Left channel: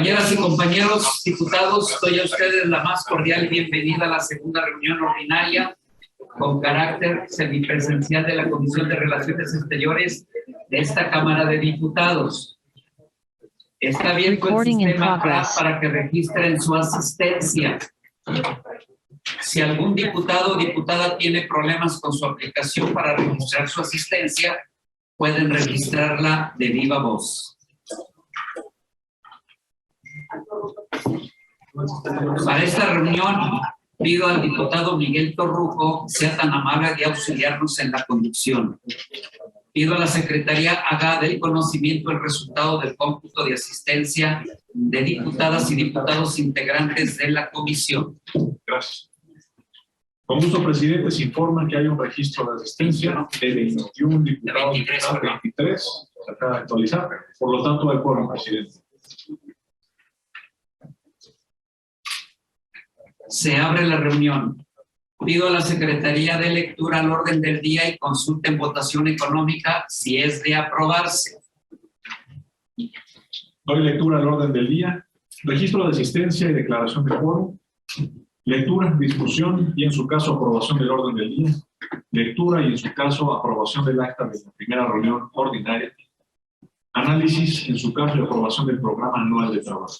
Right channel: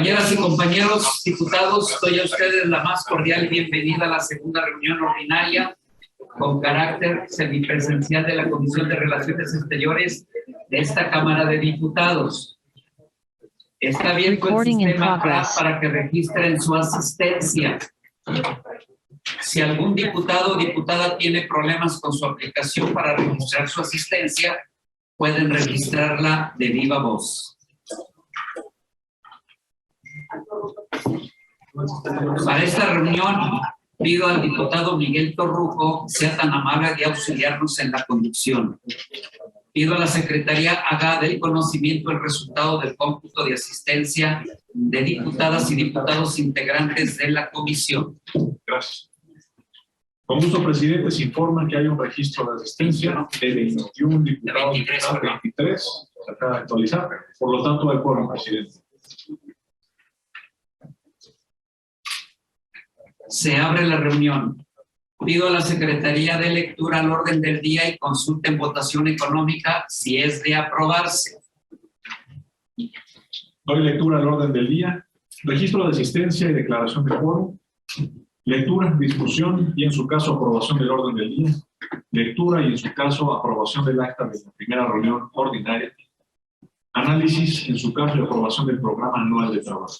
Compañeras y compañeros diputados, doy a ustedes la más cordial bienvenida a la segunda reunión ordinaria con carácter semipresencial de la Comisión de Relaciones Exteriores de esta Cámara de Diputados. Está abierto el sistema para que registren su asistencia. Si algún diputado o diputada tiene problemas con su aplicación para registrar su asistencia, pueden registrarla de viva voz. Para esta reunión, pido al diputado Miguel Torruco sea tan amable de auxiliarnos en la conducción. Pido a la Secretaría haga del conocimiento el resultado del cómputo de asistencia de diputadas y diputados integrantes de la comisión. Gracias. Con gusto, presidente, se informa que hay un registro de asistencia de 21 diputados, 23, se acaba de actualizar, por lo tanto, hay quórum, presidente. Se abre la reunión. Pido a la Secretaría de Lectura al orden del día y consulta en votación económica si es de aprobarse. Doy lectura al orden del día. Registro de asistencia y declaración de quórum. Lectura, discusión y en su caso aprobación del orden del día. Lectura y en su caso aprobación del acta de la primera reunión ordinaria. Análisis en su caso y aprobación del programa anual de trabajo.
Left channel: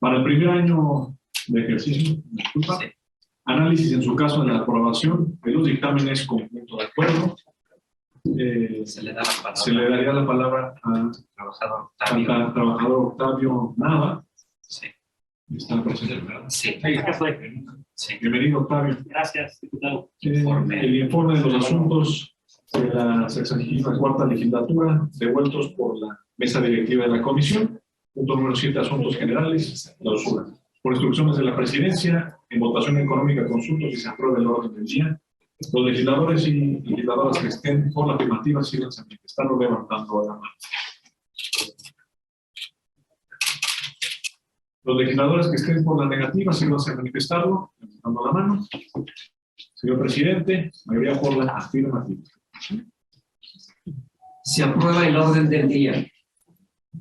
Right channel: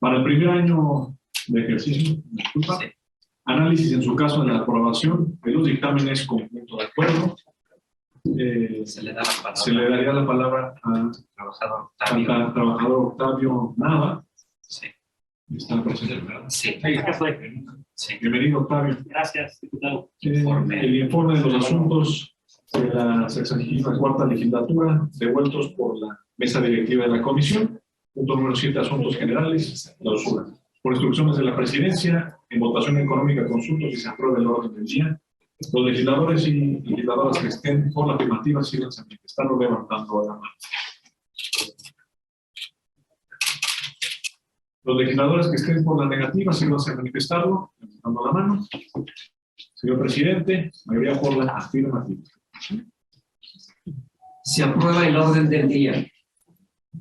Para el primer año de ejercicio, disculpa, análisis en su caso de la aprobación de los dictámenes con punto de acuerdo. Se le daría la palabra al trabajador Octavio Nava. Sí. ¿Está presente? Sí. Sí. Bienvenido, Octavio. Gracias, diputado. El informe de los asuntos de la 64ª legislatura devueltos por la mesa directiva de la comisión. Punto número 7, asuntos generales, clausura. Por instrucciones de la presidencia, en votación económica consulto si se aprueba el orden del día. Los legisladores y legisladoras que estén por la afirmativa síganse manifestando levantando la mano. Los legisladores que estén por la negativa síganse manifestando levantando la mano. Señor presidente, mayoría por la afirmativa. Se aprueba el orden del día.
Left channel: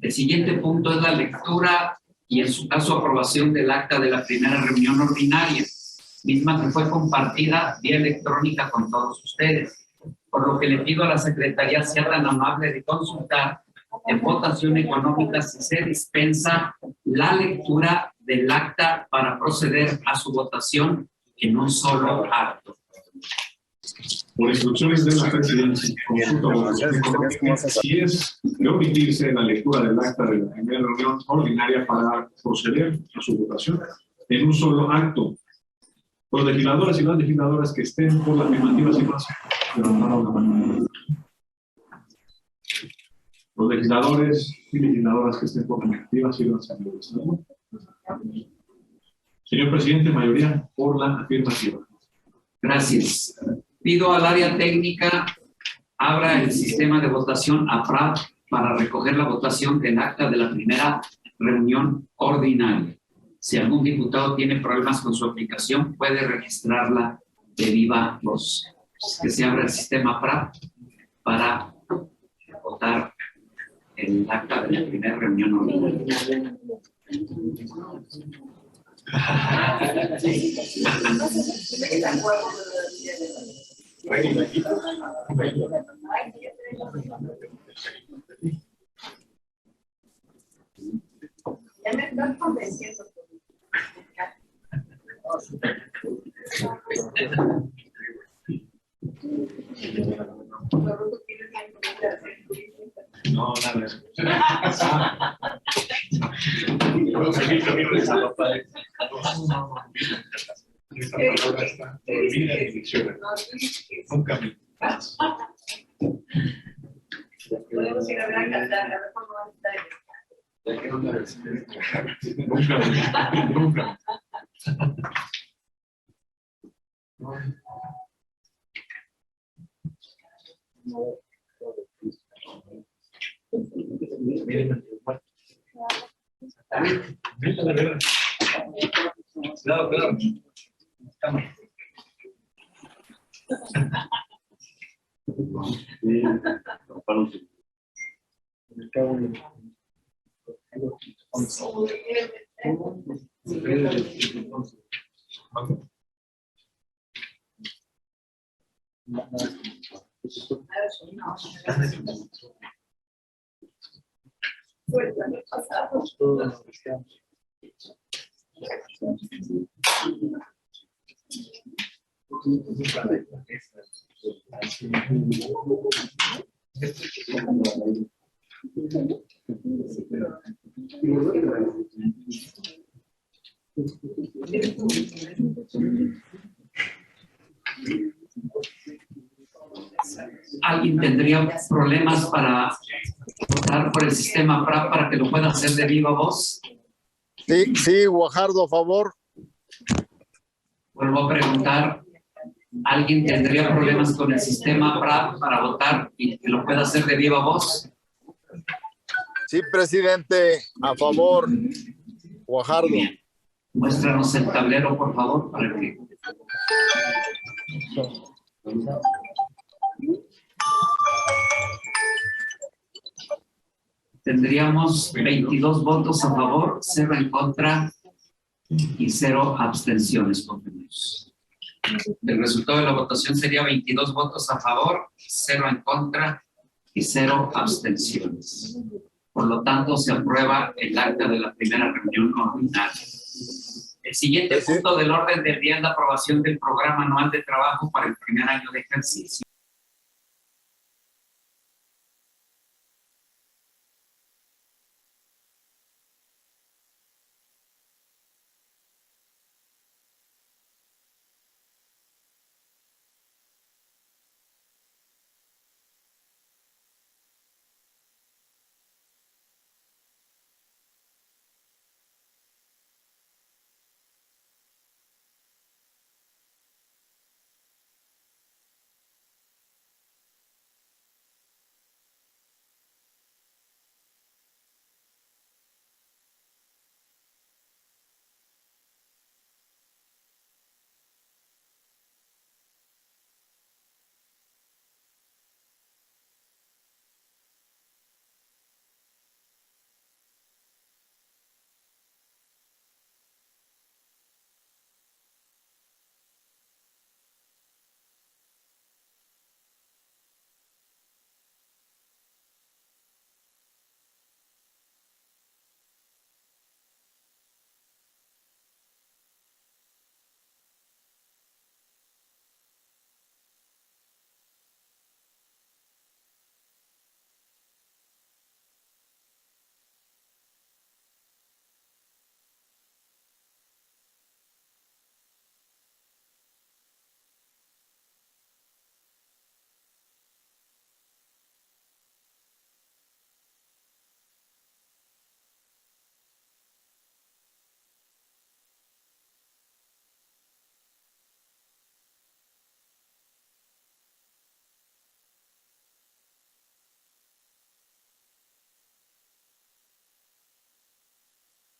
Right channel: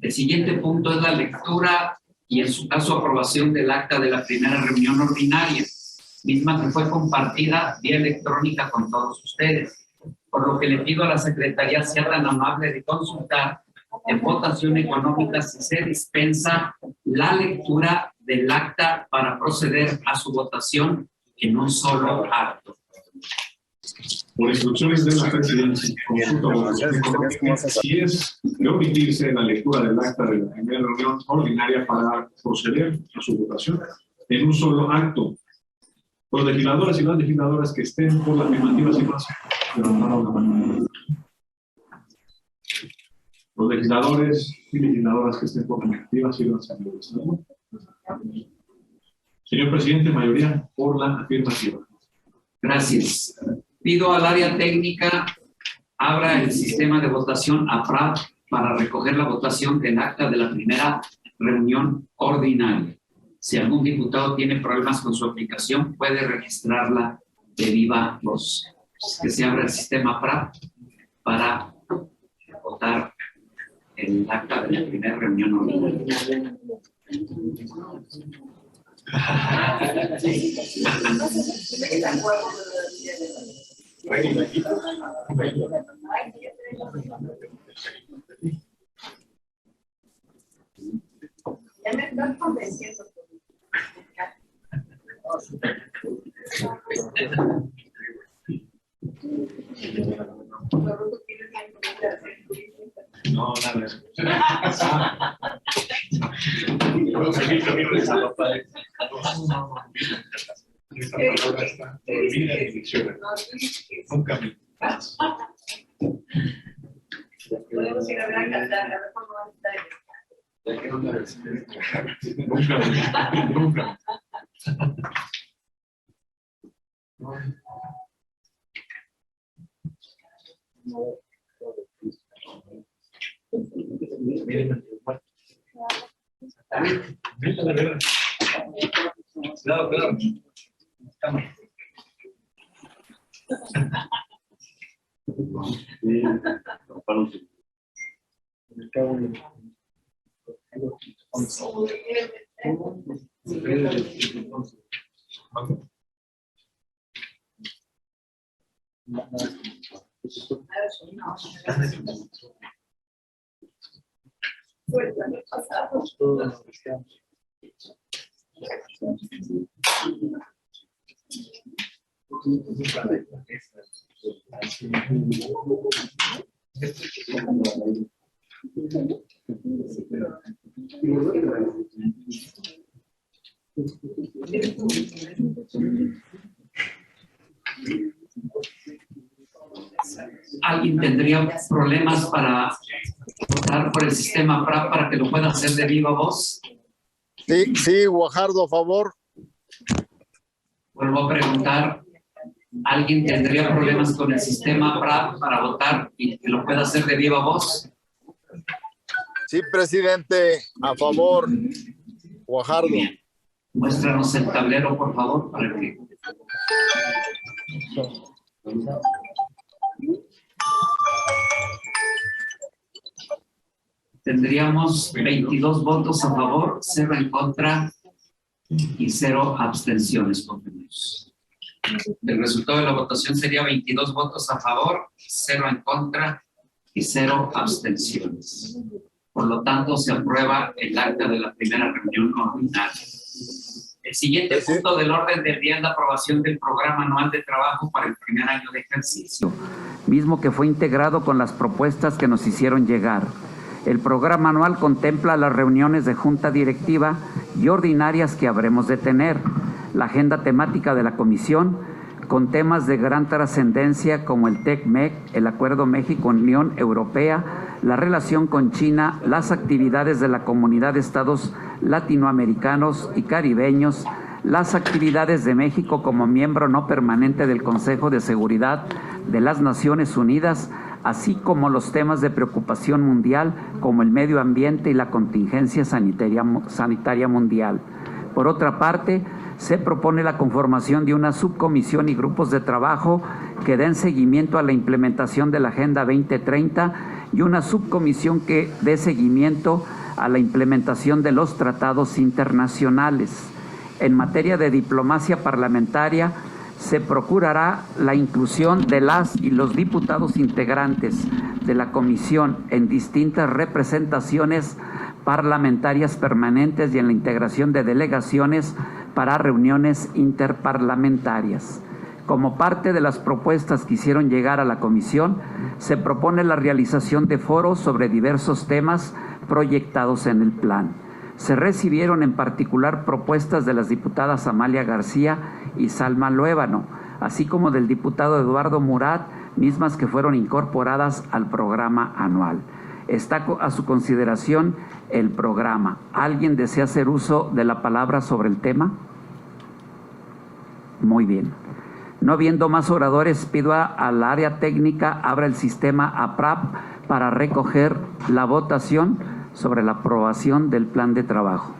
El siguiente punto es la lectura y en su caso aprobación del acta de la primera reunión ordinaria, misma que fue compartida vía electrónica con todos ustedes, por lo que le pido a la Secretaría sea tan amable de consultar en votación económica si se dispensa la lectura del acta para proceder a su votación en un solo acto. Por instrucciones de la presidencia, si es de omitirse la lectura del acta de la primera reunión ordinaria para proceder a su votación en un solo acto. Los legisladores y las legisladoras que estén por la afirmativa situación levantaron la mano. Los legisladores y legisladoras que estén por la negativa síganse manifestando. Señor presidente, mayoría por la afirmativa. Gracias. Pido al área técnica abra el sistema de votación AFRAD para recoger la votación del acta de la primera reunión ordinaria. Si algún diputado tiene problemas con su aplicación, puede registrarla de viva voz. Que se abra el sistema AFRAD para votar el acta de la primera reunión ordinaria. Ya me estás convenciendo. No, nada. Nunca me. Podemos ir a ver a cantar, a ver cómo va a estar. Nunca. Claro. ¿Alguien tendría problemas para votar por el sistema PRAP para que lo pueda hacer de viva voz? Sí, Guajardo, a favor. Vuelvo a preguntar, ¿alguien tendría problemas con el sistema PRAP para votar y que lo pueda hacer de viva voz? Sí, presidente, a favor. Guajardo. Bien. Muéstranos el tablero, por favor, para que... Tendríamos 22 votos a favor, 0 en contra y 0 abstenciones, compañeros. El resultado de la votación sería 22 votos a favor, 0 en contra y 0 abstenciones. Por lo tanto, se aprueba el acta de la primera reunión ordinaria. El siguiente punto del orden del día es la aprobación del programa anual de trabajo para el primer año de ejercicio, mismo que fue integrado con las propuestas que nos hicieron llegar. El programa anual contempla las reuniones de junta directiva y ordinarias que habremos de tener, la agenda temática de la comisión, con temas de gran trascendencia como el TEC-MEC, el Acuerdo México-Unión Europea, la relación con China, las actividades de la Comunidad de Estados Latinoamericanos y Caribeños, las actividades de México como miembro no permanente del Consejo de Seguridad de las Naciones Unidas, así como los temas de preocupación mundial como el medio ambiente y la contingencia sanitaria mundial. Por otra parte, se propone la conformación de una subcomisión y grupos de trabajo que den seguimiento a la implementación de la Agenda 2030 y una subcomisión que dé seguimiento a la implementación de los tratados internacionales. En materia de diplomacia parlamentaria, se procurará la inclusión de las y los diputados integrantes de la comisión en distintas representaciones parlamentarias permanentes y en la integración de delegaciones para reuniones interparlamentarias. Como parte de las propuestas que hicieron llegar a la comisión, se propone la realización de foros sobre diversos temas proyectados en el plan. Se recibieron en particular propuestas de las diputadas Amalia García y Salma Luébano, así como del diputado Eduardo Murat, mismas que fueron incorporadas al programa anual. Está a su consideración el programa. ¿Alguien desea hacer uso de la palabra sobre el tema? Muy bien. No viendo más oradores, pido al área técnica abra el sistema APRAP para recoger la votación sobre la aprobación del plan de trabajo.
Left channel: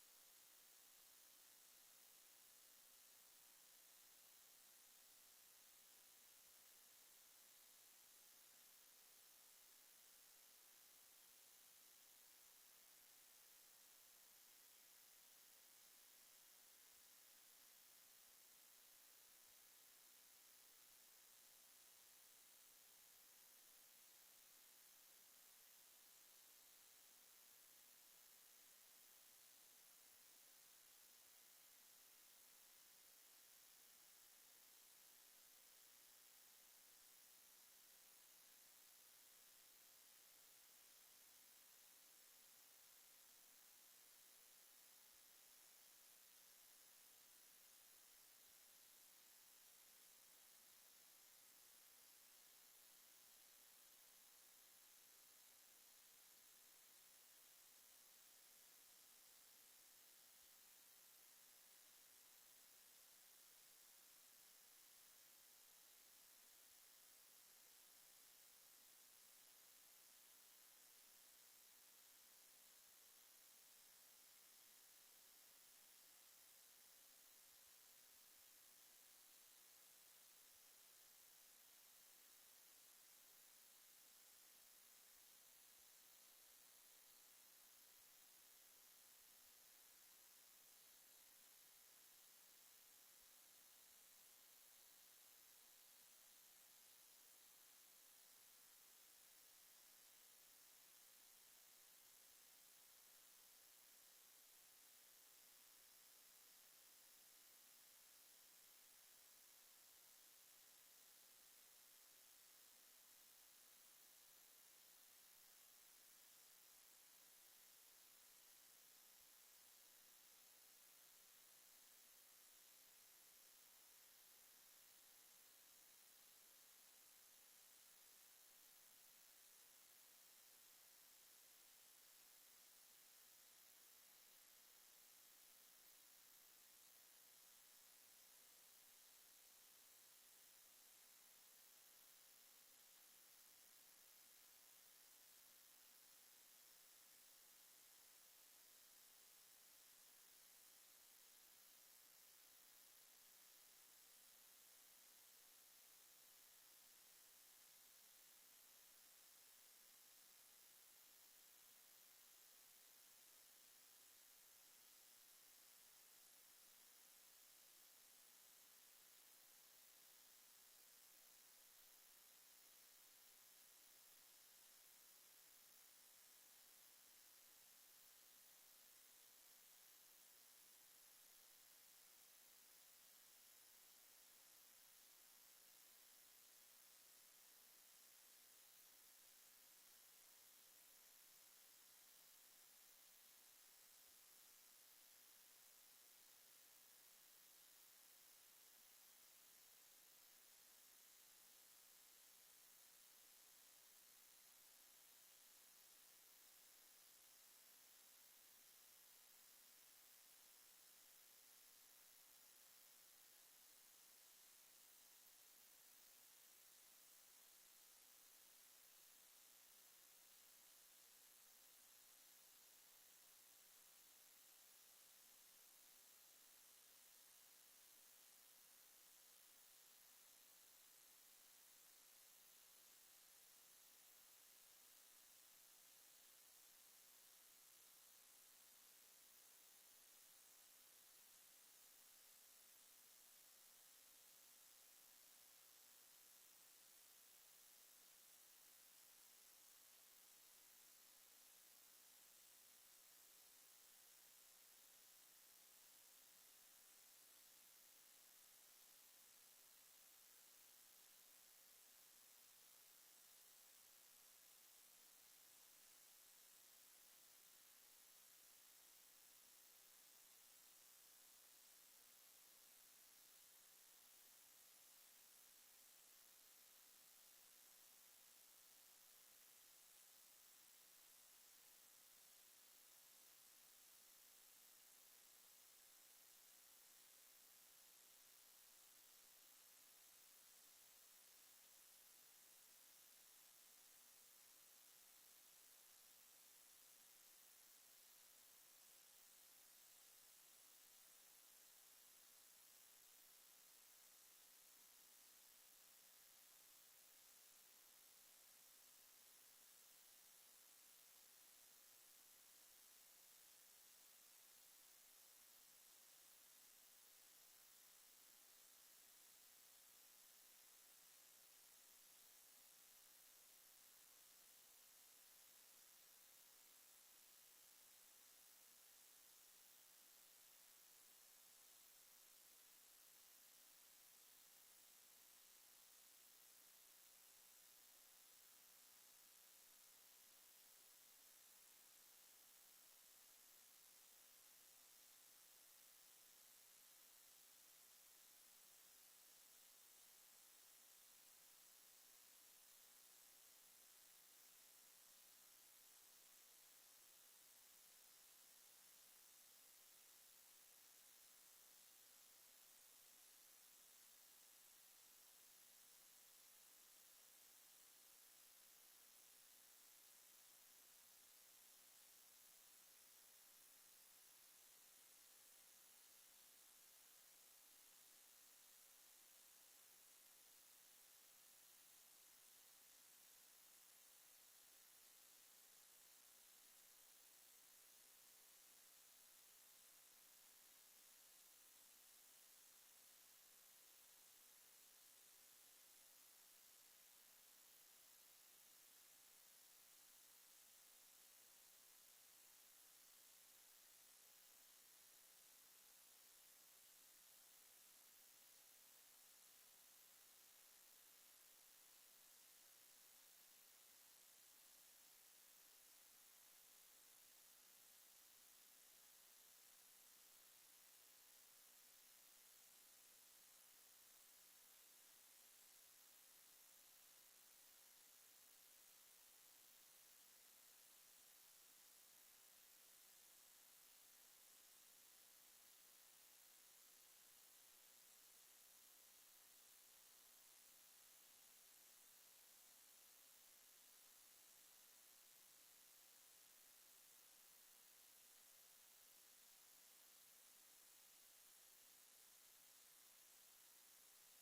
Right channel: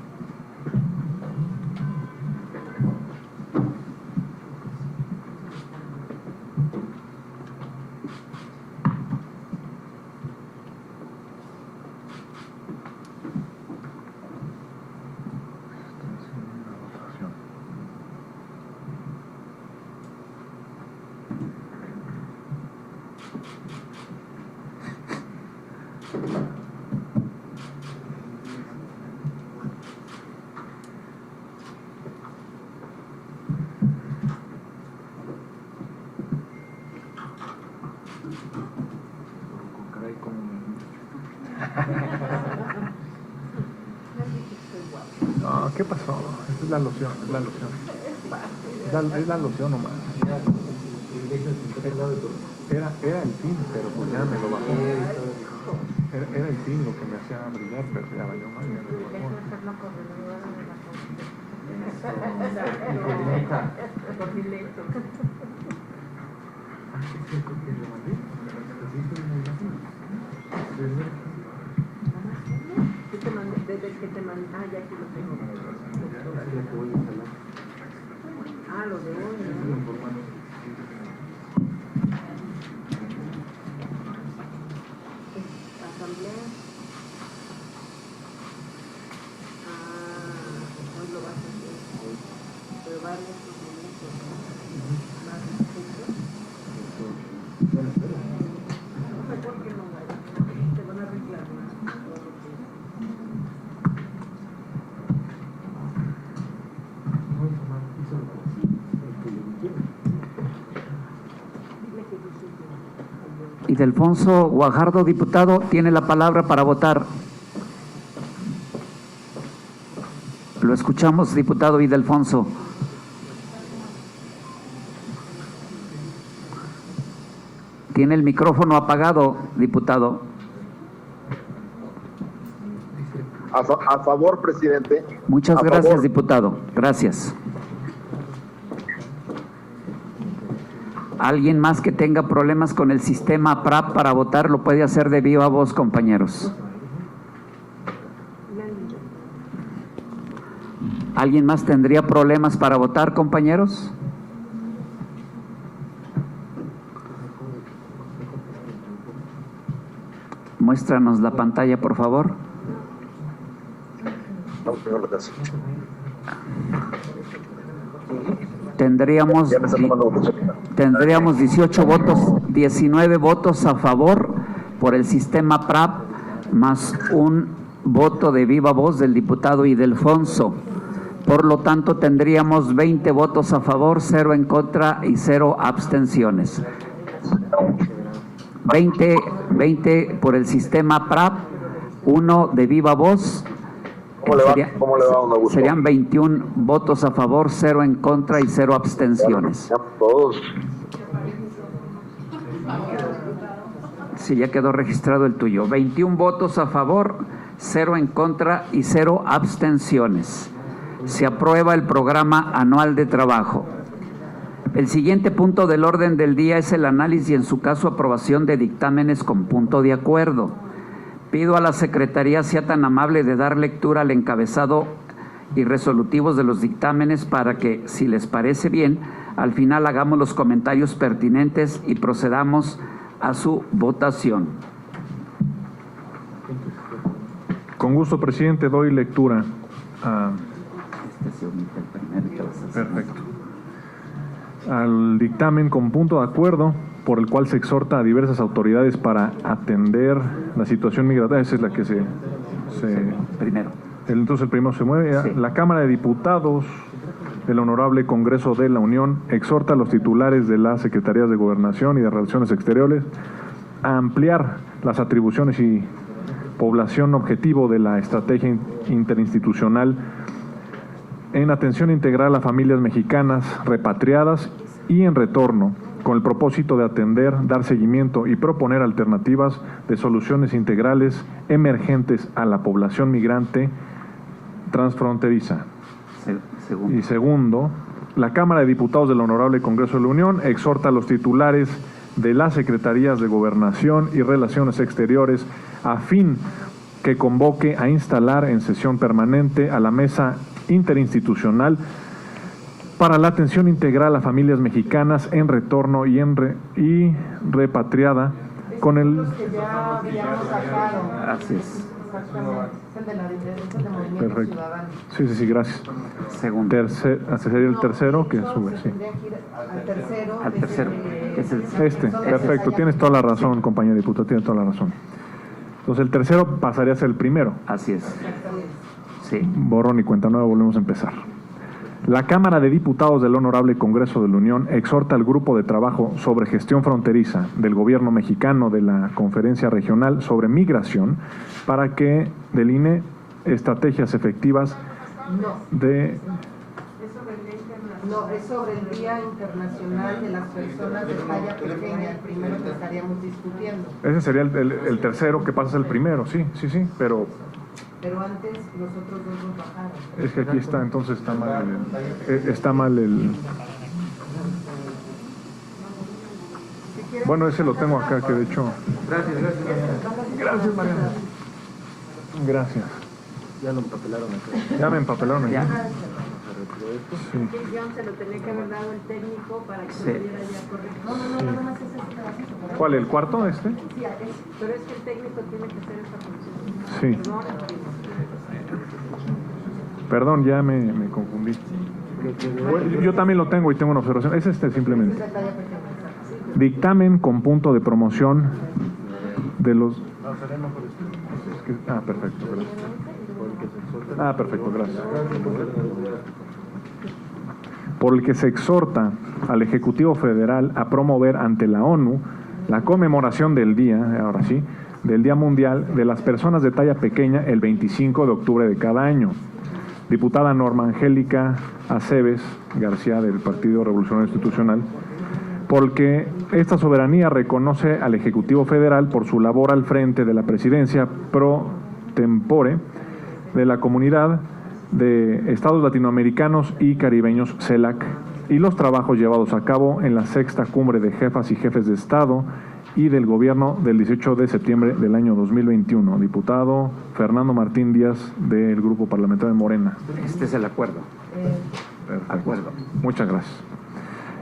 No, ¿qué pasó? Esa es la loción, es la loción. Es la loción nomás. Era el fin, pero pues ya me lo bajó. Era el fin lo que me hacía brillar, pero ya valió mal, ya me lo bajó. Desde que te mandé, ya aquí lo tengo. Lo de hoy, ¿no? Asamblea. Ildefonso Guajardo, diputado, tiene la palabra para votar. Lo escuchamos, diputado Ildefonso. Tiene el micrófono apagado, diputado. A favor, presidente. Muchas A gracias, favor. diputado. Gracias. ¿Alguien más que tenga problemas con el sistema PRAP para votar lo puede hacer de viva voz, compañeros? ¿Alguien más tendría problemas para votar, compañeros? Muéstranos la pantalla, por favor. Tendríamos 18 votos, 19 votos a favor por el sistema PRAP, más un voto de viva voz del diputado Ildefonso. Por lo tanto, tendríamos 20 votos a favor, 0 en contra y 0 abstenciones. 20 por el sistema PRAP, 1 de viva voz. ¿Cómo le va, don Augusto? Serían 21 votos a favor, 0 en contra y 0 abstenciones. Todos. Sí, ya quedó registrado el tuyo. 21 votos a favor, 0 en contra y 0 abstenciones. Se aprueba el programa anual de trabajo. El siguiente punto del orden del día es el análisis y, en su caso, aprobación de dictámenes con punto de acuerdo. Pido a la Secretaría sea tan amable de dar lectura al encabezado y resolutivos de los dictámenes para que, si les parece bien, al final hagamos los comentarios pertinentes y procedamos a su votación. Con gusto, presidente, doy lectura a... Perfecto. Al dictamen con punto de acuerdo por el cual se exhorta a diversas autoridades para atender la situación migratoria. Esa es la que se Primero. Entonces el primero se mueve. Sí. La Cámara de Diputados del Honorable Congreso de la Unión exhorta a los titulares de las Secretarías de Gobernación y de Relaciones Exteriores a ampliar las atribuciones y población objetivo de la estrategia interinstitucional en atención integral a familias mexicanas repatriadas y en retorno, con el propósito de atender, dar seguimiento y proponer alternativas de soluciones integrales emergentes a la población migrante transfronteriza. Segundo. Y segundo, la Cámara de Diputados del Honorable Congreso de la Unión exhorta a los titulares de las Secretarías de Gobernación y Relaciones Exteriores a fin que convoque a instalar en sesión permanente a la Mesa Interinstitucional para la atención integral a familias mexicanas en retorno y repatriada con el... Así es. Perfecto. Sí, gracias. Segundo. Ese sería el tercero que sube, sí. Al tercero. Es el Perfecto, tienes toda la razón, compañero diputado, tienes toda la razón. Entonces el tercero pasaría a ser el primero. Así es. Sí. Borrón y cuenta nueva, volvemos a empezar. La Cámara de Diputados del Honorable Congreso de la Unión exhorta al Grupo de Trabajo sobre Gestión Fronteriza del Gobierno Mexicano de la Conferencia Regional sobre Migración para que delinee estrategias efectivas de... No, es sobre el Día Internacional de las Personas de Talla Pequeña, el primero que estaríamos discutiendo. Ese sería el tercero que pasa a ser el primero, sí, pero... Pero antes los otros dos nos bajaron. Es que aquí está, entonces está mal el... Bueno, ese lo tengo acá, que de hecho... Gracias, Mariana. Gracias. Ya lo empapelaron acá. Ya me empapelaron aquí. Sí. El guión se lo tenía que haber dado el técnico para que se viera ya correcto. No, nada más es este. ¿Cuál, el cuarto, este? Sí, pero es que el técnico tiene que hacer esta función. Sí. Perdón, ya me confundí. Yo también lo tengo y tengo una observación. Es simplemente. Dictamen con punto de promoción de los... perfecto, gracias. Perfecto, gracias. Por el que se exhorta al Ejecutivo Federal a promover ante la ONU la conmemoración del día, ahora sí, del Día Mundial de las Personas de Talla Pequeña el 25 de octubre de cada año. Diputada Norma Angélica Aceves García del Partido Revolucionario Institucional, porque esta soberanía reconoce al Ejecutivo Federal por su labor al frente de la presidencia pro tempore de la Comunidad de Estados Latinoamericanos y Caribeños CELAC y los trabajos llevados a cabo en la 6ª Cumbre de Jefas y Jefes de Estado y del Gobierno del 18 de septiembre del año 2021. Diputado Fernando Martín Díaz del Grupo Parlamentario de Morena. Este es el acuerdo. Acuerdo. Muchas gracias.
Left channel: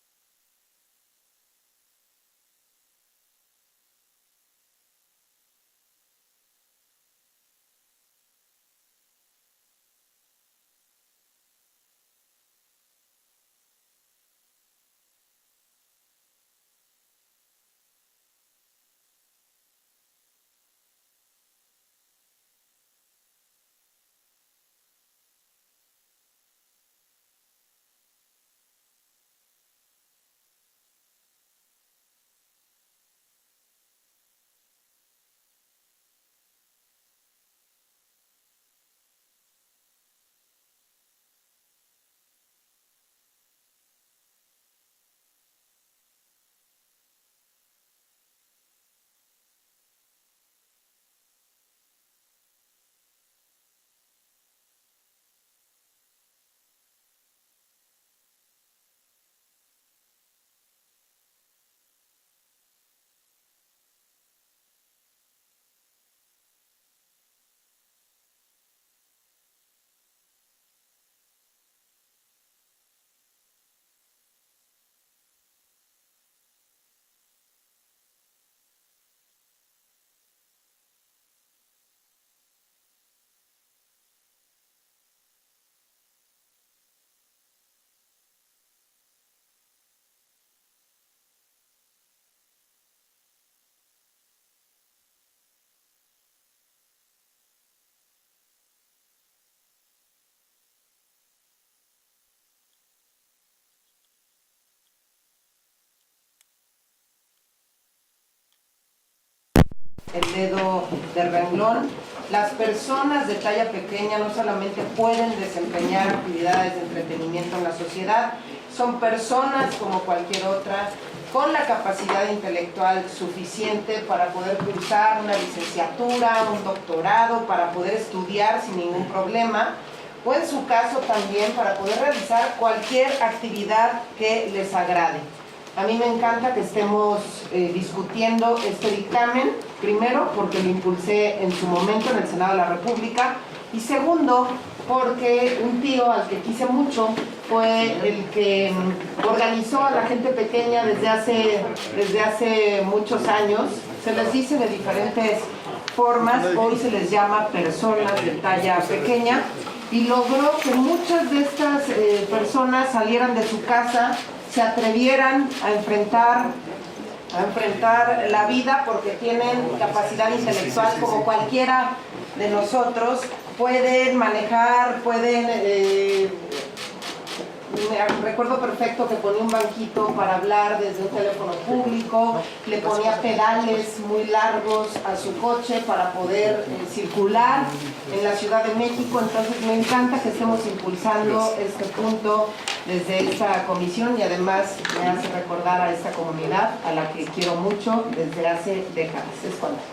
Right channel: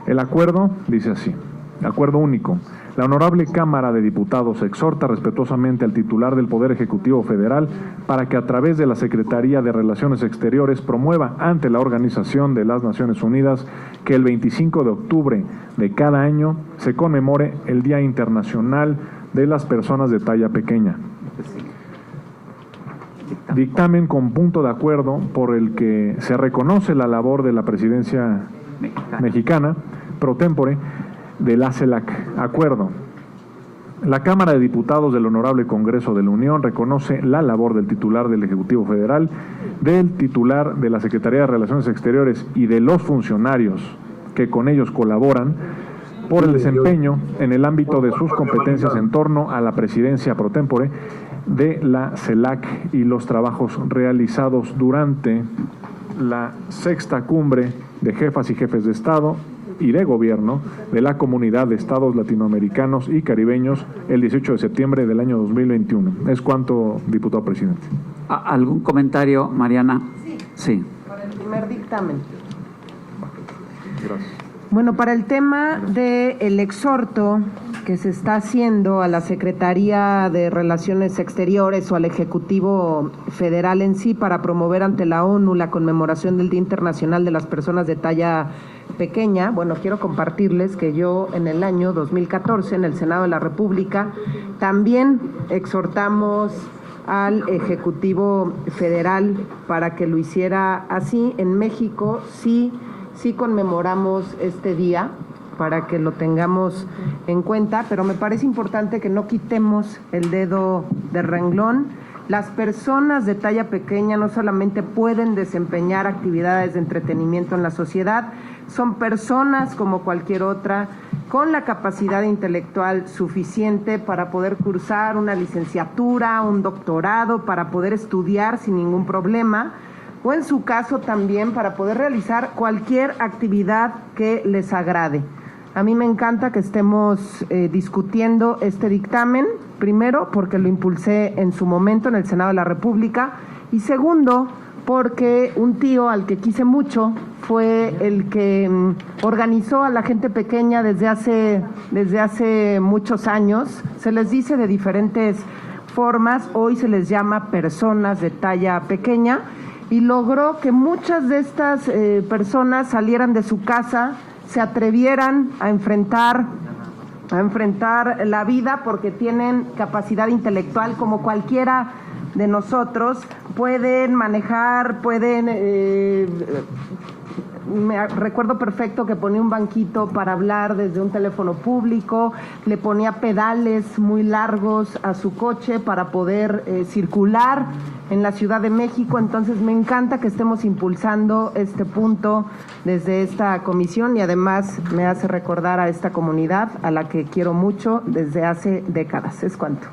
El acuerdo dice así, acuerdo único. La Honorable Cámara de Diputados exhorta respetuosamente al titular del Poder Ejecutivo Federal para que a través de la Secretaría de Relaciones Exteriores promueva ante la Organización de las Naciones Unidas que el 25 de octubre de cada año se conmemore el Día Internacional de las Personas de Talla Pequeña. Dictamen con punto de acuerdo por el que se reconoce la labor de la presidencia mexicana pro tempore de la CELAC. Acuerdo. La Cámara de Diputados del Honorable Congreso de la Unión reconoce la labor del titular del Ejecutivo Federal, del titular de la Secretaría de Relaciones Exteriores y de los funcionarios que con ellos colaboran por el desempeño en el ámbito de sus competencias en torno a la presidencia pro tempore de la CELAC y los trabajos realizados durante la 6ª Cumbre de Jefas y Jefes de Estado y de Gobierno de la Comunidad de Estados Latinoamericanos y Caribeños el 18 de septiembre del año 2021. Es cuanto, diputado presidente. ¿Algún comentario, Mariana? Sí. Para el primer dictamen. Gracias. Bueno, para el tema del exhorto que se está haciendo a la Secretaría de Relaciones Exteriores o al Ejecutivo Federal en sí para promover ante la ONU la conmemoración del Día Internacional de las Personas de Talla Pequeña, bueno, quiero compartirles que yo en el año 2014 en el Senado de la República también exhortamos al Ejecutivo Federal para que lo hiciera así. En México sí conmemoramos este día para que lo tengamos en cuenta, pero me parece importante que no quitemos el dedo del renglón. Las personas de talla pequeña no solamente pueden desempeñar actividades de entretenimiento en la sociedad, son personas como cualquier otra, con la capacidad intelectual suficiente para poder cursar una licenciatura, un doctorado, para poder estudiar sin ningún problema, o en su caso también para poder realizar cualquier actividad que les agrade. A mí me encanta que estemos discutiendo este dictamen, primero porque lo impulsé en su momento en el Senado de la República, y segundo porque un tío al que quise mucho fue el que organizó a la gente pequeña desde hace muchos años. Se les dice de diferentes formas, hoy se les llama personas de talla pequeña, y logró que muchas de estas personas salieran de su casa, se atrevieran a enfrentar la vida porque tienen capacidad intelectual como cualquiera de nosotros, pueden manejar, me recuerdo perfecto que ponía un banquito para hablar desde un teléfono público, le ponía pedales muy largos a su coche para poder circular en la Ciudad de México. Entonces me encanta que estemos impulsando este punto desde esta comisión y además me hace recordar a esta comunidad a la que quiero mucho desde hace décadas. Es cuanto.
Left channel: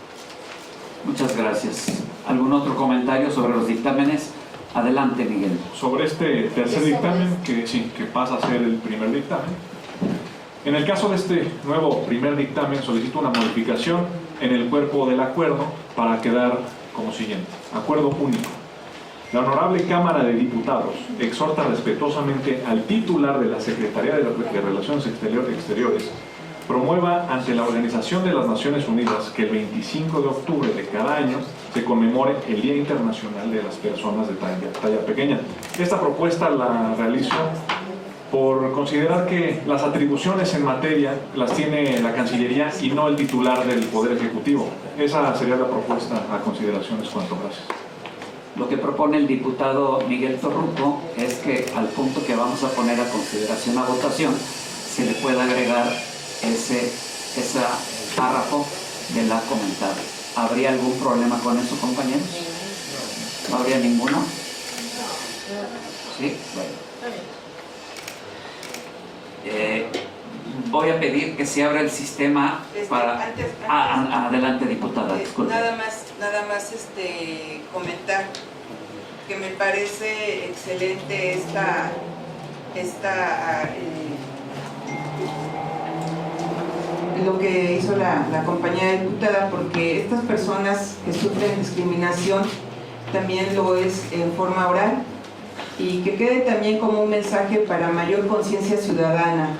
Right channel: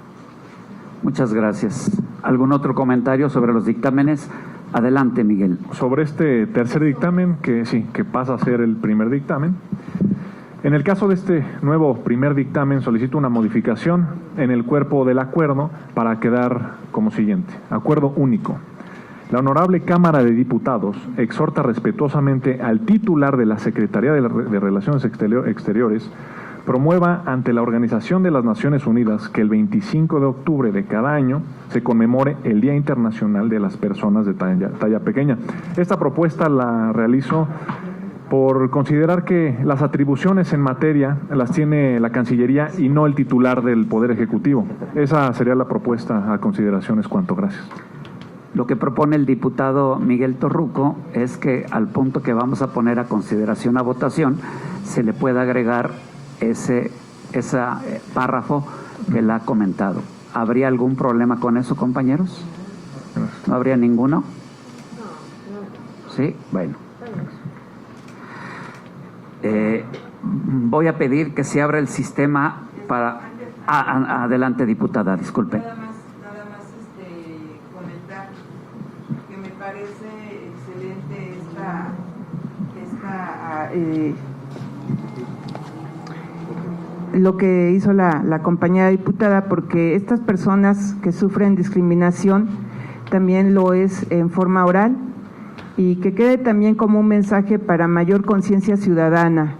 Muchas gracias. ¿Algún otro comentario sobre los dictámenes? Adelante, Miguel. Sobre este tercer dictamen, que pasa a ser el primer dictamen. En el caso de este nuevo primer dictamen, solicito una modificación en el cuerpo del acuerdo para quedar como siguiente. Acuerdo único. La Honorable Cámara de Diputados exhorta respetuosamente al titular de la Secretaría de Relaciones Exteriores promueva ante la Organización de las Naciones Unidas que el 25 de octubre de cada año se conmemore el Día Internacional de las Personas de Talla Pequeña. Esta propuesta la realizo por considerar que las atribuciones en materia las tiene la Cancillería y no el titular del Poder Ejecutivo. Esa sería la propuesta a consideración. Es cuanto. Gracias. Lo que propone el diputado Miguel Torruco es que al punto que vamos a poner a consideración a votación se le pueda agregar ese párrafo que le ha comentado. ¿Habría algún problema con eso, compañeros? ¿No habría ninguno? Sí, bueno. Voy a pedir que se abra el sistema para... adelante, diputada, disculpe. Nada más comentar que me parece excelente lo que hizo la compañera diputada, porque estas personas que sufren discriminación también lo es en forma oral, y que quede también como un mensaje para mayor conciencia ciudadana,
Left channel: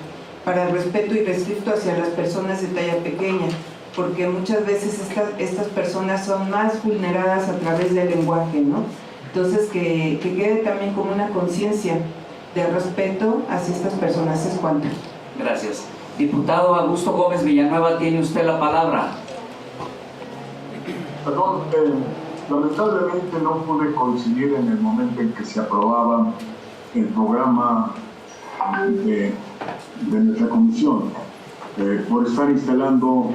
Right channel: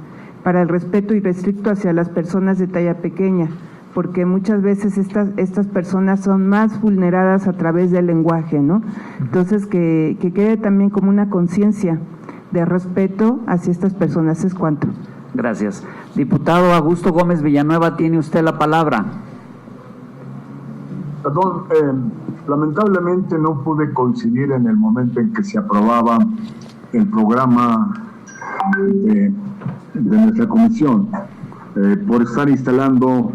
para el respeto irrestricto hacia las personas de talla pequeña, porque muchas veces estas personas son más vulneradas a través del lenguaje, ¿no? Entonces que quede también como una conciencia de respeto hacia estas personas. Es cuanto. Gracias. Diputado Augusto Gómez Villanueva, tiene usted la palabra. Perdón, lamentablemente no pude coincidir en el momento en que se aprobaba el programa de nuestra comisión, por estar instalando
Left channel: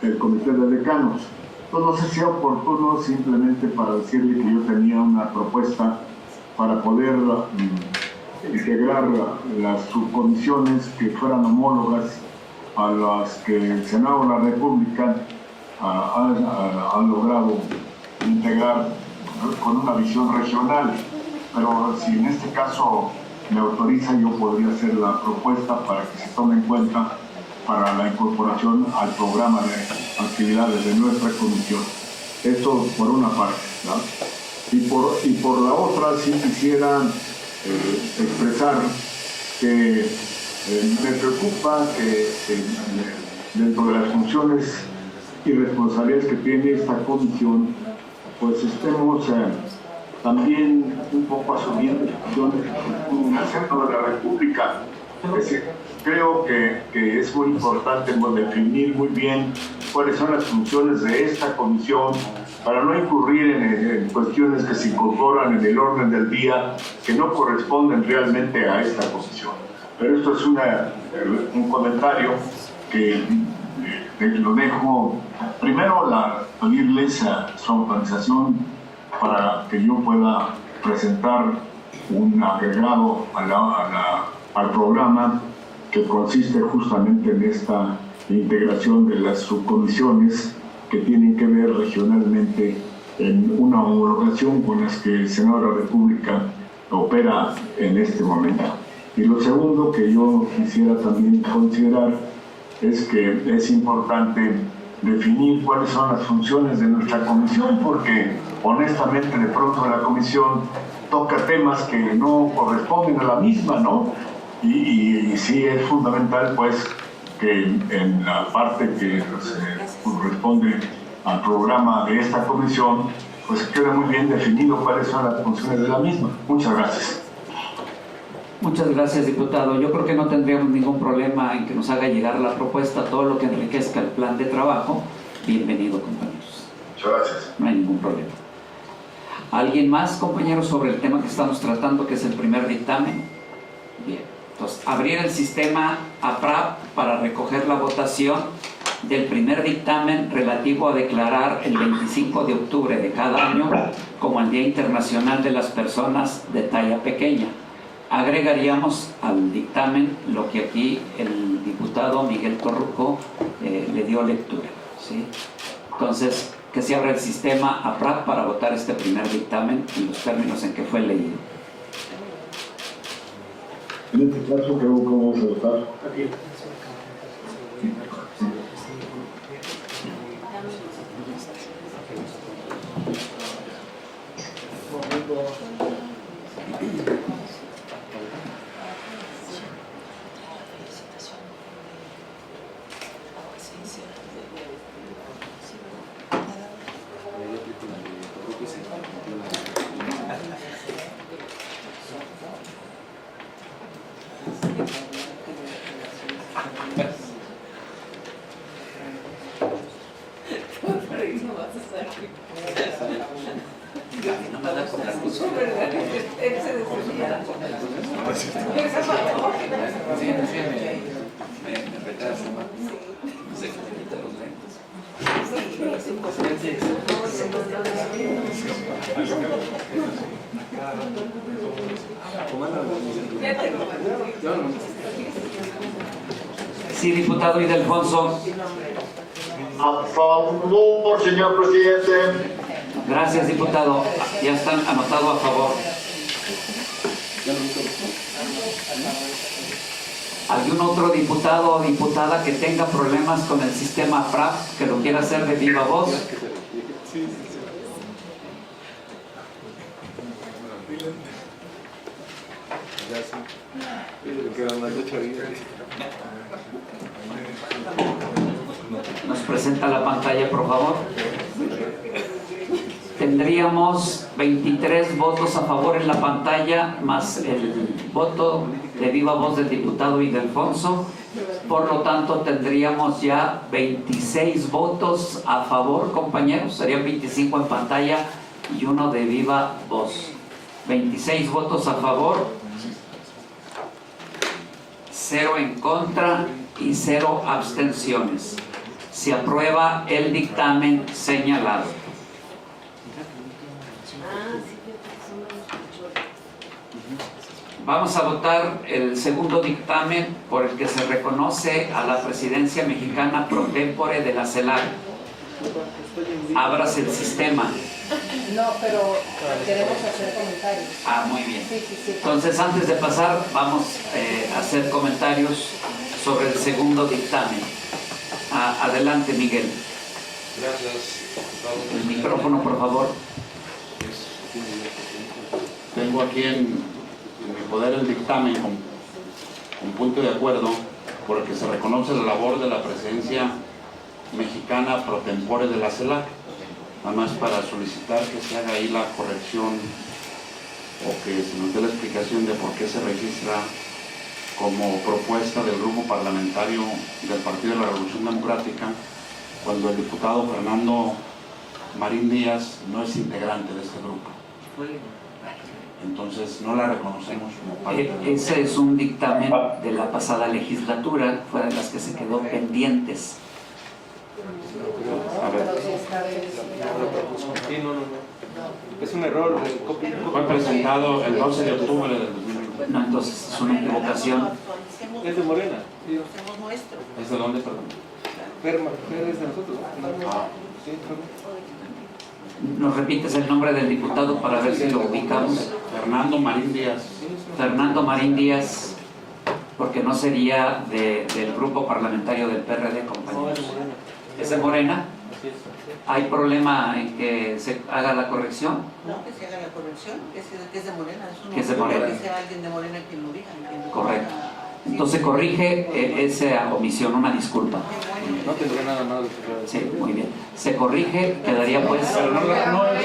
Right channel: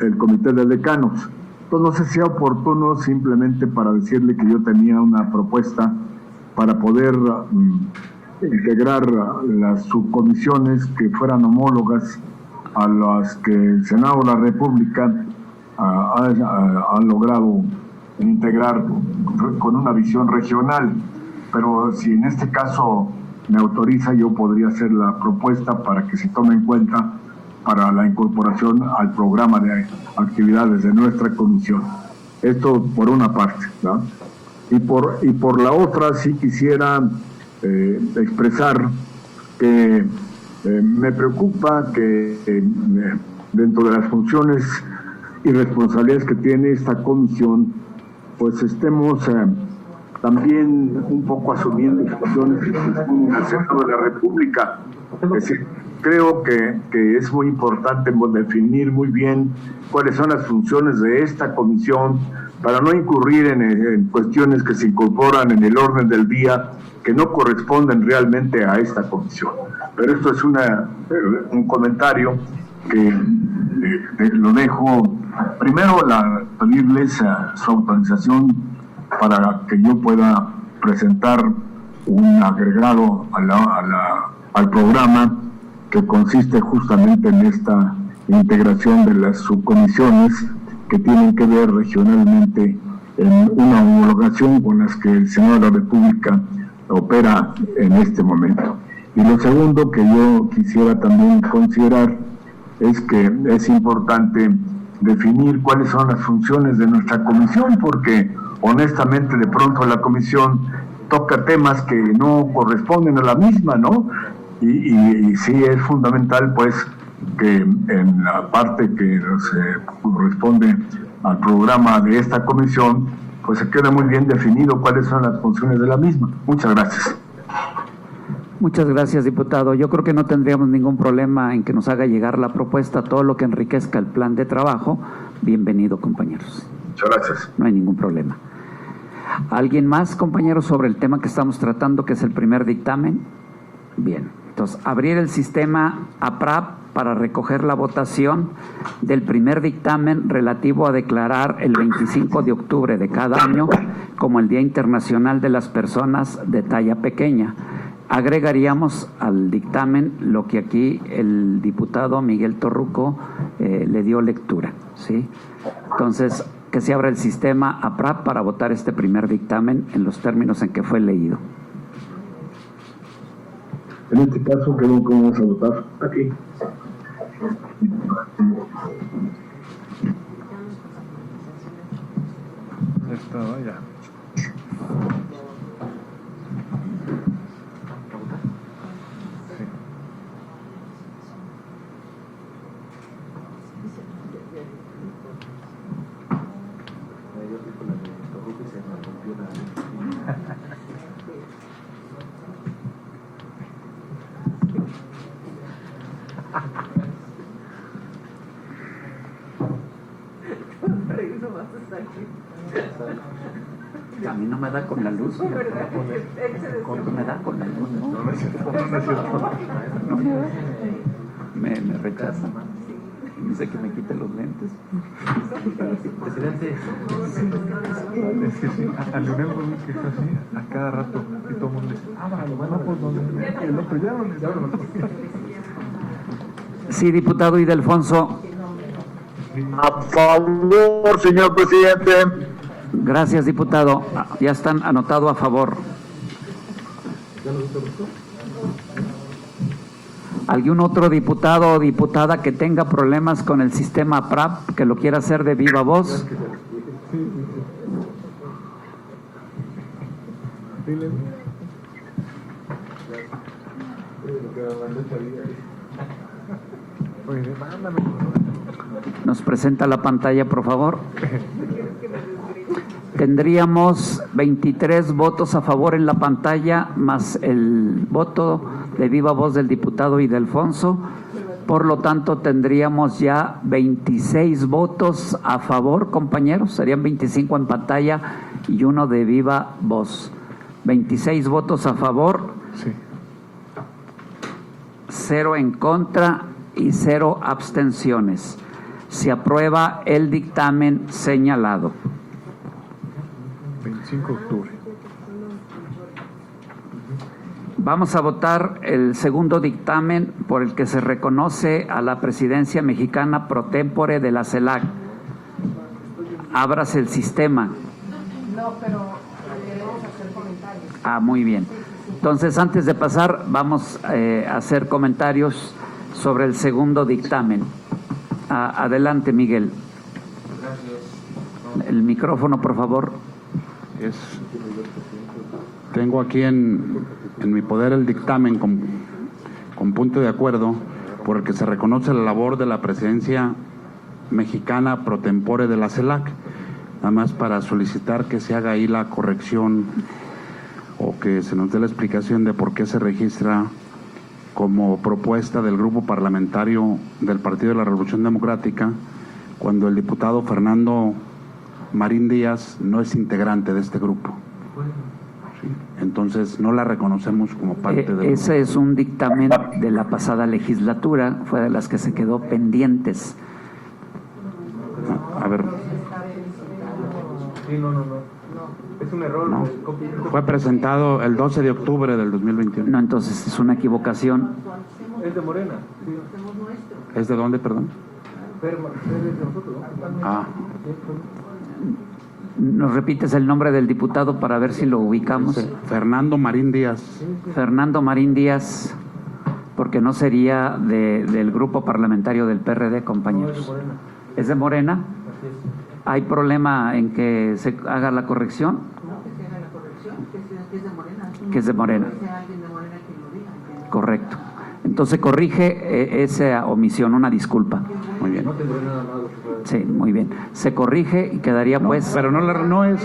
el comité de decanos. Entonces no sé si sea oportuno simplemente para decirle que yo tenía una propuesta para poder integrar las subcomisiones que fueran homólogas a las que el Senado de la República ha logrado integrar con una visión regional, pero si en este caso me autoriza, yo podría hacer la propuesta para que se tome en cuenta para la incorporación al programa de actividades de nuestra comisión. Esto por una parte, ¿no? Y por la otra, sí quisiera expresar que me preocupa que dentro de las funciones y responsabilidades que tiene esta comisión, pues estemos también un poco asumiendo funciones en el Senado de la República. Es decir, creo que es muy importante definir muy bien cuáles son las funciones de esta comisión para no incurrir en cuestiones que se incorporan en el orden del día que no corresponden realmente a esta comisión. Pero esto es un comentario que lo dejo. Primero, pedirles su autorización para que yo pueda presentar un agregado al programa que consiste justamente en esta integración de las subcomisiones que tienen que ver regionalmente en una homologación con las que el Senado de la República opera en este momento. Y lo segundo que yo quisiera también considerar es que es importante definir cuáles son las funciones de nuestra comisión, porque honestamente de pronto la comisión toca temas que no corresponden a la misma, ¿no? Y sí es fundamental, pues, que en la parte que se corresponde al programa de esta comisión, pues se queda muy bien definido cuáles son las funciones de la misma. Muchas gracias. Muchas gracias, diputado. Yo creo que no tendríamos ningún problema en que nos haga llegar la propuesta, todo lo que enriquezca el plan de trabajo. Bienvenido, compañeros. Muchas gracias. No hay ningún problema. ¿Alguien más, compañeros, sobre el tema que estamos tratando, que es el primer dictamen? Bien. Entonces, abrir el sistema APRAP para recoger la votación del primer dictamen relativo a declarar el 25 de octubre de cada año como el Día Internacional de las Personas de Talla Pequeña. Agregaríamos al dictamen lo que aquí el diputado Miguel Torruco le dio lectura, ¿sí? Entonces, que se abra el sistema APRAP para votar este primer dictamen en los términos en que fue leído. En este caso, ¿cómo vamos a votar? Aquí. A mí no me da con la luz. Me da con la luz. Me rechaza. No sé que me quite los lentes. A cada rato. Sí, diputado Ildefonso. A favor, señor presidente. Gracias, diputado. Ya están anotados a favor. ¿Algún otro diputado o diputada que tenga problemas con el sistema PRAP, que lo quiera hacer de viva voz? Nos presenta la pantalla, por favor. Tendríamos 23 votos a favor en la pantalla, más el voto de viva voz del diputado Ildefonso. Por lo tanto, tendríamos ya 26 votos a favor, compañeros. Serían 25 en pantalla y uno de viva voz. 26 votos a favor, 0 en contra y 0 abstenciones. Se aprueba el dictamen señalado. 25 de octubre. Vamos a votar el segundo dictamen por el que se reconoce a la presidencia mexicana pro tempore de la CELAC. Ábrase el sistema. No, pero queremos hacer comentarios. Ah, muy bien. Entonces, antes de pasar, vamos a hacer comentarios sobre el segundo dictamen. Adelante, Miguel. Gracias. El micrófono, por favor. Tengo aquí en mi poder el dictamen con punto de acuerdo por el que se reconoce la labor de la presidencia mexicana pro tempore de la CELAC. Nada más para solicitar que se haga ahí la corrección o que se nos dé la explicación de por qué se registra como propuesta del grupo parlamentario del Partido de la Revolución Democrática cuando el diputado Fernando Marín Díaz no es integrante de este grupo. Entonces no la reconocemos como parte de... Ese es un dictamen de la pasada legislatura, fue de las que se quedó pendientes. A ver. Sí, no. Es un error. Fue presentado el 12 de octubre del 2021. No, entonces es una equivocación. Es de Morena. ¿Es de dónde, perdón? Fer es de nosotros, ¿no? Ah. ¿Nos repites el nombre del diputado para ver si lo ubicamos? Fernando Marín Díaz. Fernando Marín Díaz, porque no sería del grupo parlamentario del PRD, compañeros. ¿Es de Morena? ¿Hay problema en que se haga la corrección? No, que se haga la corrección, que es de Morena. Que es de Morena. Que sea alguien de Morena quien lo diga. Correcto. Entonces corrige esa omisión, una disculpa. Muy bien. No tendré nada más. Sí, muy bien. Se corrige y quedaría pues... Pero no es...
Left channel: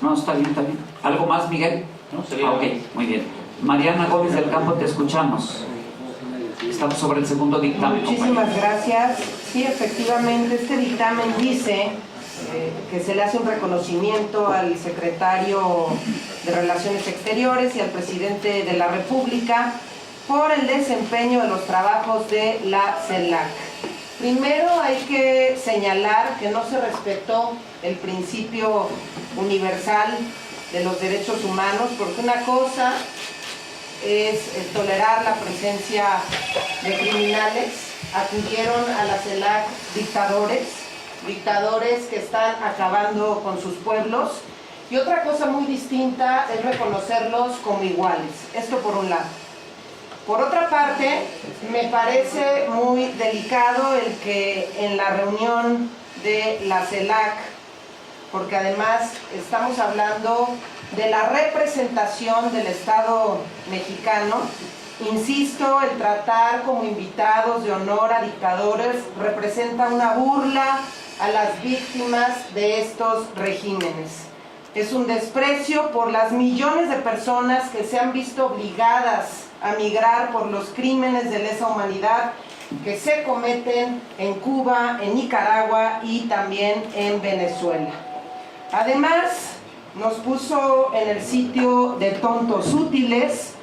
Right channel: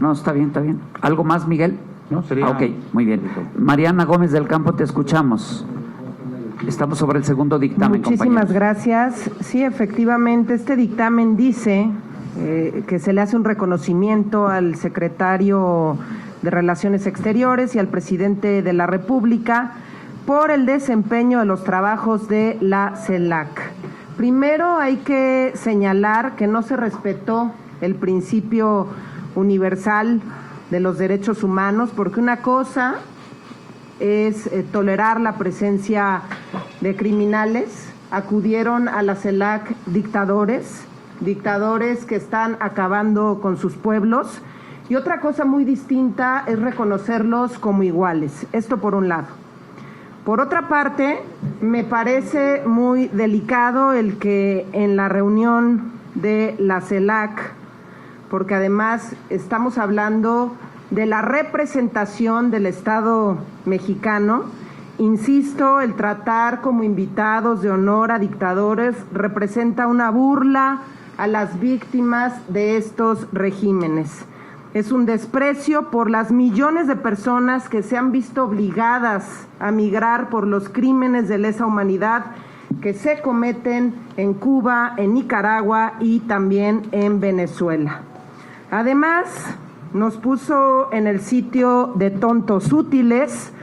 No, está bien, está bien. ¿Algo más, Miguel? No, sería... Ok, muy bien. Mariana Gómez del Campo, te escuchamos. Estamos sobre el segundo dictamen. Muchísimas gracias. Sí, efectivamente, este dictamen dice que se le hace un reconocimiento al secretario de Relaciones Exteriores y al presidente de la República por el desempeño de los trabajos de la CELAC. Primero hay que señalar que no se respetó el principio universal de los derechos humanos, porque una cosa es tolerar la presencia de criminales. Acudieron a la CELAC dictadores que están acabando con sus pueblos, y otra cosa muy distinta es reconocerlos como iguales. Esto por un lado. Por otra parte, me parece muy delicado el que en la reunión de la CELAC, porque además estamos hablando de la representación del Estado mexicano, insisto, el tratar como invitados de honor a dictadores representa una burla a las víctimas de estos regímenes. Es un desprecio por las millones de personas que se han visto obligadas a migrar por los crímenes de lesa humanidad que se cometen en Cuba, en Nicaragua y también en Venezuela. Además, nos puso en el sitio de tontos útiles,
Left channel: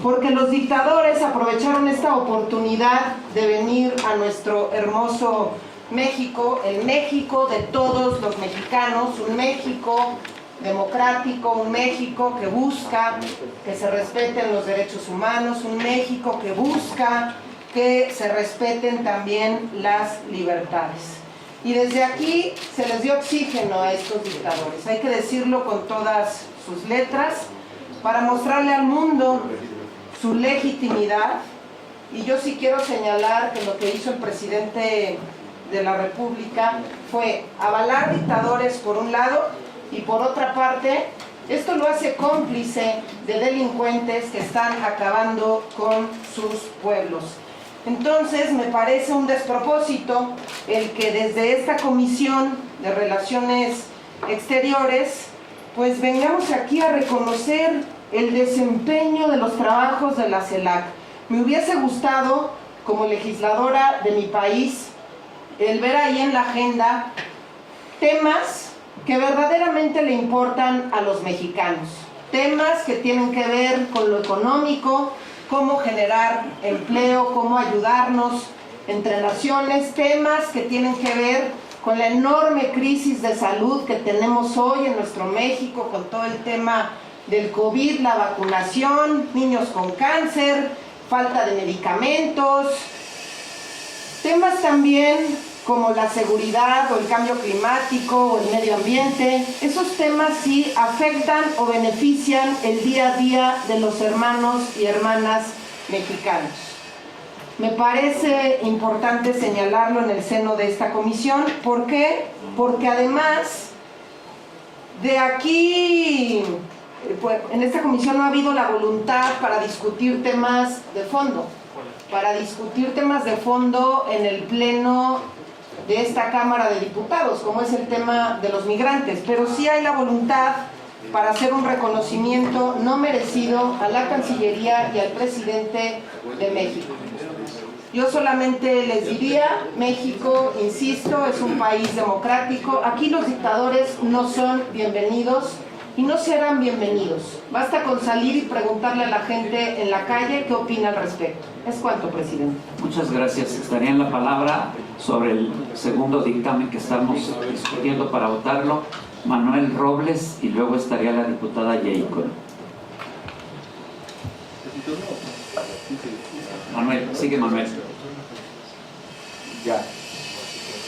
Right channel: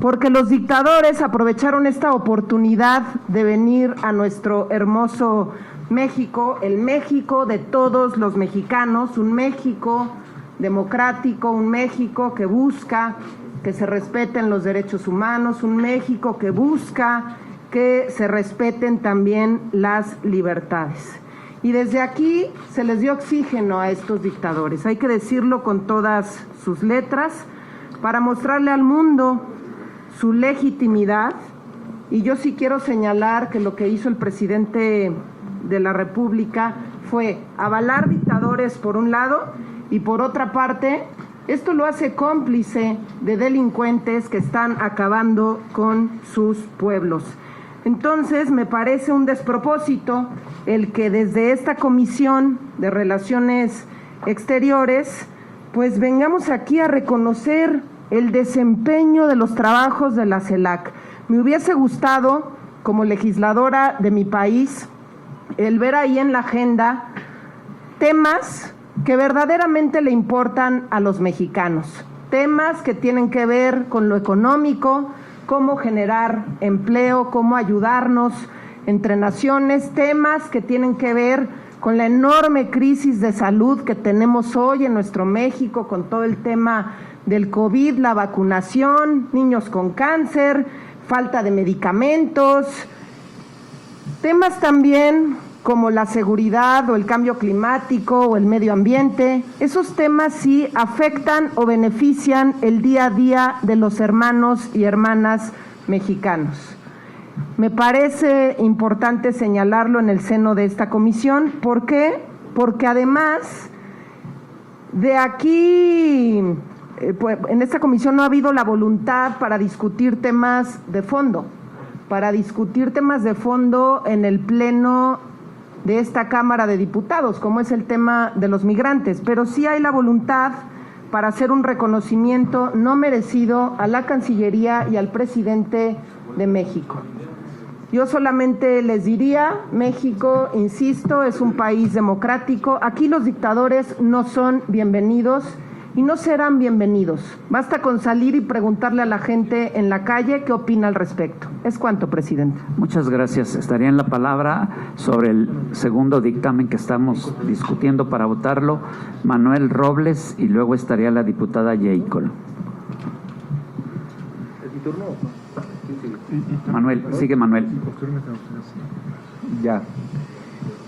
porque los dictadores aprovecharon esta oportunidad de venir a nuestro hermoso México, el México de todos los mexicanos, un México democrático, un México que busca que se respeten los derechos humanos, un México que busca que se respeten también las libertades. Y desde aquí se les dio oxígeno a estos dictadores, hay que decirlo con todas sus letras, para mostrarle al mundo su legitimidad. Y yo sí quiero señalar que lo que hizo el presidente de la República fue avalar dictadores por un lado, y por otra parte, esto lo hace cómplice de delincuentes que están acabando con sus pueblos. Entonces, me parece un despropósito el que desde esta Comisión de Relaciones Exteriores, pues vengamos aquí a reconocer el desempeño de los trabajos de la CELAC. Me hubiese gustado, como legisladora de mi país, el ver ahí en la agenda temas que verdaderamente le importan a los mexicanos, temas que tienen que ver con lo económico, cómo generar empleo, cómo ayudarnos entre naciones, temas que tienen que ver con la enorme crisis de salud que tenemos hoy en nuestro México, con todo el tema del COVID, la vacunación, niños con cáncer, falta de medicamentos, temas también como la seguridad o el cambio climático o el medio ambiente. Esos temas sí afectan o benefician el día a día de los hermanos y hermanas mexicanos. Me parece importante señalarlo en el seno de esta comisión. ¿Por qué? Porque además de aquí, pues, en esta comisión no ha habido la voluntad para discutir temas de fondo, en el pleno de esta Cámara de Diputados, como es el tema de los migrantes, pero sí hay la voluntad para hacer un reconocimiento no merecido a la Cancillería y al presidente de México. Yo solamente les diría, México, insisto, es un país democrático, aquí los dictadores no son bienvenidos y no serán bienvenidos. Basta con salir y preguntarle a la gente en la calle qué opina al respecto. Es cuanto, presidente. Muchas gracias. Estaría en la palabra sobre el segundo dictamen que estamos discutiendo para votarlo Manuel Robles, y luego estaría la diputada Yeicol. Manuel, sigue Manuel. Ya.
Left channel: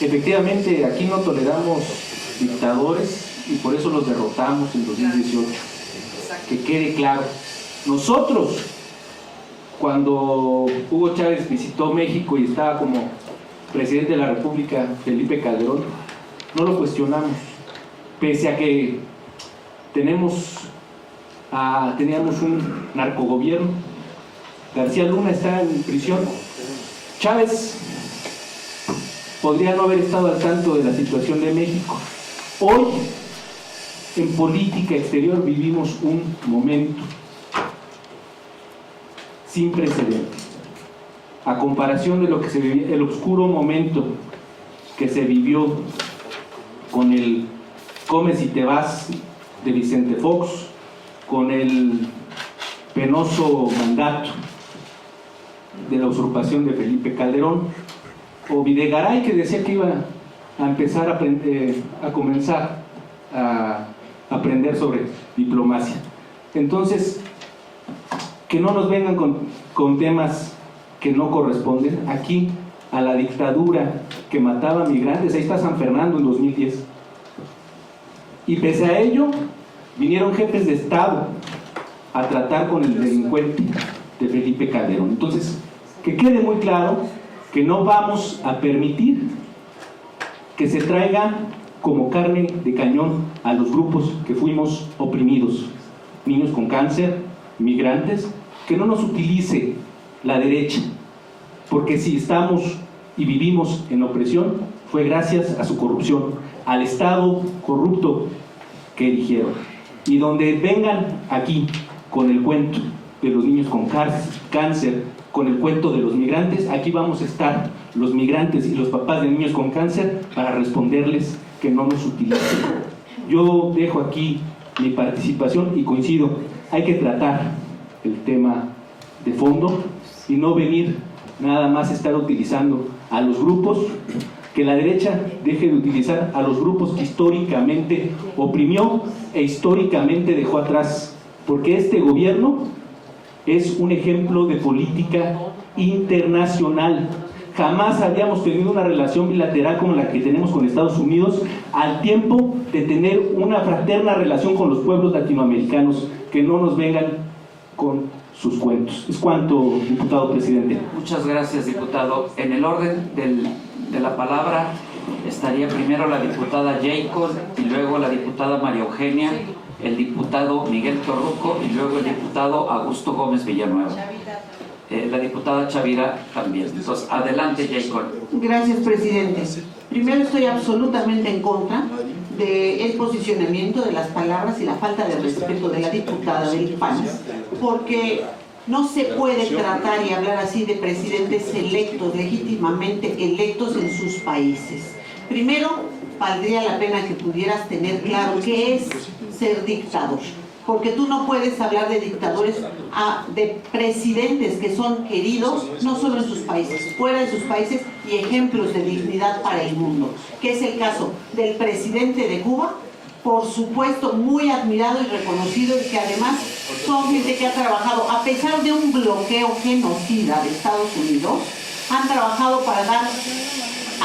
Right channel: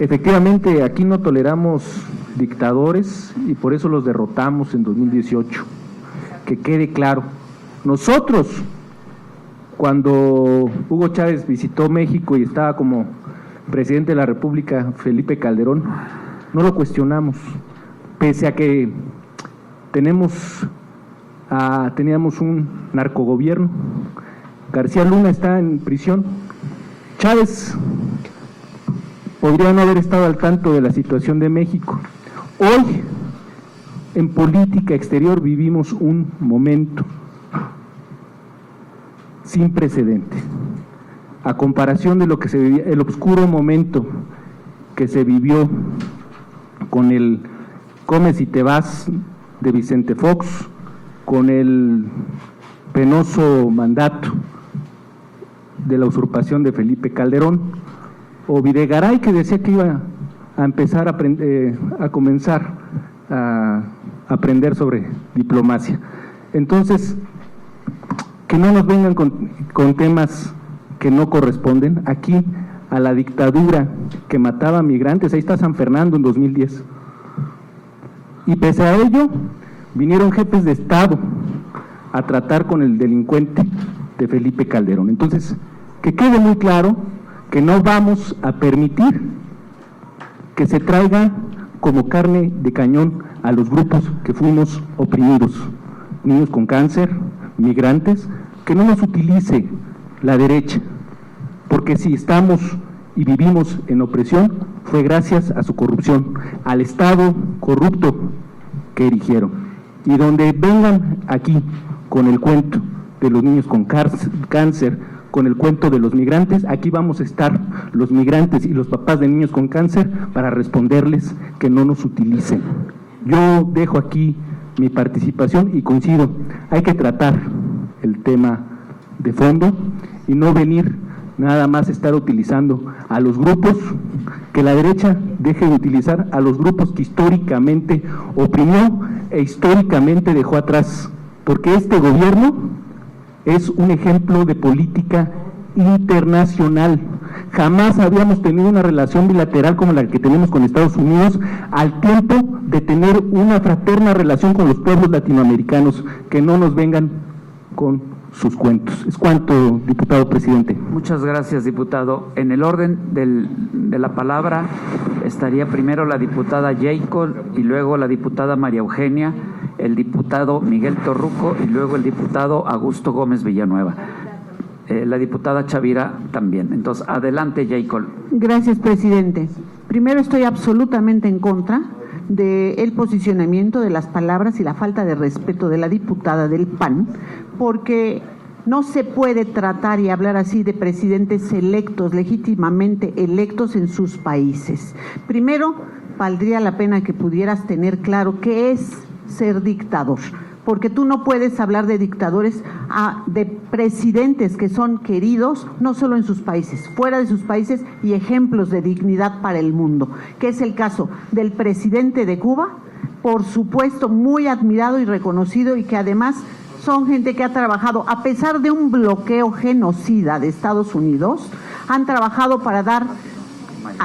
Efectivamente, aquí no toleramos dictadores y por eso los derrotamos en 2018. Que quede claro. Nosotros, cuando Hugo Chávez visitó México y estaba como presidente de la República Felipe Calderón, no lo cuestionamos, pese a que teníamos un narcogobierno. García Luna está en prisión. Chávez podría no haber estado al tanto de la situación de México. Hoy, en política exterior, vivimos un momento sin precedente. A comparación de lo que se vivía, el oscuro momento que se vivió con el Comes y te vas de Vicente Fox, con el penoso mandato de la usurpación de Felipe Calderón, o Videgaray, que decía que iba a empezar a comenzar a aprender sobre diplomacia. Entonces, que no nos vengan con temas que no corresponden. Aquí, a la dictadura que mataba migrantes, ahí está San Fernando en 2010. Y pese a ello, vinieron jefes de Estado a tratar con el delincuente de Felipe Calderón. Entonces, que quede muy claro que no vamos a permitir que se traiga como carne de cañón a los grupos que fuimos oprimidos, niños con cáncer, migrantes, que no nos utilice la derecha, porque si estamos y vivimos en opresión fue gracias a su corrupción, al Estado corrupto que erigieron. Y donde vengan aquí con el cuento de los niños con cáncer, con el cuento de los migrantes. Aquí vamos a estar los migrantes y los papás de niños con cáncer para responderles que no nos utilicen. Yo dejo aquí mi participación y coincido, hay que tratar el tema de fondo y no venir nada más a estar utilizando a los grupos, que la derecha deje de utilizar a los grupos que históricamente oprimió e históricamente dejó atrás, porque este gobierno es un ejemplo de política internacional. Jamás habíamos tenido una relación bilateral como la que tenemos con Estados Unidos, al tiempo de tener una fraterna relación con los pueblos latinoamericanos. Que no nos vengan con sus cuentos. Es cuanto, diputado presidente. Muchas gracias, diputado. En el orden de la palabra estaría primero la diputada Jacob y luego la diputada María Eugenia, el diputado Miguel Torruco y luego el diputado Augusto Gómez Villanueva. La diputada Chavira también. Entonces, adelante, Jacob. Gracias, presidente. Primero, estoy absolutamente en contra del posicionamiento de las palabras y la falta de respeto de la diputada del PAN, porque no se puede tratar y hablar así de presidentes electos, legítimamente electos en sus países. Primero, valdría la pena que pudieras tener claro qué es ser dictador, porque tú no puedes hablar de dictadores, de presidentes que son queridos no solo en sus países, fuera de sus países, y ejemplos de dignidad para el mundo, que es el caso del presidente de Cuba, por supuesto muy admirado y reconocido, y que además son gente que ha trabajado, a pesar de un bloqueo genocida de Estados Unidos, han trabajado para dar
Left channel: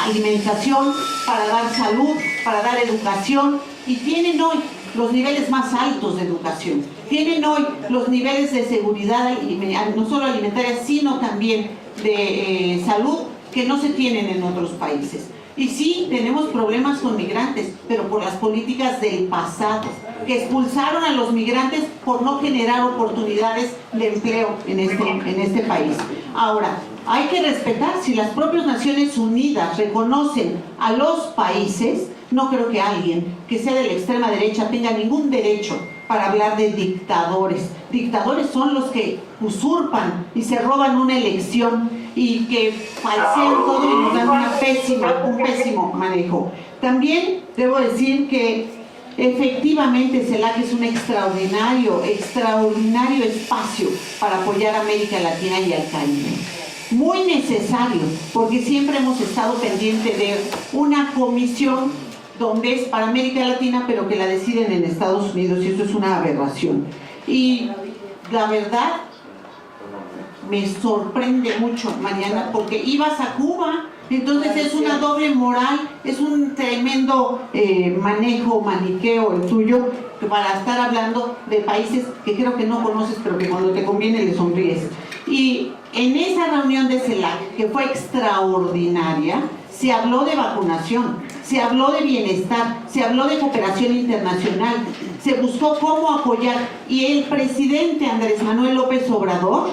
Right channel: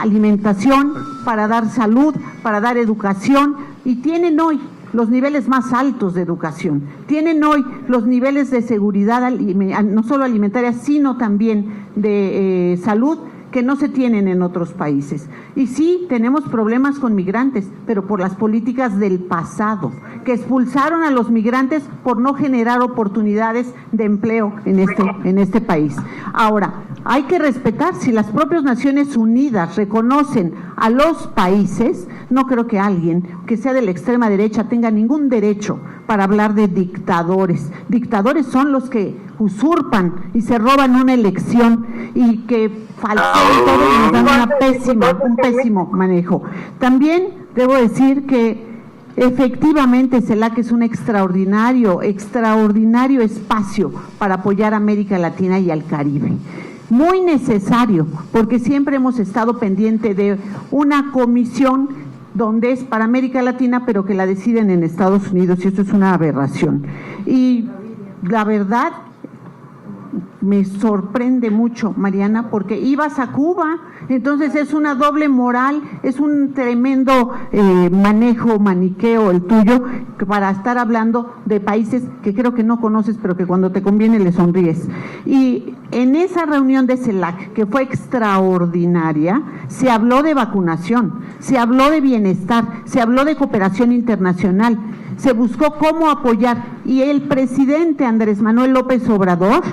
alimentación, para dar salud, para dar educación, y tienen hoy los niveles más altos de educación, tienen hoy los niveles de seguridad, no solo alimentaria, sino también de salud, que no se tienen en otros países. Y sí, tenemos problemas con migrantes, pero por las políticas del pasado, que expulsaron a los migrantes por no generar oportunidades de empleo en este país. Ahora, hay que respetar, si las propias Naciones Unidas reconocen a los países, no creo que alguien que sea de la extrema derecha tenga ningún derecho para hablar de dictadores. Dictadores son los que usurpan y se roban una elección y que falsean todo y nos dan un pésimo manejo. También debo decir que efectivamente CELAC es un extraordinario espacio para apoyar a América Latina y al Caribe. Muy necesario, porque siempre hemos estado pendiente de una comisión donde es para América Latina, pero que la deciden en Estados Unidos, y eso es una aberración. Y la verdad, me sorprende mucho, Mariana, porque ibas a Cuba, entonces es una doble moral, es un tremendo maniqueo el tuyo, para estar hablando de países que creo que no conoces, pero que cuando te conviene le sonríes. Y en esa reunión de CELAC, que fue extraordinaria, se habló de vacunación, se habló de bienestar, se habló de cooperación internacional, se buscó cómo apoyar, y el presidente Andrés Manuel López Obrador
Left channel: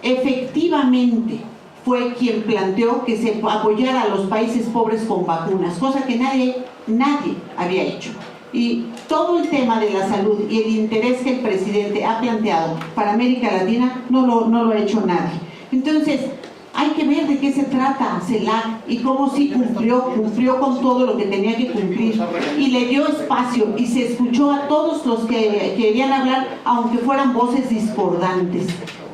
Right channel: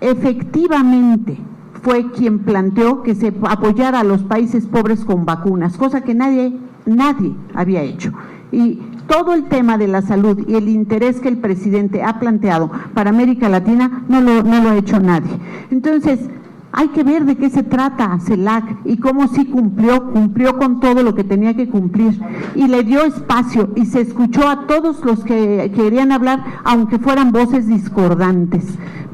efectivamente fue quien planteó que se apoyara a los países pobres con vacunas, cosa que nadie había hecho. Y todo el tema de la salud y el interés que el presidente ha planteado para América Latina no lo ha hecho nadie. Entonces, hay que ver de qué se trata CELAC y cómo sí cumplió con todo lo que tenía que cumplir, y le dio espacio y se escuchó a todos los que querían hablar, aunque fueran voces discordantes.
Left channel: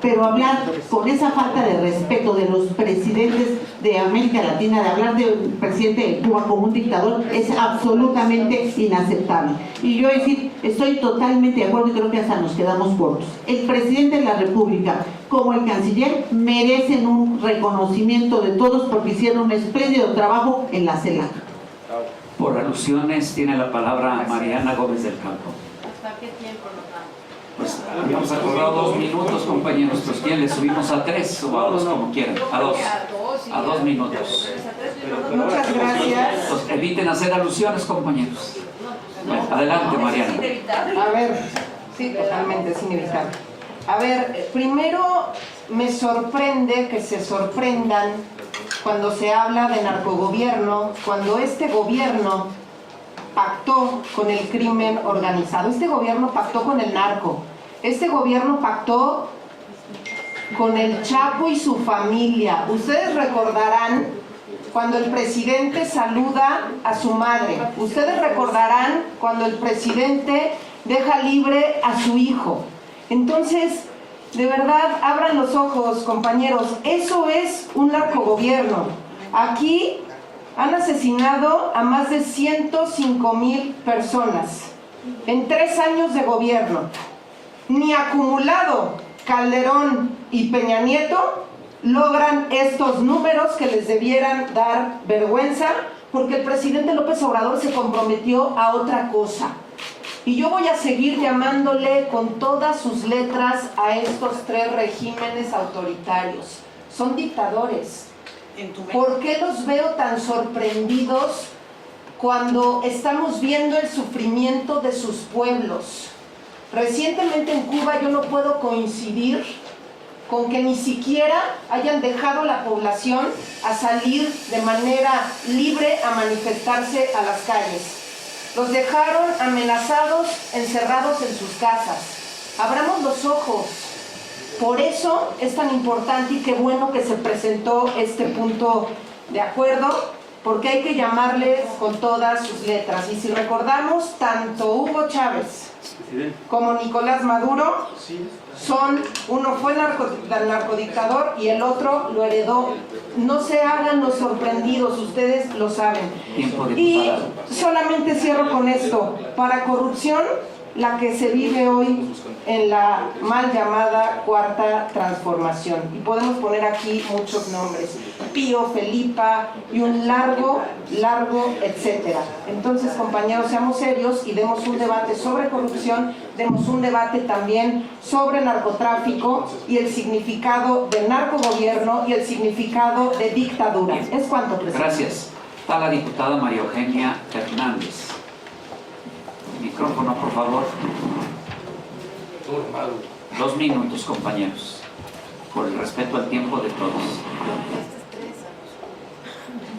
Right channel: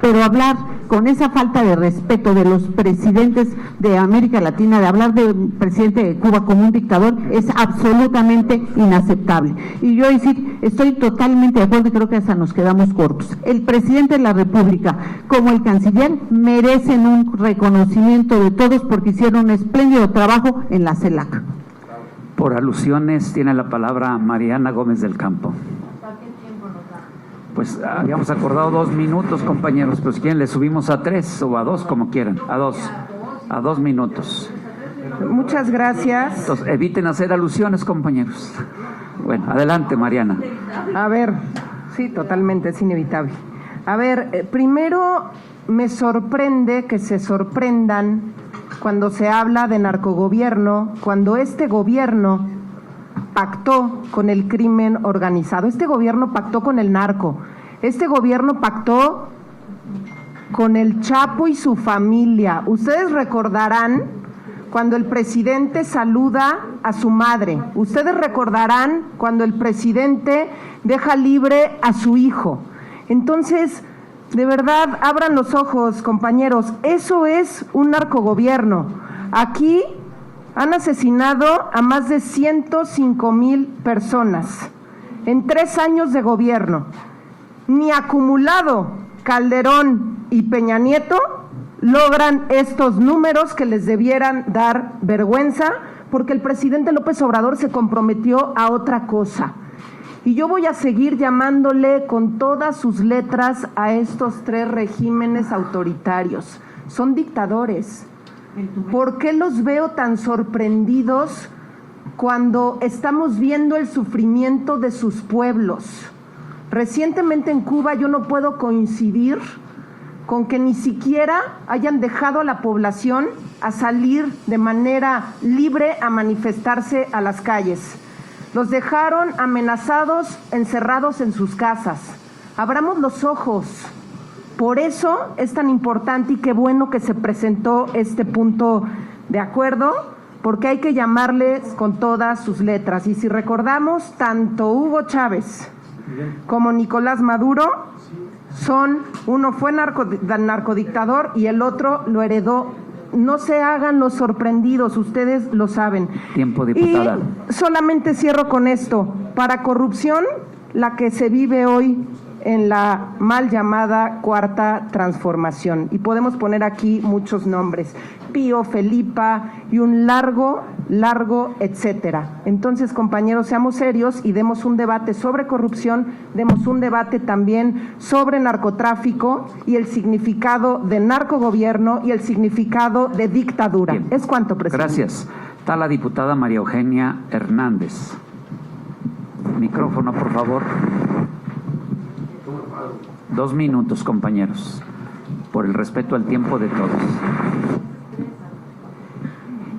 Pero hablar con esa falta de respeto de los presidentes de América Latina, de hablar del presidente de Cuba como un dictador, es absolutamente inaceptable. Y yo estoy totalmente de acuerdo, y creo que hasta nos quedamos cortos. El presidente de la República, como el canciller, merecen un reconocimiento de todos porque hicieron un espléndido trabajo en la CELAC. Por alusiones tiene la palabra Mariana Gómez del Campo. Pues habíamos acordado 2 minutos, compañeros. Pues ¿quién? ¿Le subimos a 3 o a 2, como quieran? A 2 minutos. Muchas gracias. Entonces, eviten hacer alusiones, compañeros. Bueno, adelante, Mariana. A ver, sí, totalmente, es inevitable. A ver, primero me sorprende que se sorprendan cuando se habla de narcogobierno, cuando este gobierno pactó con el crimen organizado, este gobierno pactó con el narco, este gobierno pactó con el Chapo y su familia. Ustedes recordarán cuando el presidente saluda a su madre. Ustedes recordarán cuando el presidente deja libre a su hijo. Entonces, de verdad, abran los ojos, compañeros. Eso es un narcogobierno. Aquí han asesinado a más de 105,000 personas en 3 años de gobierno. Ni acumulado Calderón y Peña Nieto logran estos números que les debieran dar vergüenza, porque el presidente López Obrador se comprometió a otra cosa. Y yo voy a seguir llamándole con todas sus letras a estos 3 regímenes autoritarios. Son dictadores. ¿Por qué los veo tan sorprendidos cuando estamos viendo el sufrimiento de sus pueblos? Recientemente en Cuba yo no puedo coincidir con que ni siquiera hayan dejado a la población a salir de manera libre a manifestarse a las calles. Los dejaron amenazados, encerrados en sus casas. Abramos los ojos. Por eso es tan importante y qué bueno que se presentó este punto de acuerdo, porque hay que llamarles con todas sus letras. Y si recordamos, tanto Hugo Chávez como Nicolás Maduro uno fue narcodictador y el otro lo heredó. No se hagan los sorprendidos, ustedes lo saben. Tiempo, diputada. Y solamente cierro con esto. Para corrupción, la que se vive hoy en la mal llamada Cuarta Transformación. Y podemos poner aquí muchos nombres. Pío, Felipa y un largo, etcétera. Entonces, compañeros, seamos serios y demos un debate sobre corrupción, demos un debate también sobre narcotráfico y el significado de narcogobierno y el significado de dictadura. Es cuanto, presidente. Gracias. Está la diputada María Eugenia Hernández. Micrófono, por favor. 2 minutos, compañeros, por el respeto al tiempo de todos.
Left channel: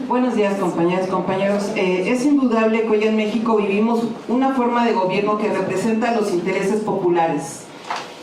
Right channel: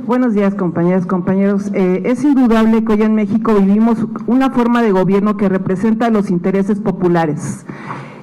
Buenos días, compañeras, compañeros. Es indudable que hoy en México vivimos una forma de gobierno que representa los intereses populares,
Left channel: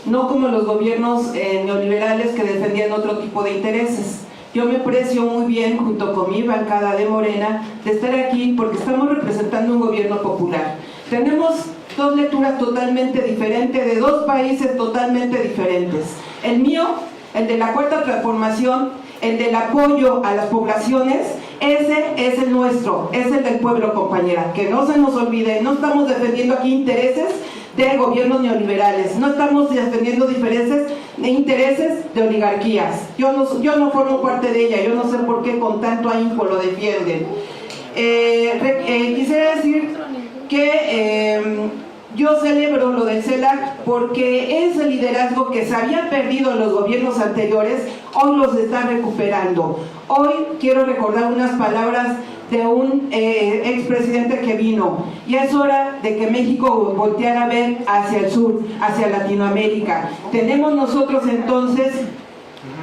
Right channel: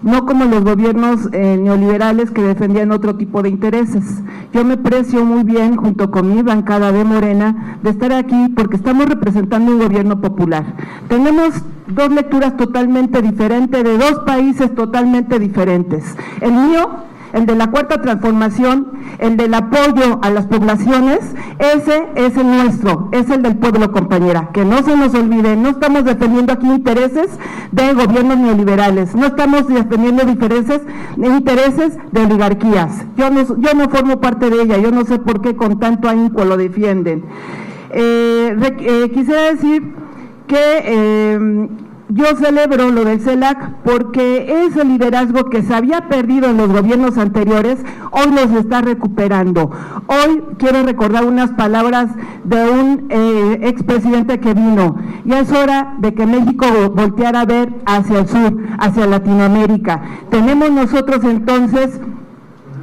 no como los gobiernos neoliberales que defendían otro tipo de intereses. Yo me precio muy bien, junto con mi bancada de Morena, de estar aquí porque estamos representando un gobierno popular. Tenemos 2 lecturas totalmente diferentes, de 2 países totalmente diferentes. El mío, el de la Cuarta Transformación, el del apoyo a las poblaciones, ese es el nuestro, es el del pueblo, compañera. Que no se nos olvide, no estamos defendiendo aquí intereses de gobiernos neoliberales, no estamos defendiendo intereses de oligarquías. Yo no formo parte de ella, yo no sé por qué con tanto ahínco lo defienden. Quisiera decir que yo celebro lo del CELAC porque ese liderazgo que se había perdido en los gobiernos anteriores, hoy los está recuperando. Hoy quiero recordar unas palabras de un expresidente que vino. Ya es hora de que México volteara a ver hacia el sur, hacia Latinoamérica. Tenemos nosotros entonces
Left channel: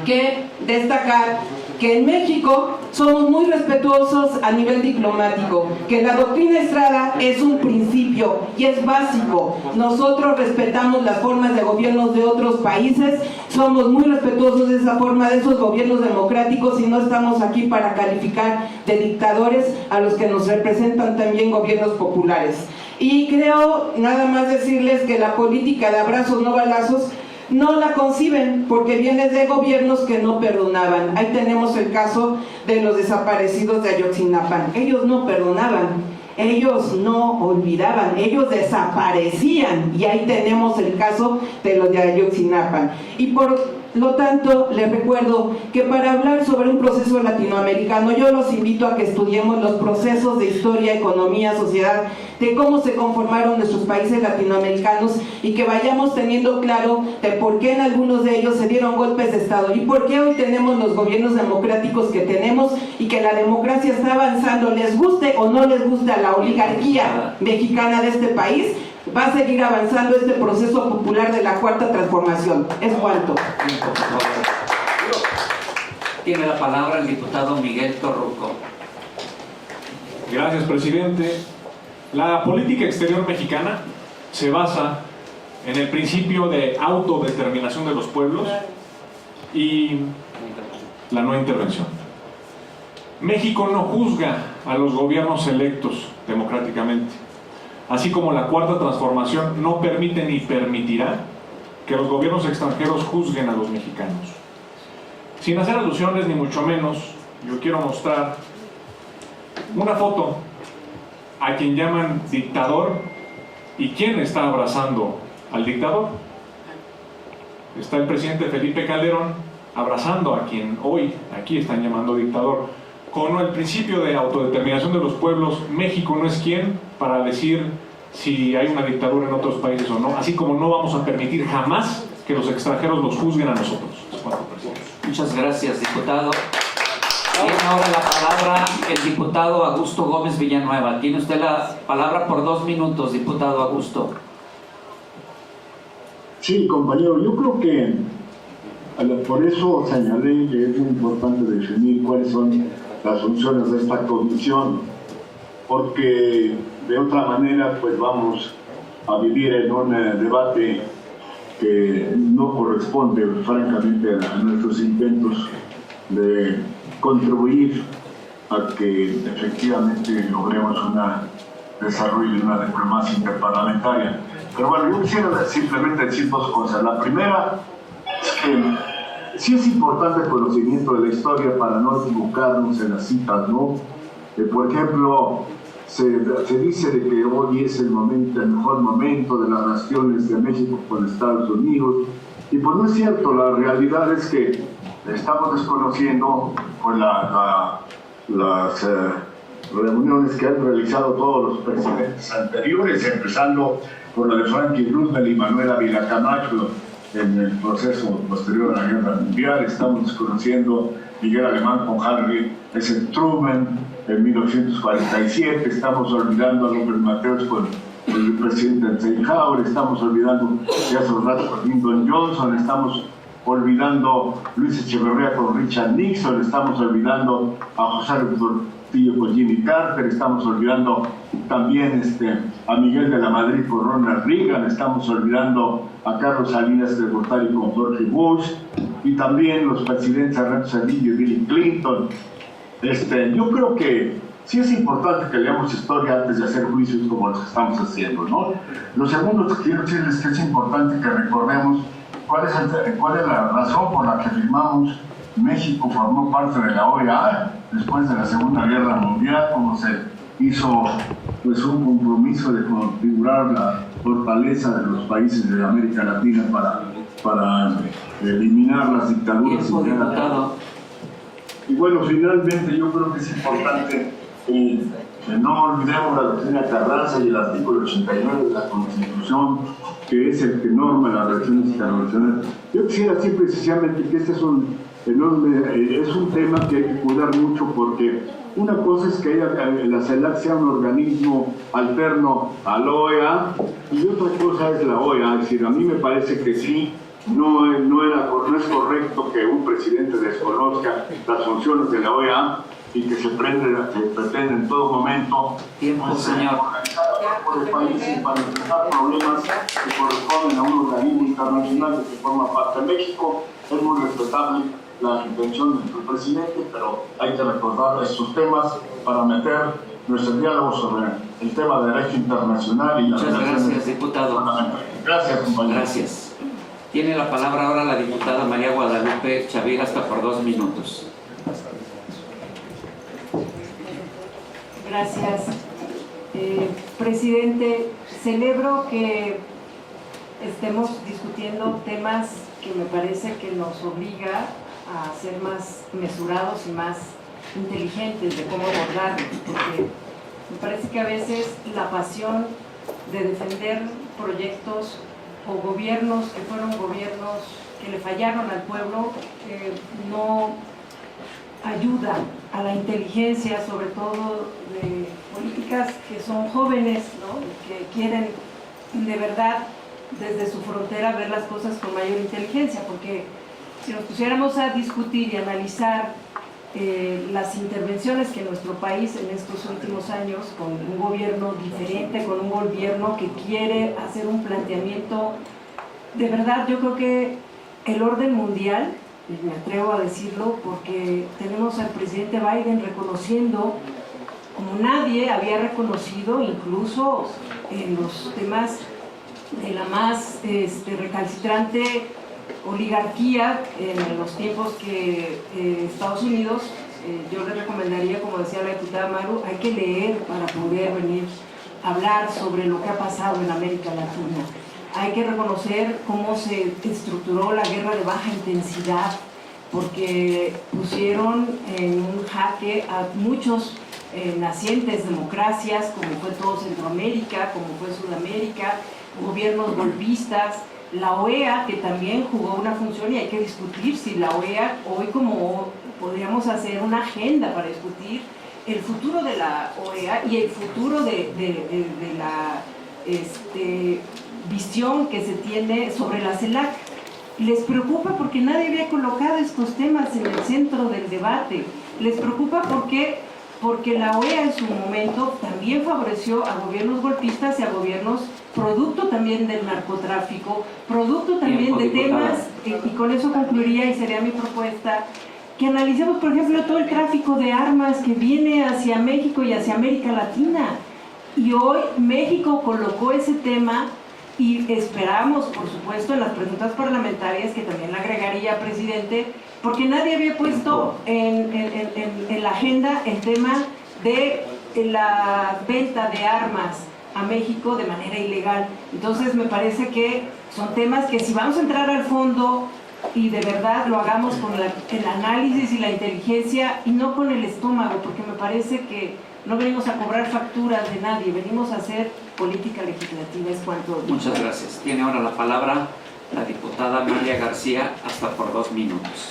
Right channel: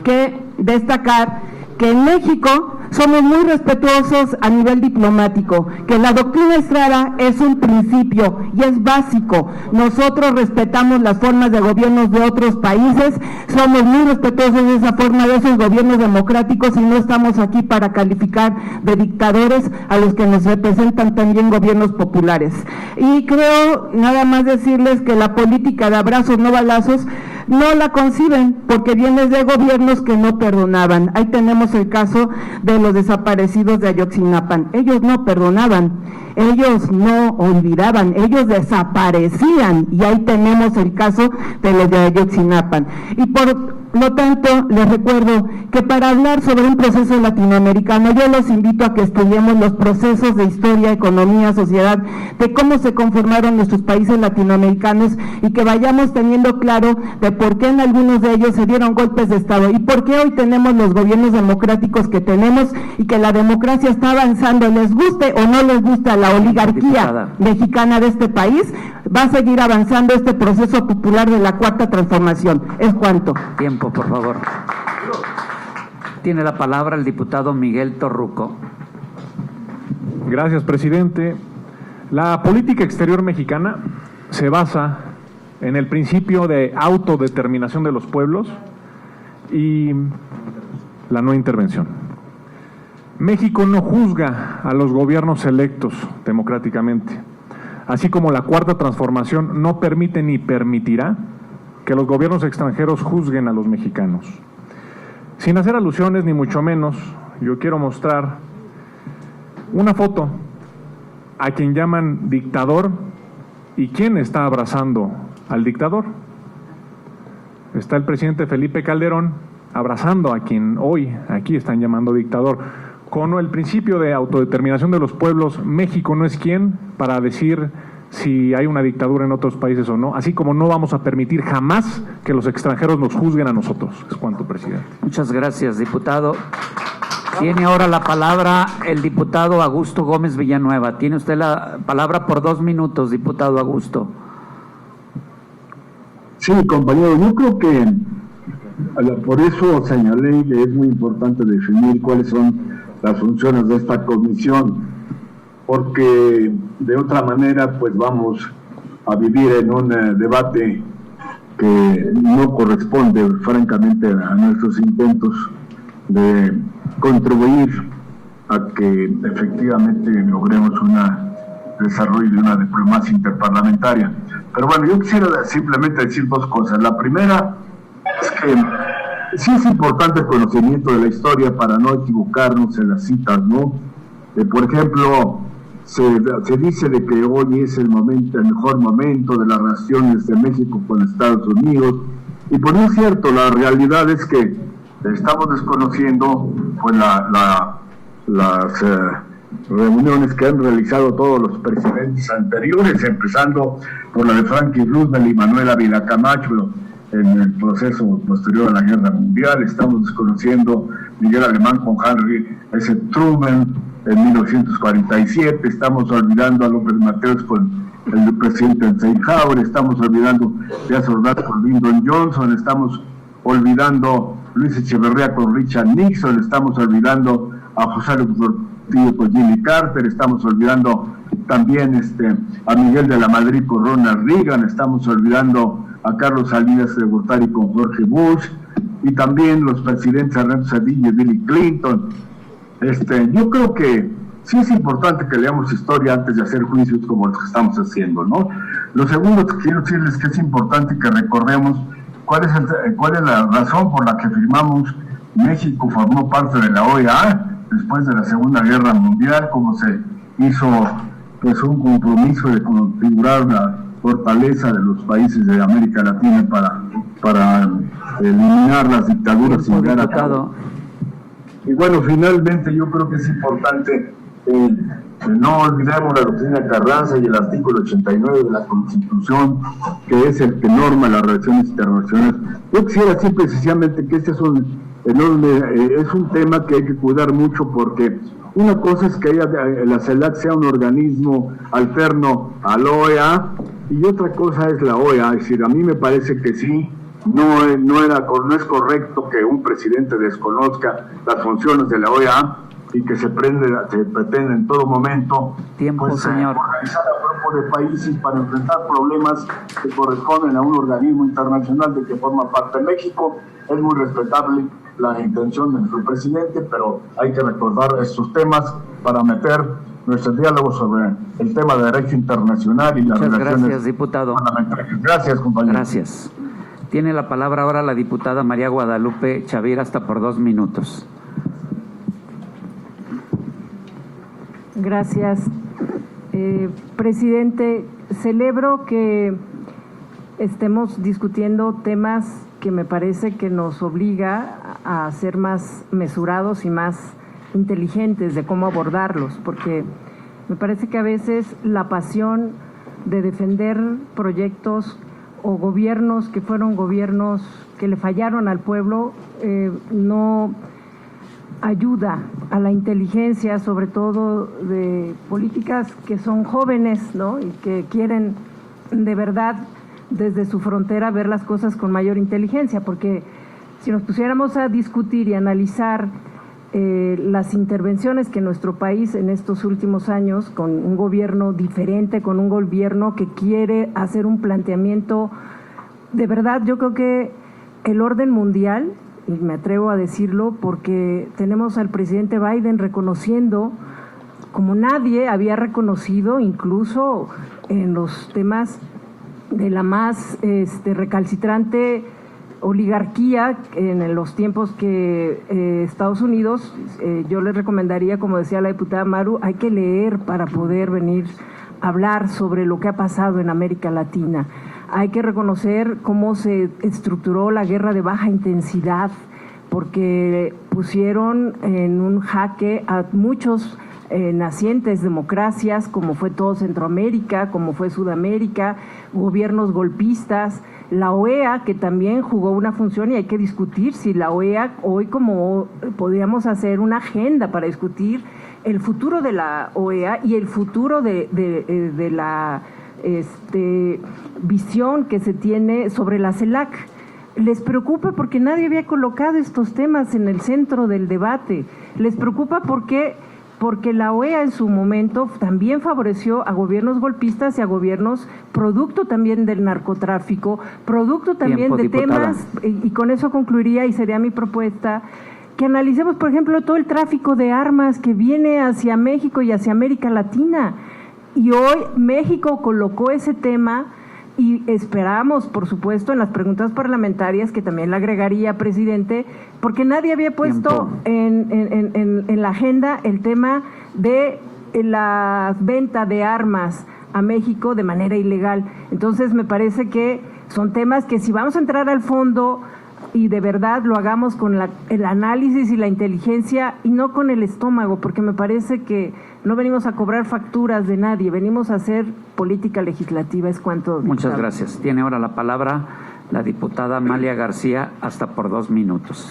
que destacar que en México somos muy respetuosos a nivel diplomático, que la doctrina Estrada es un principio y es básico. Nosotros respetamos las formas de gobiernos de otros países, somos muy respetuosos de esa forma, de esos gobiernos democráticos, y no estamos aquí para calificar de dictadores a los que nos representan también gobiernos populares. Y creo, nada más decirles que la política de abrazos no balazos no la conciben porque viene de gobiernos que no perdonaban. Ahí tenemos el caso de los desaparecidos de Ayotzinapa. Ellos no perdonaban, ellos no olvidaban, ellos desaparecían, y ahí tenemos el caso de los de Ayotzinapa. Y por lo tanto, les recuerdo que para hablar sobre un proceso latinoamericano, yo los invito a que estudiemos los procesos de historia, economía, sociedad, de cómo se conformaron nuestros países latinoamericanos, y que vayamos teniendo claro de por qué en algunos de ellos se dieron golpes de Estado y por qué hoy tenemos los gobiernos democráticos que tenemos, y que la democracia está avanzando, les guste o no les guste a la oligarquía mexicana de este país. Va a seguir avanzando este proceso popular de la Cuarta Transformación. Es cuanto. Tiempo, por favor. Tiene la palabra el diputado Miguel Torruco. Gracias, presidente. La política exterior mexicana se basa en el principio de autodeterminación de los pueblos, Y la no intervención. México no juzga a los gobiernos electos democráticamente, así como la Cuarta Transformación no permite ni permitirá que los gobiernos extranjeros juzguen a los mexicanos. Sin hacer alusiones ni mucho menos, yo quiero mostrar una foto a quien llaman dictador y quién está abrazando al dictador. Está el presidente Felipe Calderón abrazando a quien hoy aquí están llamando dictador. Con el principio de autodeterminación de los pueblos, México no es quien para decir si hay una dictadura en otros países o no, así como no vamos a permitir jamás que los extranjeros nos juzguen a nosotros. Es cuanto, presidente. Muchas gracias, diputado. Tiene ahora la palabra el diputado Augusto Gómez Villanueva. Tiene usted la palabra por 2 minutos, diputado Augusto. Sí, compañero, yo creo que por eso señalé que es muy importante definir cuáles son las funciones de esta comisión, porque de otra manera pues vamos a vivir en un debate que no corresponde francamente a nuestros intentos de contribuir a que efectivamente logremos un desarrollo de una diplomacia interparlamentaria. Pero bueno, yo quisiera simplemente decir 2 cosas. La primera es que sí es importante el conocimiento de la historia para no equivocarnos en las citas, ¿no? Por ejemplo, se dice de que hoy es el mejor momento de las relaciones de México con Estados Unidos, y pues no es cierto. La realidad es que estamos desconociendo pues las reuniones que han realizado todos los presidentes anteriores, empezando por la de Franklin Roosevelt y Manuel Ávila Camacho en el proceso posterior a la Guerra Mundial. Estamos desconociendo Miguel Alemán con Henry S. Truman en 1947, estamos olvidando a López Mateos con el presidente Eisenhower, estamos olvidando a Ordaz con Lyndon Johnson, estamos olvidando Luis Echeverría con Richard Nixon, estamos olvidando a José Portillo con Jimmy Carter, estamos olvidando también a Miguel de la Madrid con Ronald Reagan, estamos olvidando a Carlos Salinas de Gortari con George Bush, y también los presidentes Ernesto Zedillo y Bill Clinton. Yo creo que sí es importante que leamos historia antes de hacer juicios como los que estamos haciendo, ¿no? Lo segundo que quiero decirles es que es importante que recordemos cuál es la razón por la que firmamos. México formó parte de la OEA después de la Segunda Guerra Mundial, como se hizo pues un compromiso de configurar la fortaleza de los países de América Latina para eliminar las dictaduras y llegar a cabo. Y bueno, finalmente yo creo que es importante que no olvidemos la doctrina Carranza y el artículo 89 de la Constitución, que es el que norma las relaciones internacionales. Yo quisiera decir precisamente que este es un tema que hay que cuidar mucho, porque una cosa es que la CELAC sea un organismo alterno a la OEA, y otra cosa es la OEA. Es decir, a mí me parece que sí, no es correcto que un presidente desconozca las funciones de la OEA y que se pretende en todo momento organizar a cuerpo de países para enfrentar problemas que corresponden a un organismo internacional del que forma parte México. Es muy respetable la intención de nuestro presidente, pero hay que recordar estos temas para meter nuestro diálogo sobre el tema de derecho internacional y las relaciones. Gracias, diputado. Gracias, compañero. Gracias. Tiene la palabra ahora la diputada María Guadalupe Chavira, hasta por 2 minutos. Gracias. Presidente, celebro que estemos discutiendo temas que me parece que nos obliga a ser más mesurados y más inteligentes de cómo abordarlos, porque me parece que a veces la pasión de defender proyectos o gobiernos que fueron gobiernos que le fallaron al pueblo no ayuda a la inteligencia, sobre todo de políticas que son jóvenes, ¿no? Y que quieren de verdad desde su frontera ver las cosas con mayor inteligencia, porque si nos pusiéramos a discutir y analizar las intervenciones que nuestro país en estos últimos años, con un gobierno diferente, con un gobierno que quiere hacer un planteamiento de verdad, yo creo que el orden mundial y me atrevo a decirlo porque tenemos al presidente Biden reconociendo, como nadie había reconocido, incluso en los temas de la más recalcitrante oligarquía en los tiempos que Estados Unidos, yo les recomendaría, como decía la diputada Maru, hay que leer para poder venir a hablar sobre lo que ha pasado en América Latina. Hay que reconocer cómo se estructuró la guerra de baja intensidad, porque pusieron en un jaque a muchos nacientes democracias, como fue todo Centroamérica, como fue Sudamérica, gobiernos golpistas, la OEA, que también jugó una función, y hay que discutir si la OEA hoy, como podríamos hacer una agenda para discutir el futuro de la OEA y el futuro de la visión que se tiene sobre la CELAC. Les preocupa porque nadie había colocado estos temas en el centro del debate. Les preocupa porque la OEA en su momento también favoreció a gobiernos golpistas y a gobiernos producto también del narcotráfico, producto también de temas, y con eso concluiría y sería mi propuesta, que analicemos, por ejemplo, todo el tráfico de armas que viene hacia México y hacia América Latina. Y hoy México colocó ese tema y esperamos, por supuesto, en las preguntas parlamentarias, que también le agregaría, presidente, porque nadie había puesto en la agenda el tema de la venta de armas a México de manera ilegal. Entonces me parece que son temas que si vamos a entrar al fondo y de verdad lo hagamos con el análisis y la inteligencia y no con el estómago, porque me parece que no venimos a cobrar facturas de nadie, venimos a hacer política legislativa, es cuanto. Muchas gracias. Tiene ahora la palabra la diputada Amalia García, hasta por 2 minutos.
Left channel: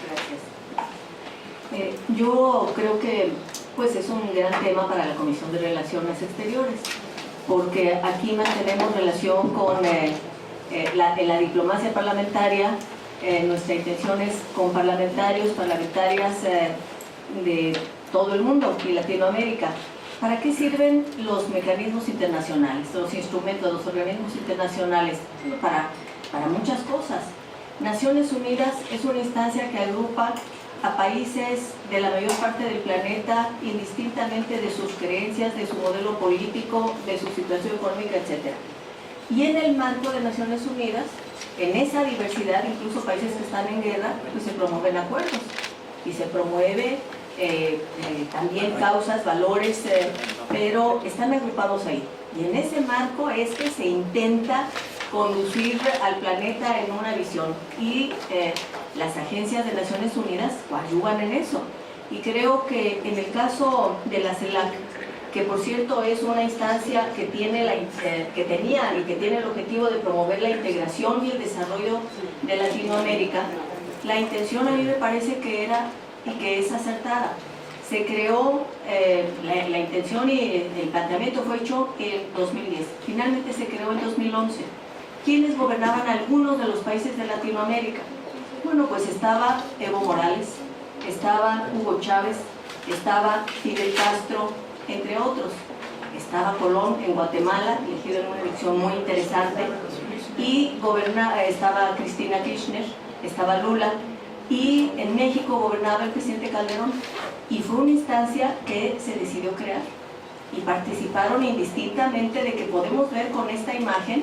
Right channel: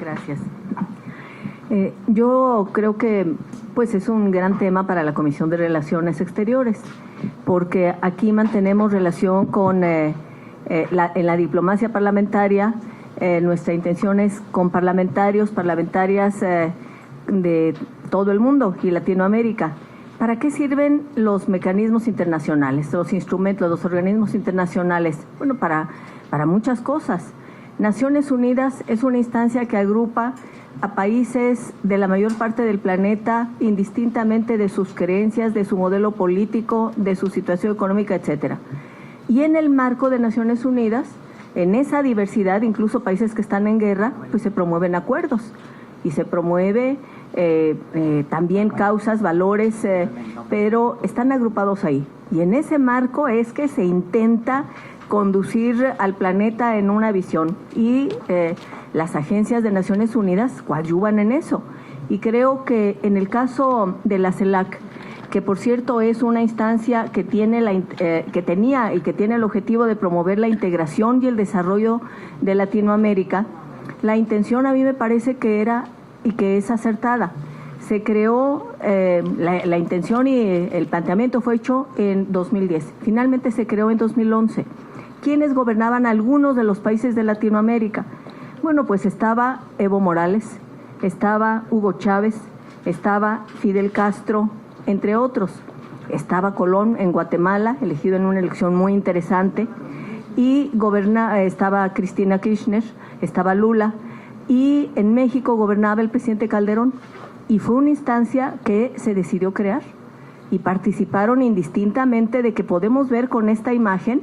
Gracias. Yo creo que pues es un gran tema para la Comisión de Relaciones Exteriores, porque aquí mantenemos relación con en la diplomacia parlamentaria. Nuestra intención es con parlamentarias de todo el mundo y Latinoamérica. ¿Para qué sirven los mecanismos internacionales, los instrumentos, los organismos internacionales? Bueno, para muchas cosas. Naciones Unidas es una instancia que agrupa a países de la mayor parte del planeta, indistintamente de sus creencias, de su modelo político, de su situación económica, etc. Y en el marco de Naciones Unidas, en esa diversidad, incluso países que están en guerra, pues se promueven acuerdos y se promueve también causas, valores, pero están agrupados ahí. Y en ese marco es que se intenta conducir al planeta en una visión y las agencias de Naciones Unidas coadyuvan en eso. Y creo que en el caso de la CELAC, que por cierto es una instancia que tiene que tenía y que tiene el objetivo de promover la integración y el desarrollo de Latinoamérica, la intención a mí me parece que era y que es acertada. Se creó, la intención y el planteamiento fue hecho en 2010, finalmente se creó en 2011. ¿Quiénes gobernaban algunos de los países de Latinoamérica? Bueno, pues estaba Evo Morales, estaba Hugo Chávez, estaba Fidel Castro, entre otros. Estaba Colón en Guatemala, elegido en una elección muy interesante, y estaba Cristina Kirchner, estaba Lula, y en México gobernaba el presidente Calderón, y fue una instancia que se decidió crear, y participaron indistintamente de que podemos ver con esta imagen,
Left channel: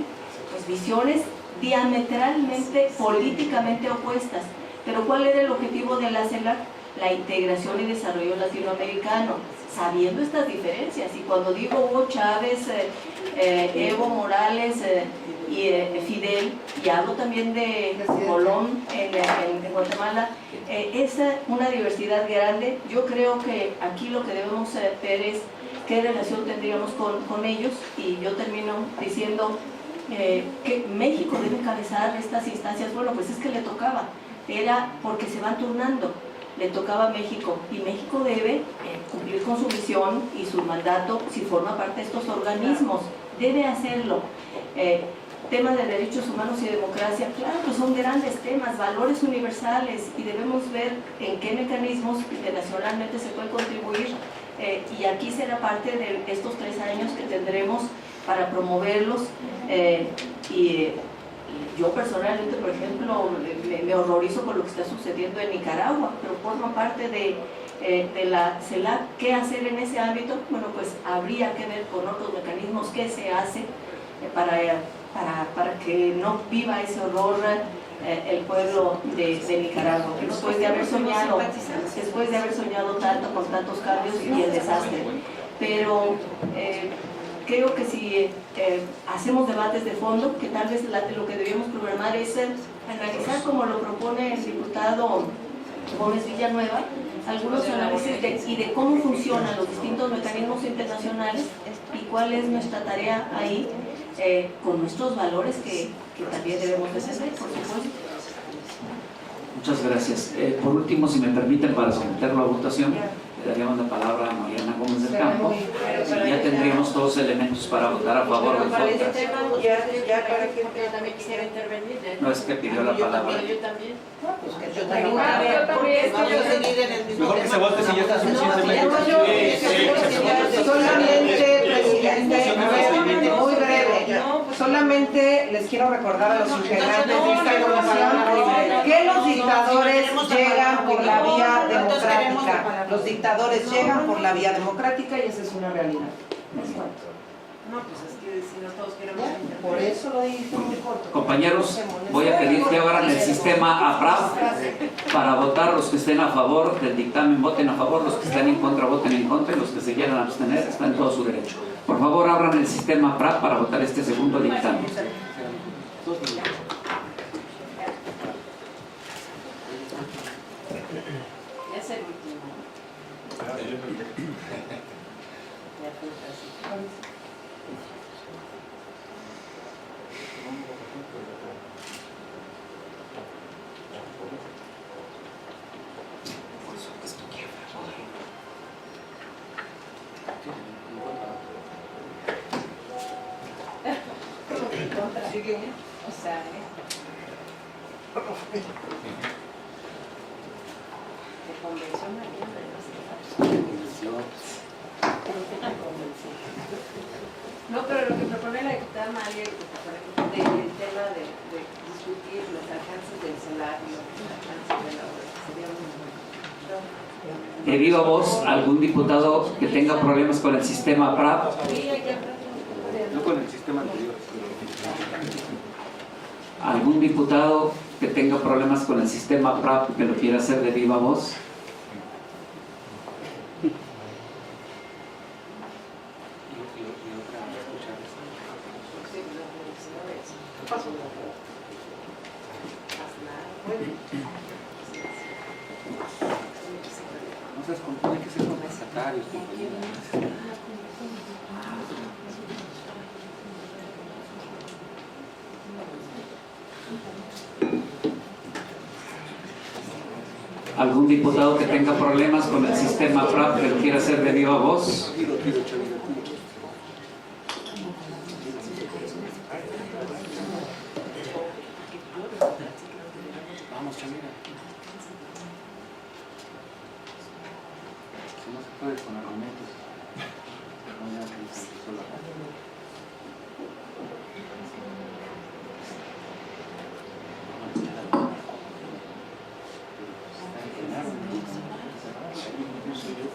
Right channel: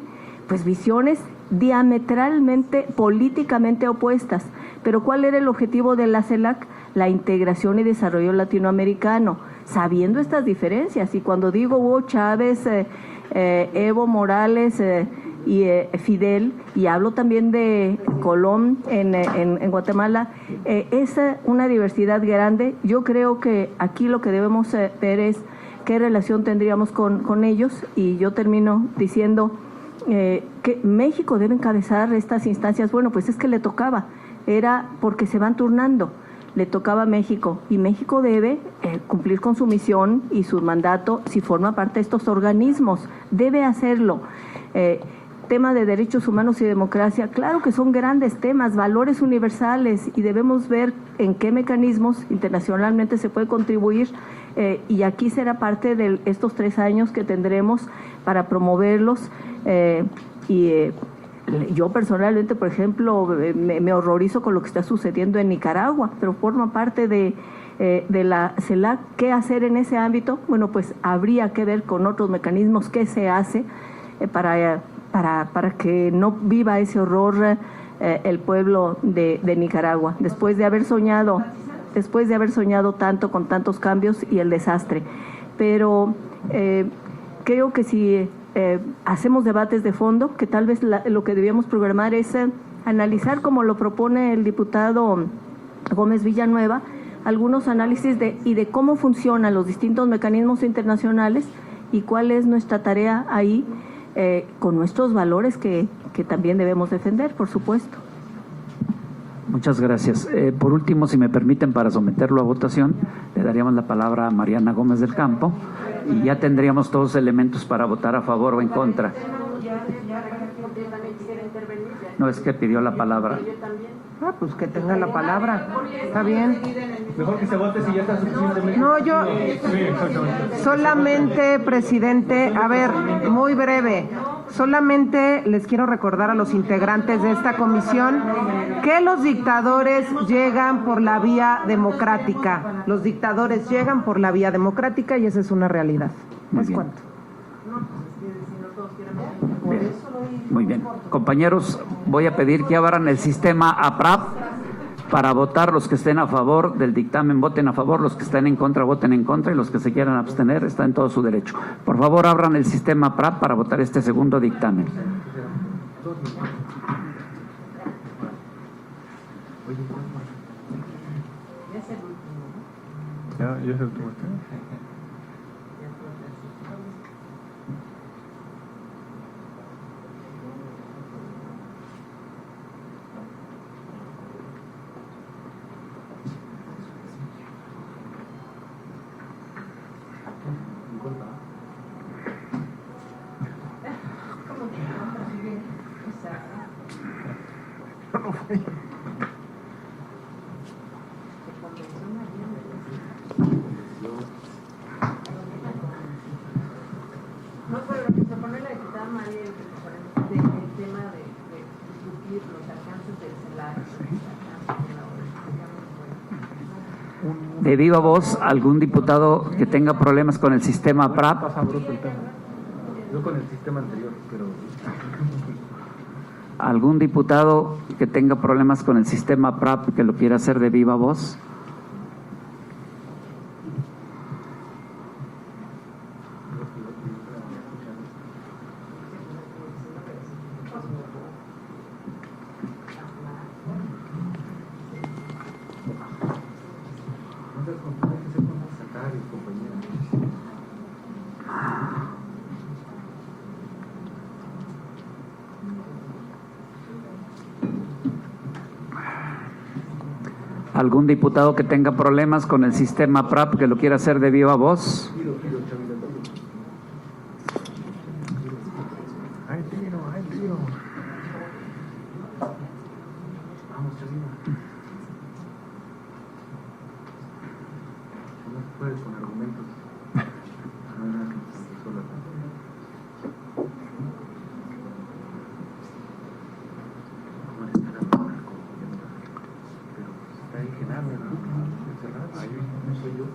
pues visiones diametralmente, políticamente opuestas. Pero ¿cuál era el objetivo de la CELAC? La integración y desarrollo latinoamericano, sabiendo estas diferencias. Y cuando digo Hugo Chávez, Evo Morales y Fidel, y hablo también de Colón en Guatemala, es una diversidad grande. Yo creo que aquí lo que debemos ver es qué relación tendríamos con ellos, y yo termino diciendo que México debe encabezar estas instancias. Bueno, pues es que le tocaba, era porque se van turnando, le tocaba a México, y México debe cumplir con su misión y su mandato si forma parte de estos organismos, debe hacerlo. Tema de derechos humanos y democracia, claro que son grandes temas, valores universales, y debemos ver en qué mecanismos internacionalmente se puede contribuir, y aquí será parte de estos 3 años que tendremos para promoverlos y yo personalmente, por ejemplo, me horrorizo con lo que está sucediendo en Nicaragua, pero forma parte de la CELAC. ¿Qué hacer en ese ámbito? Bueno, pues habría que ver con otros mecanismos qué se hace para que no viva ese horror el pueblo de Nicaragua, después de haber soñado tanto con tantos cambios y el desastre. Pero creo que si hacemos debates de fondo, que tal vez lo que debíamos programar es analizar, como lo propone el diputado Gómez Villanueva, algunos análisis de cómo funcionan los distintos mecanismos internacionales y cuál es nuestra tarea ahí, con nuestros valores que también debemos defender, por supuesto. Muchas gracias. Por último, si me permiten, para someterlo a votación, le daríamos la palabra a Mariana Gómez del Campo y ya tendríamos todos los elementos para votar a favor o en contra. No, es que pidió la palabra. Pues que tenga la palabra. Está bien. Mejor que se vote si ya está suficientemente. No, yo solamente, presidente, a ver, muy breve. Solamente les quiero recordar a los integrantes de esta comisión que los dictadores llegan por la vía democrática. Los dictadores llegan por la vía democrática y esa es una realidad. ¿Les cuento? Muy bien. Compañeros, voy a pedir que abran el sistema APRAP para votar. Los que estén a favor del dictamen voten a favor, los que estén en contra voten en contra y los que se quieran abstener están en todo su derecho. Por favor, abran el sistema APRAP para votar este segundo dictamen. No, pero lo que propone la diputada María del tema de discutir los alcances del CELAC y los alcances de la obra sería muy bueno. De viva voz, algún diputado que tenga problemas con el sistema APRAP. Yo con el sistema anterior, pero... ¿Algún diputado que tenga problemas con el sistema APRAP que lo quiera hacer de viva voz? No seas hay que ser contestatarios, compañeros. ¿Algún diputado que tenga problemas con el sistema APRAP que lo quiera hacer de viva voz? Vamos, Chavina. Si no se puede con argumentos, no hay nada que decir solo. No soy yo.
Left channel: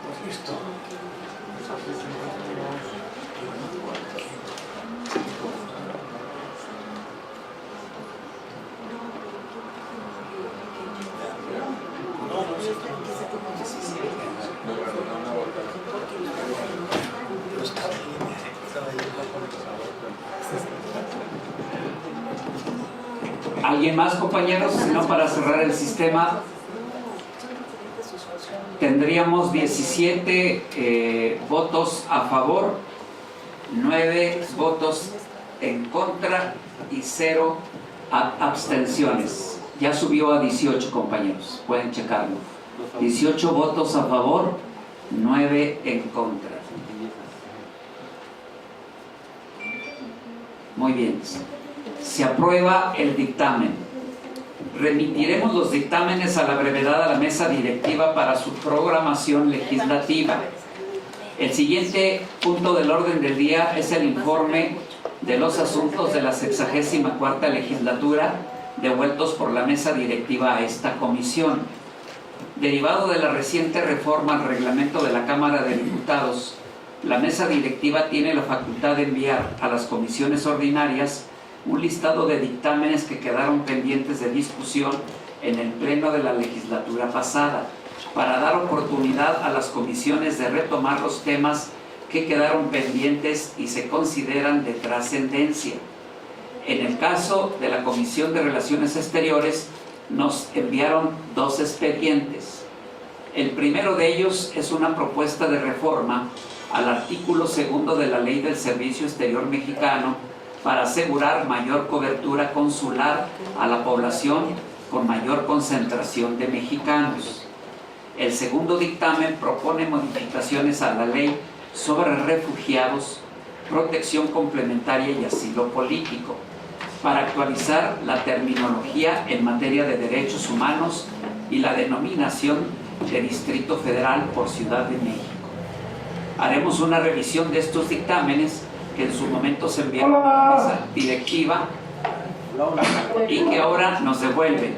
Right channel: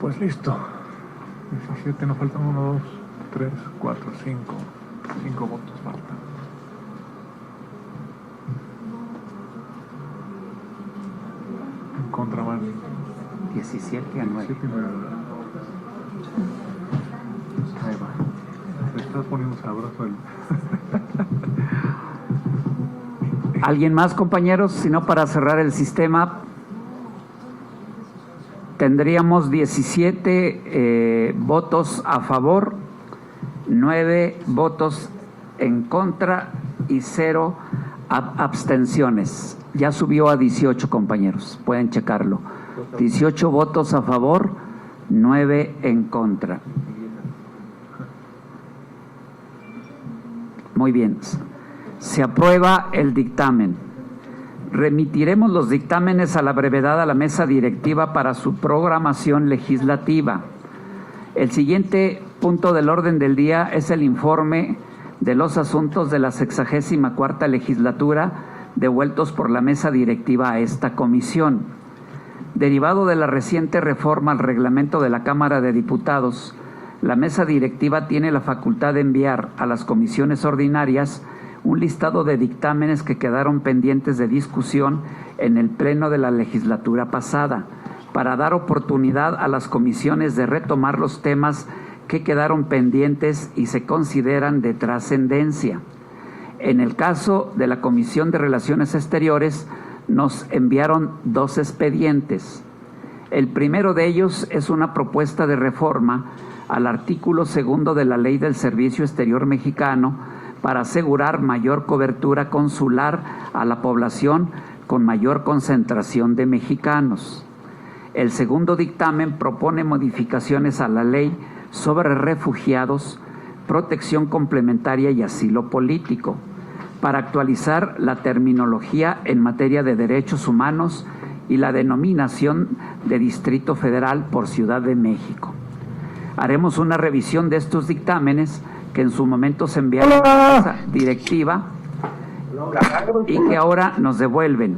Pues listo. Así que nos faltan 1, 2, 3, 4, 5 votos. En contra más 17 ¿Alguien más, compañeros? Si no, para cerrar el sistema, tendríamos 17 votos a favor, 9 votos en contra y 0 abstenciones. Ya subió a 18, compañeros, pueden checarlo. 18 votos a favor, 9 en contra. Muy bien. Se aprueba el dictamen. Remitiremos los dictámenes a la brevedad a la mesa directiva para su programación legislativa. El siguiente punto del orden del día es el informe de los asuntos de la 64ª legislatura devueltos por la mesa directiva a esta comisión. Derivado de la reciente reforma al reglamento de la Cámara de Diputados, la mesa directiva tiene la facultad de enviar a las comisiones ordinarias un listado de dictámenes que quedaron pendientes de discusión en el pleno de la legislatura pasada, para dar oportunidad a las comisiones de retomar los temas que quedaron pendientes y se consideran de trascendencia. En el caso de la Comisión de Relaciones Exteriores, nos enviaron 2 expedientes. El primero de ellos es una propuesta de reforma al artículo 2 de la Ley del Servicio Exterior Mexicano para asegurar mayor cobertura consular a la población con mayor concentración de mexicanos. El segundo dictamen propone modificaciones a la ley sobre refugiados, protección complementaria y asilo político, para actualizar la terminología en materia de derechos humanos y la denominación de Distrito Federal por Ciudad de México. Haremos una revisión de estos dictámenes que en su momento se enviaron a la mesa directiva y que ahora nos devuelven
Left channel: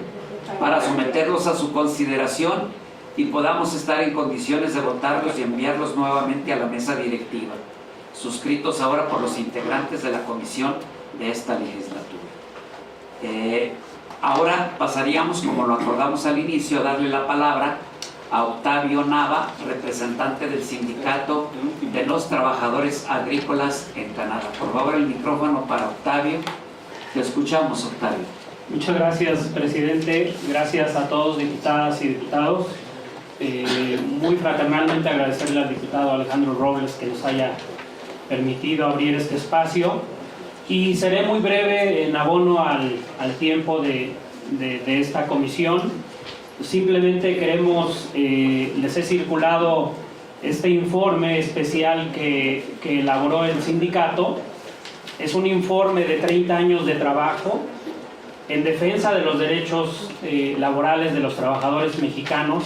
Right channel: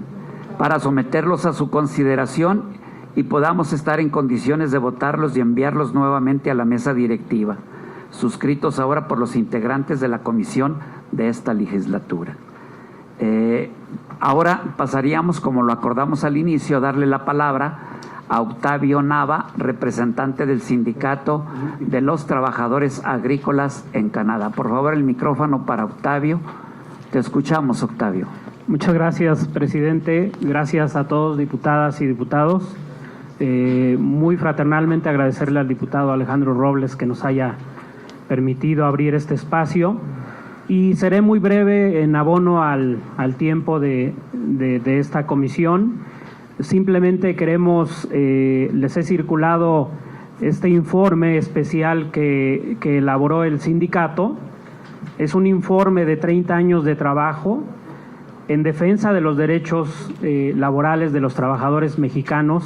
para someterlos a su consideración y podamos estar en condiciones de votarlos y enviarlos nuevamente a la mesa directiva, suscritos ahora por los integrantes de la comisión de esta legislatura. Ahora pasaríamos, como lo acordamos al inicio, a darle la palabra a Octavio Nava, representante del Sindicato de los Trabajadores Agrícolas en Canadá. Por favor, el micrófono para Octavio. Te escuchamos, Octavio. Muchas gracias, presidente. Gracias a todos, diputadas y diputados. Muy fraternalmente agradecerle al diputado Alejandro Robles que nos haya permitido abrir este espacio, y seré muy breve en abono al tiempo de esta comisión. Simplemente queremos, les he circulado este informe especial que elaboró el sindicato. Es un informe de 30 años de trabajo en defensa de los derechos laborales de los trabajadores mexicanos,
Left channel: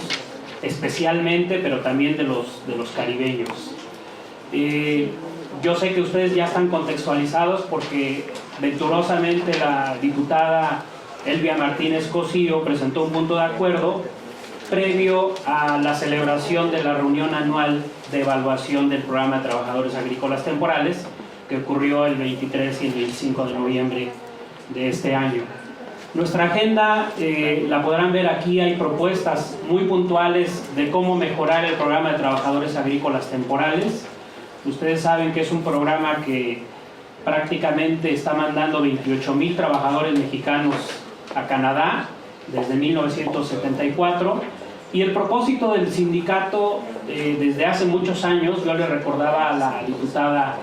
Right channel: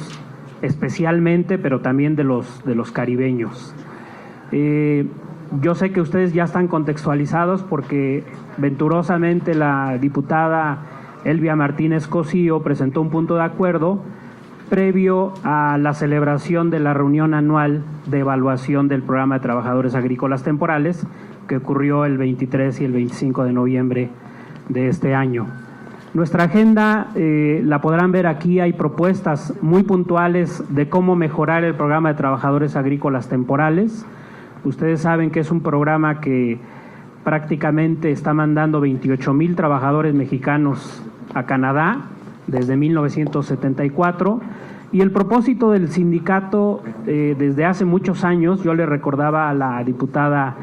especialmente, pero también de los caribeños. Yo sé que ustedes ya están contextualizados porque venturosamente la diputada Elvia Martínez Cosío presentó un punto de acuerdo previo a la celebración de la reunión anual de evaluación del Programa de Trabajadores Agrícolas Temporales, que ocurrió el 23 y el 25 de noviembre de este año. Nuestra agenda la podrán ver aquí. Hay propuestas muy puntuales de cómo mejorar el Programa de Trabajadores Agrícolas Temporales. Ustedes saben que es un programa que prácticamente está mandando 28,000 trabajadores mexicanos a Canadá desde 1974, y el propósito del sindicato desde hace muchos años, yo le recordaba a la diputada,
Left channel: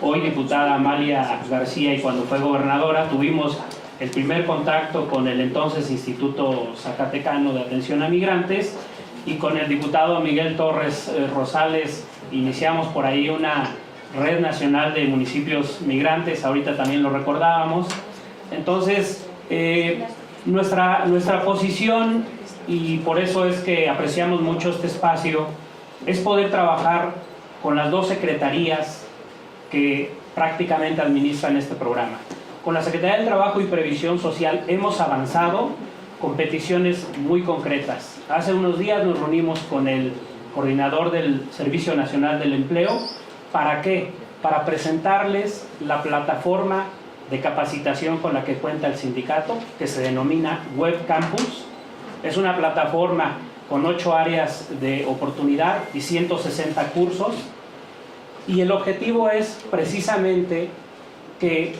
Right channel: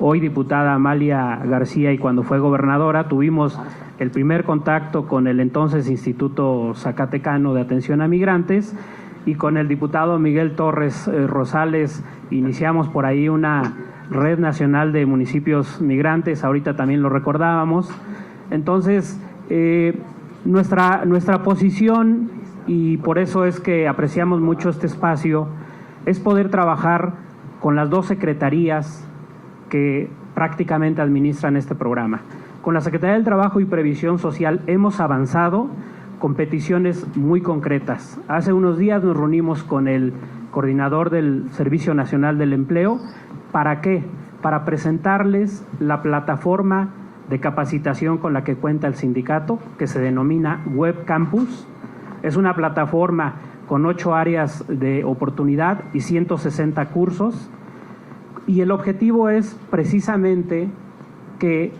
hoy diputada Amalia García, y cuando fue gobernadora tuvimos el primer contacto con el entonces Instituto Zacatecano de Atención a Migrantes, y con el diputado Miguel Torres Rosales iniciamos por ahí una red nacional de municipios migrantes, ahorita también lo recordábamos. Entonces, nuestra posición, y por eso es que apreciamos mucho este espacio, es poder trabajar con las 2 secretarías que prácticamente administran este programa. Con la Secretaría del Trabajo y Previsión Social hemos avanzado con peticiones muy concretas. Hace unos días nos reunimos con el coordinador del Servicio Nacional del Empleo. ¿Para qué? Para presentarles la plataforma de capacitación con la que cuenta el sindicato, que se denomina Web Campus. Es una plataforma con 8 áreas de oportunidad y 160 cursos, y el objetivo es precisamente que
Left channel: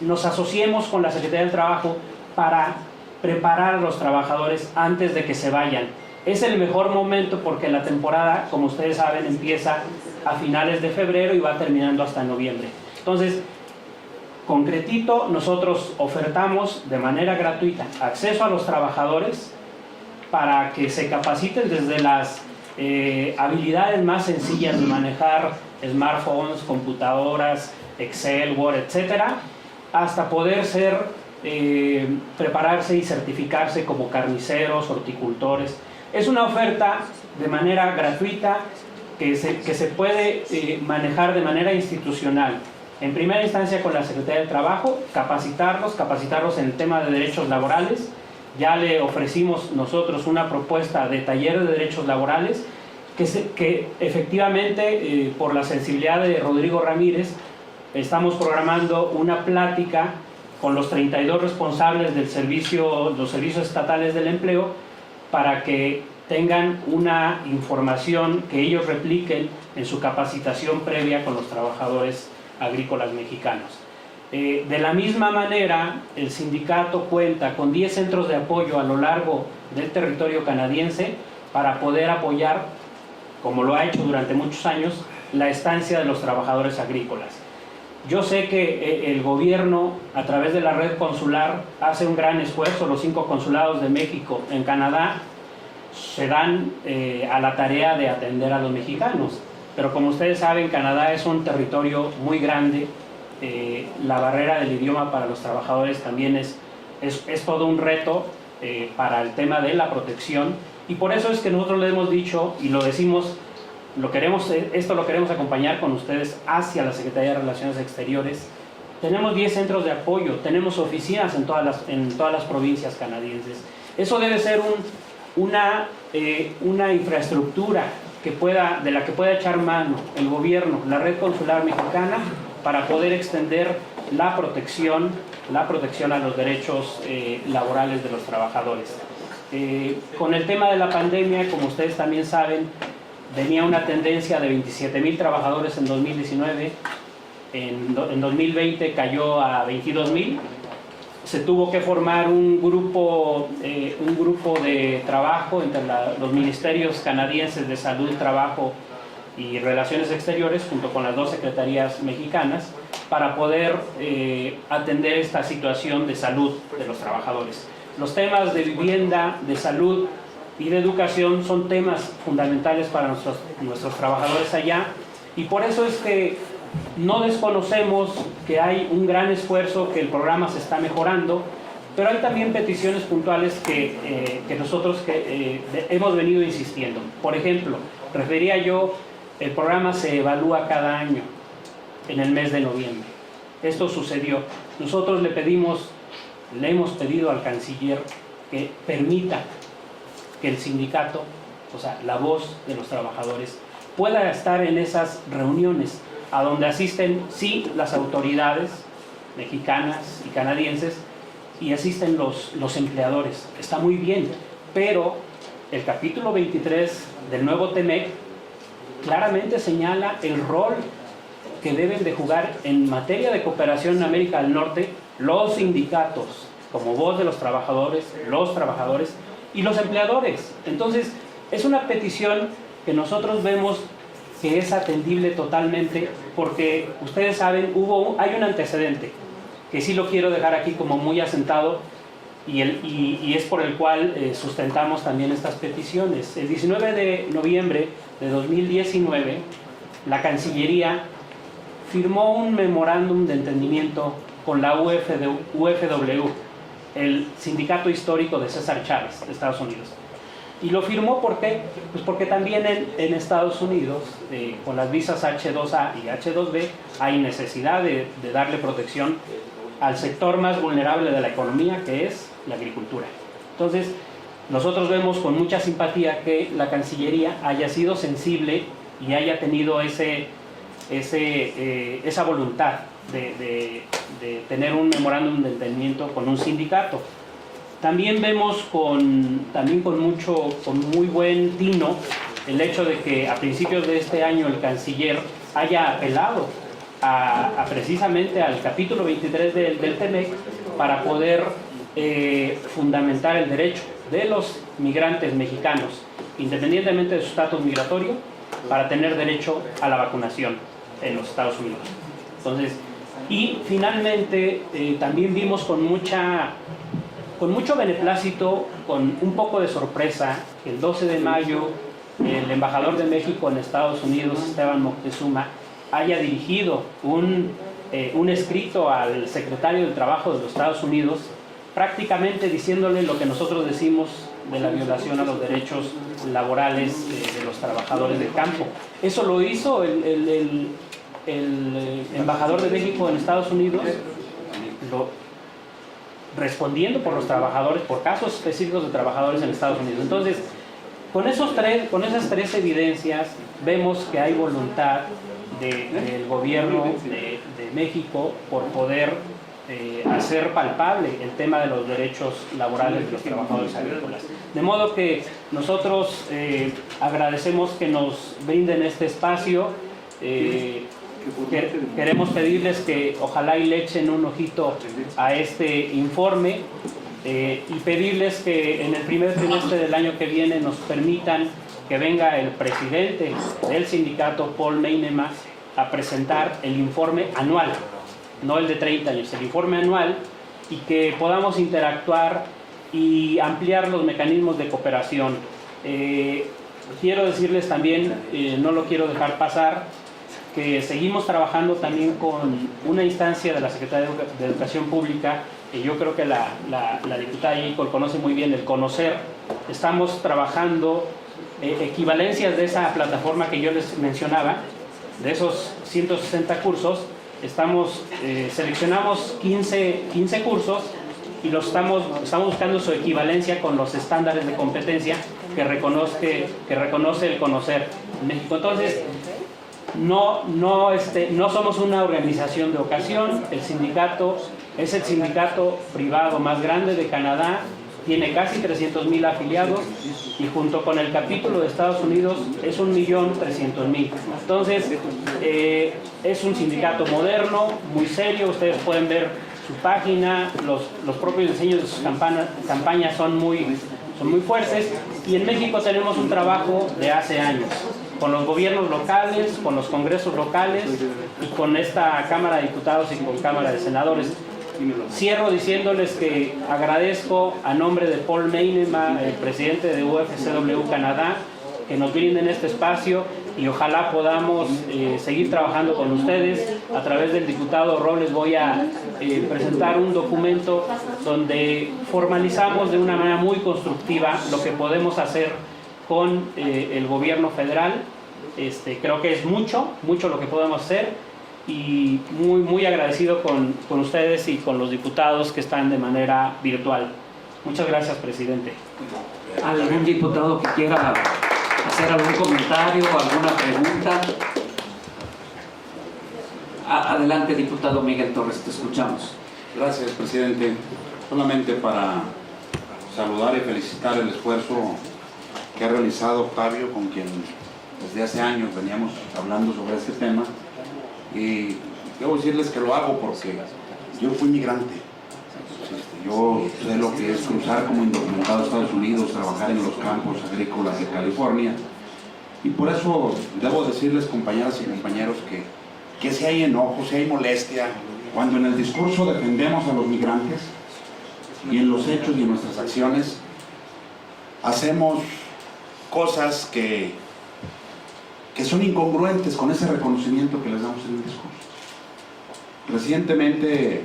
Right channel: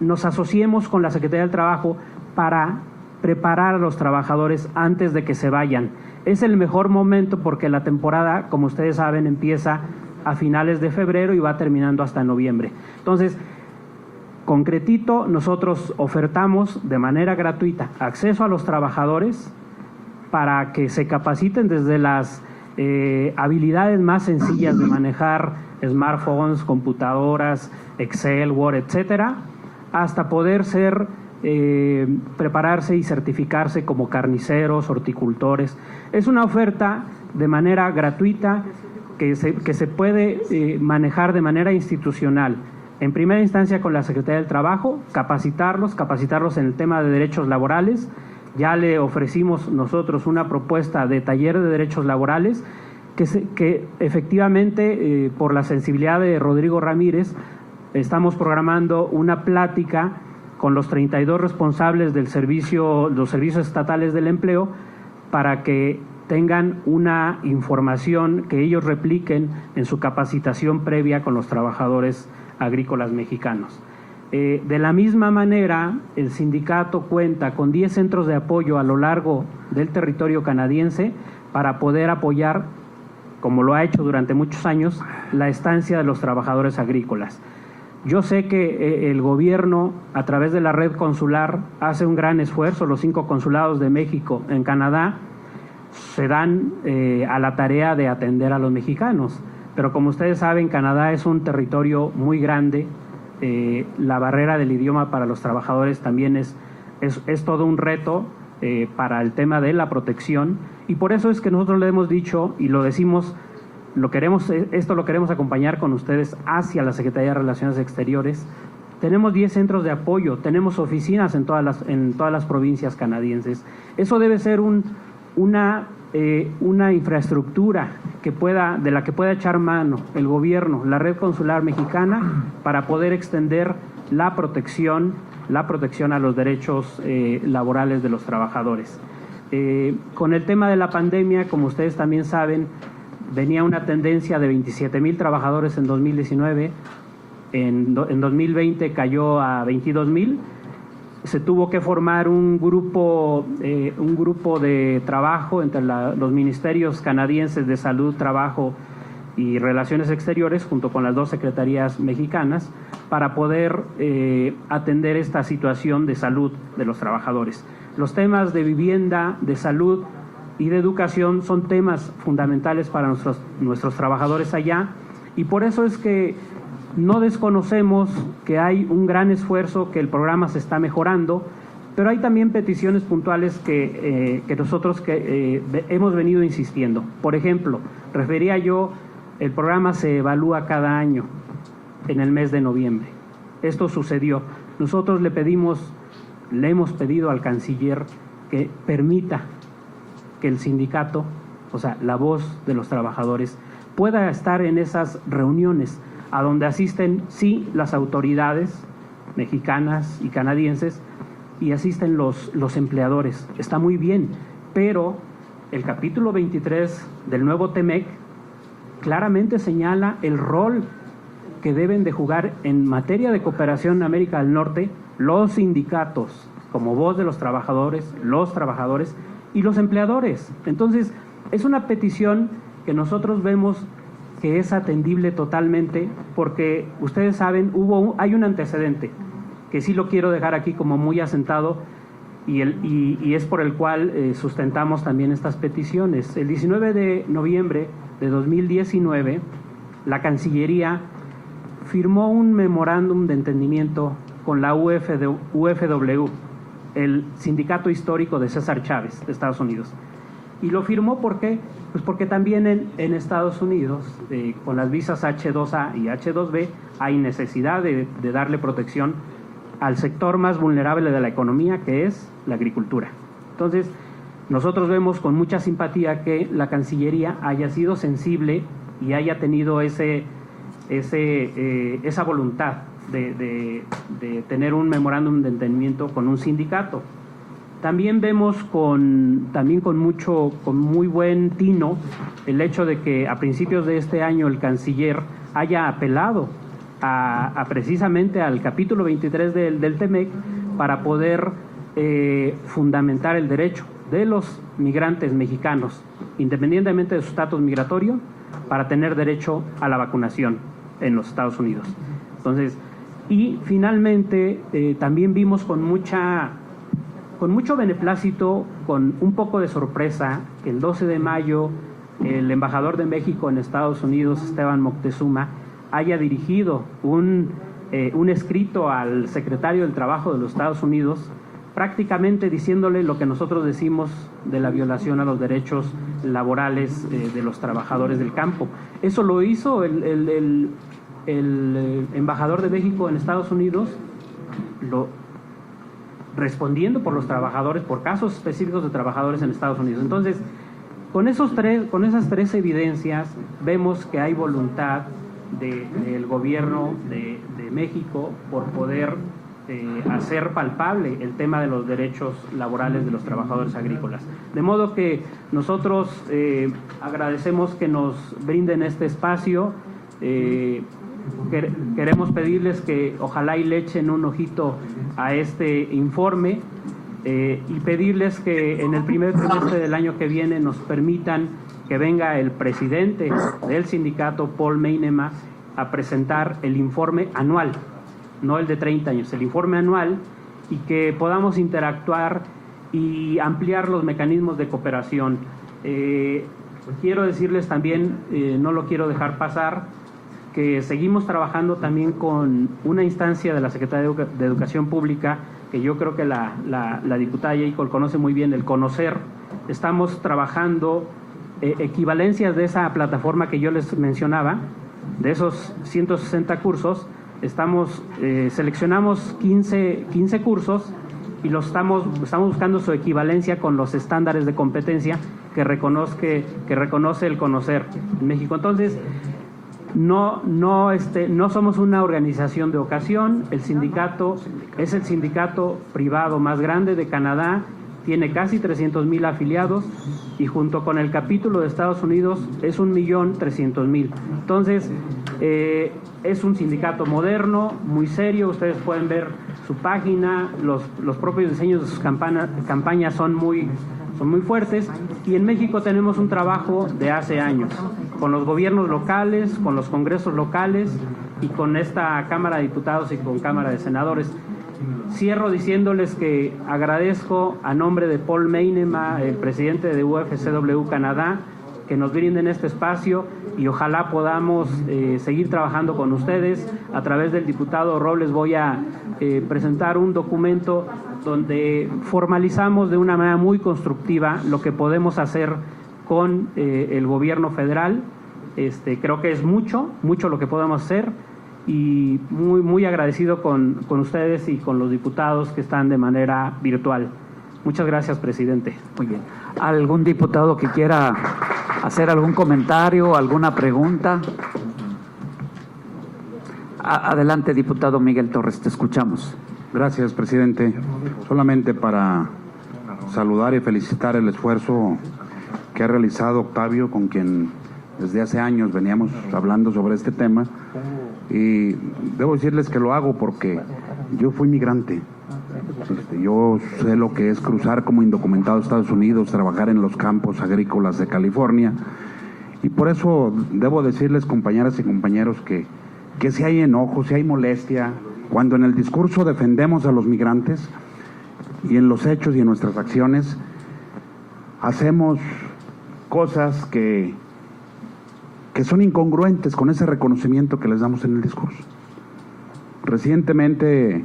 nos asociemos con la Secretaría del Trabajo para preparar a los trabajadores antes de que se vayan. Es el mejor momento porque la temporada, como ustedes saben, empieza a finales de febrero y va terminando hasta noviembre. Entonces, Concretito, nosotros ofertamos de manera gratuita acceso a los trabajadores para que se capaciten desde las habilidades más sencillas de manejar smartphones, computadoras, Excel, Word, etcétera, hasta poder prepararse y certificarse como carniceros, horticultores. Es una oferta de manera gratuita que se puede manejar de manera institucional. En primera instancia con la Secretaría del Trabajo, capacitarlos en el tema de derechos laborales. Ya le ofrecimos nosotros una propuesta de taller de derechos laborales que efectivamente, por la sensibilidad de Rodrigo Ramírez, estamos programando una plática con los 32 responsables los servicios estatales del empleo, para que tengan una información que ellos repliquen en su capacitación previa con los trabajadores agrícolas mexicanos. De la misma manera, el sindicato cuenta con 10 centros de apoyo a lo largo del territorio canadiense para poder apoyar, como lo ha hecho durante muchos años, la estancia de los trabajadores agrícolas. Yo sé que el gobierno, a través de la red consular, hace un gran esfuerzo. Los 5 consulados de México en Canadá se dan a la tarea de atender a los mexicanos. Pero como ustedes saben, Canadá es un territorio muy grande. La barrera del idioma para los trabajadores también es todo un reto para el tema de la protección, y por eso es que nosotros le hemos dicho y lo decimos, esto lo queremos acompañar con ustedes hacia la Secretaría de Relaciones Exteriores. Tenemos 10 centros de apoyo, tenemos oficinas en todas las provincias canadienses. Eso debe ser una infraestructura de la que pueda echar mano el gobierno, la red consular mexicana, para poder extender la protección a los derechos laborales de los trabajadores. Con el tema de la pandemia, como ustedes también saben, venía una tendencia de 27,000 trabajadores en 2019, en 2020 cayó a 22,000. Se tuvo que formar un grupo de trabajo entre los ministerios canadienses de Salud, Trabajo y Relaciones Exteriores, junto con las 2 secretarías mexicanas, para poder atender esta situación de salud de los trabajadores. Los temas de vivienda, de salud y de educación son temas fundamentales para nuestros trabajadores allá, y por eso es que no desconocemos que hay un gran esfuerzo, que el programa se está mejorando, pero hay también peticiones puntuales que nosotros hemos venido insistiendo. Por ejemplo, refería yo, el programa se evalúa cada año en el mes de noviembre. Esto sucedió. Nosotros le hemos pedido al canciller que permita que el sindicato, o sea, la voz de los trabajadores, pueda estar en esas reuniones a donde asisten, sí, las autoridades mexicanas y canadienses, y asisten los empleadores. Está muy bien, pero el capítulo 23 del nuevo TEMEC claramente señala el rol que deben de jugar en materia de cooperación en América del Norte los sindicatos, como voz de los trabajadores y los empleadores. Entonces, es una petición que nosotros vemos que es atendible totalmente, porque ustedes saben, hay un antecedente que sí lo quiero dejar aquí como muy asentado, y es por el cual sustentamos también estas peticiones. El 19 de noviembre de 2019, la Cancillería firmó un memorándum de entendimiento con la UFW, el sindicato histórico de César Chávez de Estados Unidos. Y lo firmó, ¿por qué? Pues porque también en Estados Unidos, con las visas H2A y H2B, hay necesidad de darle protección al sector más vulnerable de la economía, que es la agricultura. Entonces, nosotros vemos con mucha simpatía que la Cancillería haya sido sensible y haya tenido esa voluntad de tener un memorándum de entendimiento con un sindicato. También vemos con muy buen tino el hecho de que a principios de este año el canciller haya apelado precisamente al capítulo 23 del TEMEC para poder fundamentar el derecho de los migrantes mexicanos, independientemente de su estatus migratorio, para tener derecho a la vacunación en los Estados Unidos. Entonces, Y finalmente también vimos con mucho beneplácito, con un poco de sorpresa, que el 12 de mayo el embajador de México en Estados Unidos, Esteban Moctezuma, haya dirigido un escrito al secretario del Trabajo de los Estados Unidos, prácticamente diciéndole lo que nosotros decimos de la violación a los derechos laborales de los trabajadores del campo. Eso lo hizo el embajador de México en Estados Unidos, respondiendo por los trabajadores, por casos específicos de trabajadores en Estados Unidos. Entonces, con esas tres evidencias, vemos que hay voluntad del gobierno de México por poder hacer palpable el tema de los derechos laborales de los trabajadores agrícolas. De modo que nosotros agradecemos que nos brinden este espacio. Queremos pedirles que ojalá y le echen un ojito a este informe y pedirles que en el primer trimestre del año que viene nos permitan que venga el presidente del sindicato, Paul Meinema, a presentar el informe anual, no el de 30 años, el informe anual, y que podamos interactuar y ampliar los mecanismos de cooperación. Quiero decirles también, no lo quiero dejar pasar, que seguimos trabajando también con una instancia de la Secretaría de Educación Pública, que yo creo que la diputada Yeicol conoce muy bien, el Conocer. Estamos trabajando equivalencias de esa plataforma que yo les mencionaba, de esos 160 cursos. Seleccionamos 15 cursos y estamos buscando su equivalencia con los estándares de competencia que reconoce el Conocer en México. Entonces, no somos una organización de ocasión. El sindicato es el sindicato privado más grande de Canadá, tiene casi 300,000 afiliados y junto con el capítulo de Estados Unidos es 1,300,000. Entonces, es un sindicato moderno, muy serio. Ustedes pueden ver su página, los propios diseños de sus campañas son muy fuertes, y en México tenemos un trabajo de hace años con los gobiernos locales, con los congresos locales y con esta Cámara de Diputados y con Cámara de Senadores. Cierro diciéndoles que agradezco a nombre de Paul Meinema, el presidente de UFCW Canadá, que nos brinden este espacio y ojalá podamos seguir trabajando con ustedes. A través del diputado Robles voy a presentar un documento donde formalizamos de una manera muy constructiva lo que podemos hacer con el gobierno federal. Creo que es mucho lo que podemos hacer, y muy agradecido con ustedes y con los diputados que están de manera virtual. Muchas gracias, presidente. Muy bien. ¿Algún diputado que quiera hacer algún comentario, alguna pregunta? Adelante, diputado Miguel Torres, te escuchamos. Gracias, presidente. Solamente para saludar y felicitar el esfuerzo que ha realizado Octavio, con quien desde hace años veníamos hablando sobre este tema, y debo decirles que lo hago porque yo fui migrante. Yo sé lo que es cruzar como indocumentado a Estados Unidos, trabajar en los campos agrícolas de California, y por eso debo decirles, compañeras y compañeros, que si hay enojo, si hay molestia, cuando en el discurso defendemos a los migrantes y en los hechos y en nuestras acciones hacemos cosas que son incongruentes con ese reconocimiento que les damos en el discurso. Recientemente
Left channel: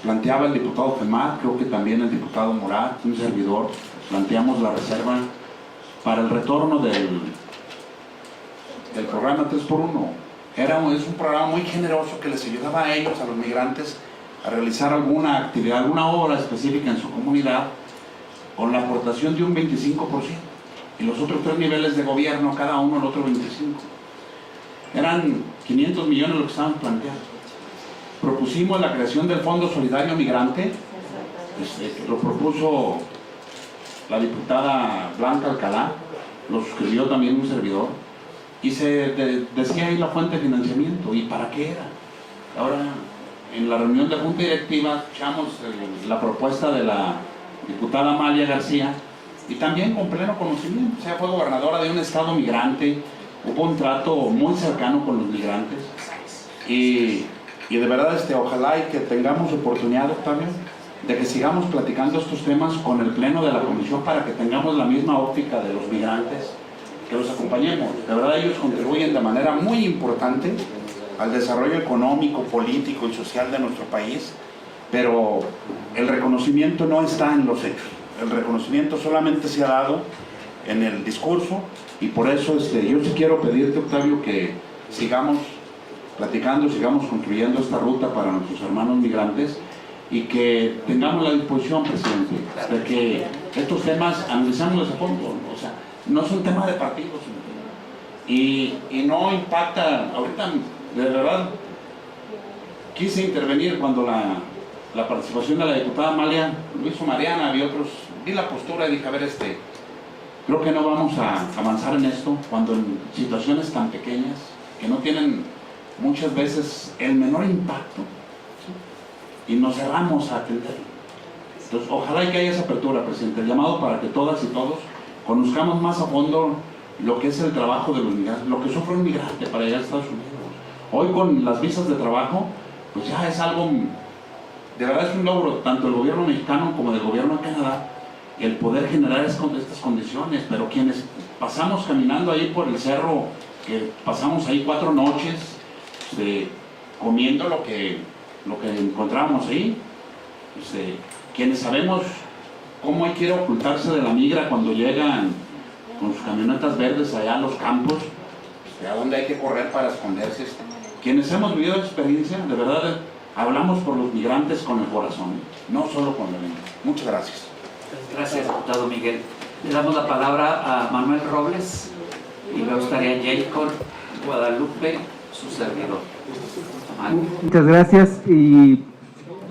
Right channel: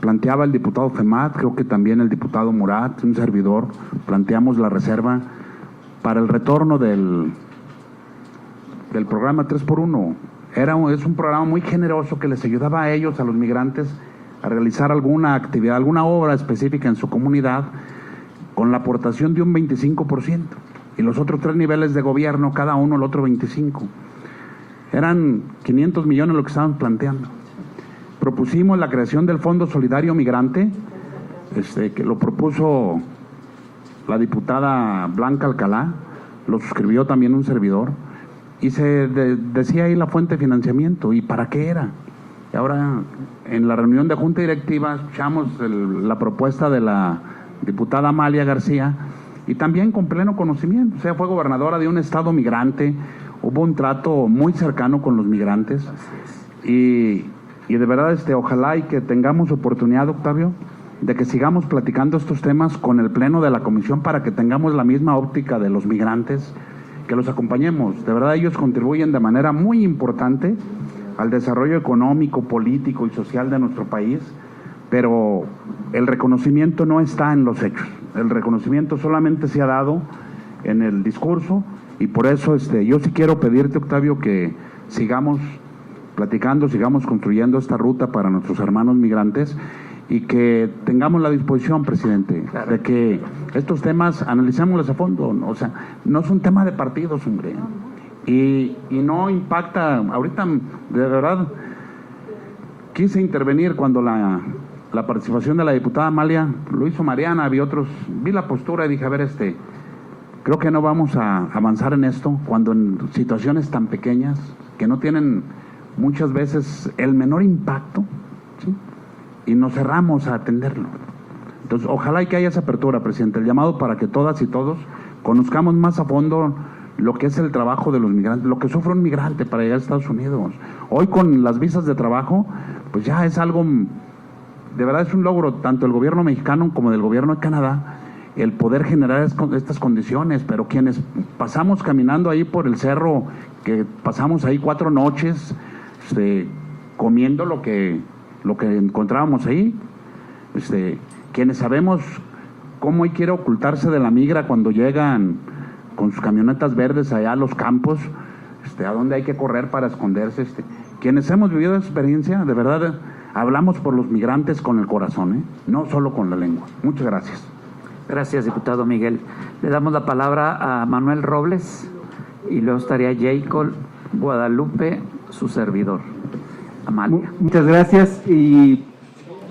planteaba el diputado Femat, creo que también el diputado Murat, un servidor, planteamos la reserva para el retorno del programa 3x1. Es un programa muy generoso que les ayudaba a ellos, a los migrantes, a realizar alguna actividad, alguna obra específica en su comunidad, con la aportación de un 25%. Y los otros 3 niveles de gobierno, cada uno el otro 25%. Eran 500 millones lo que estábamos planteando. Propusimos la creación del Fondo Solidario Migrante, que lo propuso la diputada Blanca Alcalá, lo suscribió también un servidor, y se decía ahí la fuente de financiamiento y para qué era. Y ahora en la reunión de junta directiva escuchamos la propuesta de la diputada Amalia García, y también con pleno conocimiento. O sea, fue gobernadora de un estado migrante, hubo un trato muy cercano con los migrantes, y Y de verdad, ojalá y que tengamos oportunidad, Octavio, de que sigamos platicando estos temas con el Pleno de la Comisión para que tengamos la misma óptica de los migrantes, que los acompañemos. De verdad, ellos contribuyen de manera muy importante al desarrollo económico, político y social de nuestro país, pero el reconocimiento no está en los hechos. El reconocimiento solamente se ha dado en el discurso, y por eso yo sí quiero pedirte, Octavio, que sigamos platicando, sigamos construyendo esta ruta para nuestros hermanos migrantes, y que tengamos la disposición, presidente, de que estos temas analicémoslos a fondo. O sea, no son temas de partidos, hombre, y no impacta. Ahorita, de verdad, quise intervenir cuando la participación de la diputada Amalia, lo hizo Mariana, vi otros, vi la postura y dije, a ver, creo que no vamos a avanzar en esto cuando en situaciones tan pequeñas que no tienen muchas veces el menor impacto, ¿sí? Y nos cerramos a atenderlo. Entonces, ojalá y que haya esa apertura, presidente, el llamado para que todas y todos conozcamos más a fondo lo que es el trabajo de los migrantes, lo que sufre un migrante para llegar a Estados Unidos. Hoy con las visas de trabajo, pues ya es algo, de verdad es un logro, tanto del gobierno mexicano como del gobierno de Canadá, el poder generar estas condiciones. Pero quienes pasamos caminando ahí por el cerro, que pasamos ahí 4 noches comiendo lo que encontrábamos ahí, quienes sabemos cómo quiere ocultarse de la migra cuando llegan con sus camionetas verdes allá a los campos, a dónde hay que correr para esconderse. Quienes hemos vivido esa experiencia, de verdad hablamos por los migrantes con el corazón, no solo con la lengua. Muchas gracias. Gracias, diputado Miguel. Le damos la palabra a Manuel Robles y luego estaría Jacob Guadalupe, su servidor. Amalia. Muchas gracias, y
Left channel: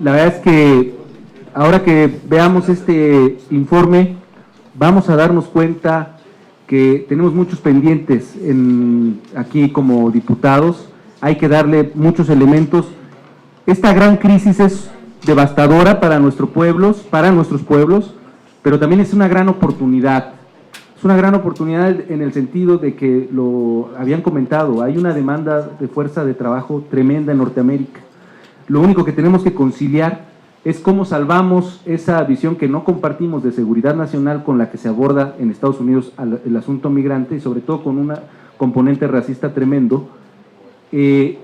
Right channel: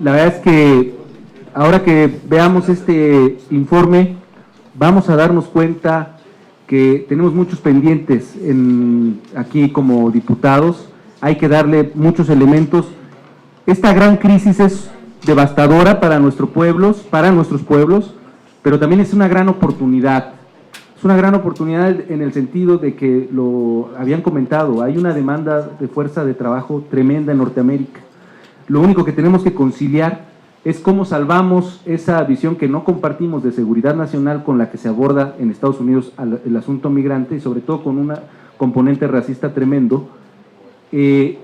la verdad es que ahora que veamos este informe vamos a darnos cuenta que tenemos muchos pendientes aquí como diputados. Hay que darle muchos elementos. Esta gran crisis es devastadora para nuestros pueblos, pero también es una gran oportunidad. Es una gran oportunidad en el sentido de que, lo habían comentado, hay una demanda de fuerza de trabajo tremenda en Norteamérica. Lo único que tenemos que conciliar es cómo salvamos esa visión que no compartimos de seguridad nacional con la que se aborda en Estados Unidos el asunto migrante, y sobre todo con un componente racista tremendo. Y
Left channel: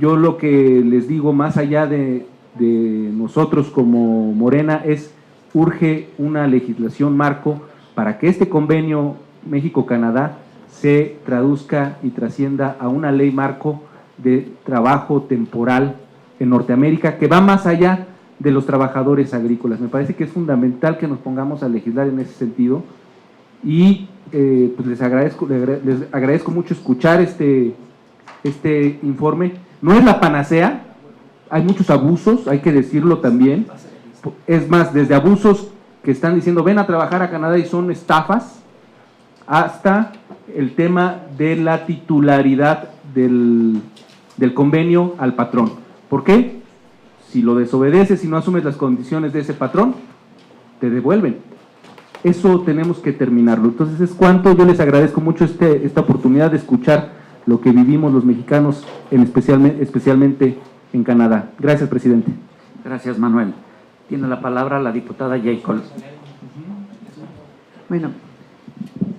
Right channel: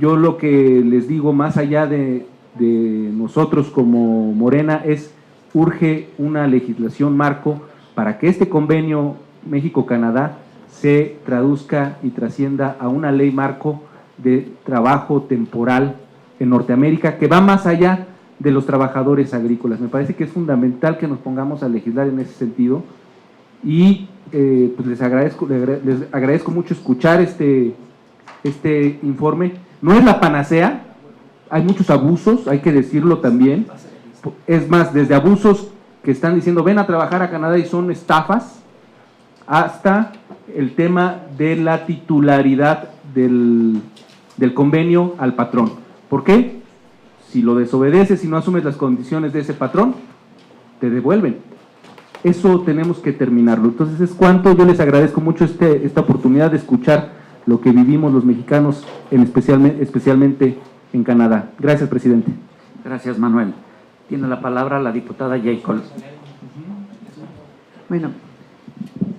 yo lo que les digo, más allá de nosotros como Morena, es urge una legislación marco para que este convenio México-Canadá se traduzca y trascienda a una ley marco de trabajo temporal en Norteamérica, que va más allá de los trabajadores agrícolas. Me parece que es fundamental que nos pongamos a legislar en ese sentido, y pues les agradezco mucho escuchar este informe. No es la panacea, hay muchos abusos, hay que decirlo también. Es más, desde abusos que están diciendo ven a trabajar a Canadá y son estafas, hasta el tema de la titularidad del convenio al patrón. ¿Por qué? Si lo desobedeces y no asumes las condiciones de ese patrón, te devuelven. Eso tenemos que terminarlo. Entonces es cuanto. Yo les agradezco mucho esta oportunidad de escuchar lo que vivimos los mexicanos, especialmente en Canadá. Gracias, presidente. Gracias, Manuel. Tiene la palabra la diputada Jacob. Bueno,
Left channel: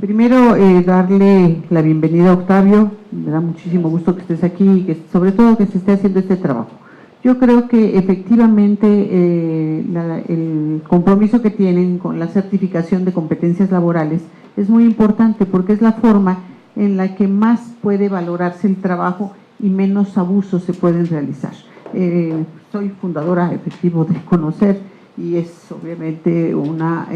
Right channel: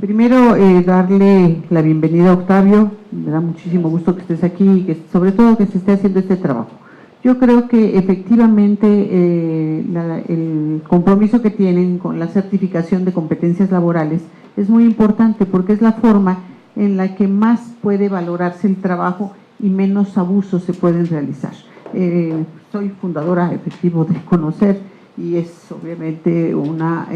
primero darle la bienvenida a Octavio. Me da muchísimo gusto que estés aquí y que sobre todo que se esté haciendo este trabajo. Yo creo que efectivamente el compromiso que tienen con la certificación de competencias laborales es muy importante, porque es la forma en la que más puede valorarse el trabajo y menos abusos se pueden realizar. Soy fundadora, efectivo, de Conocer, y es obviamente una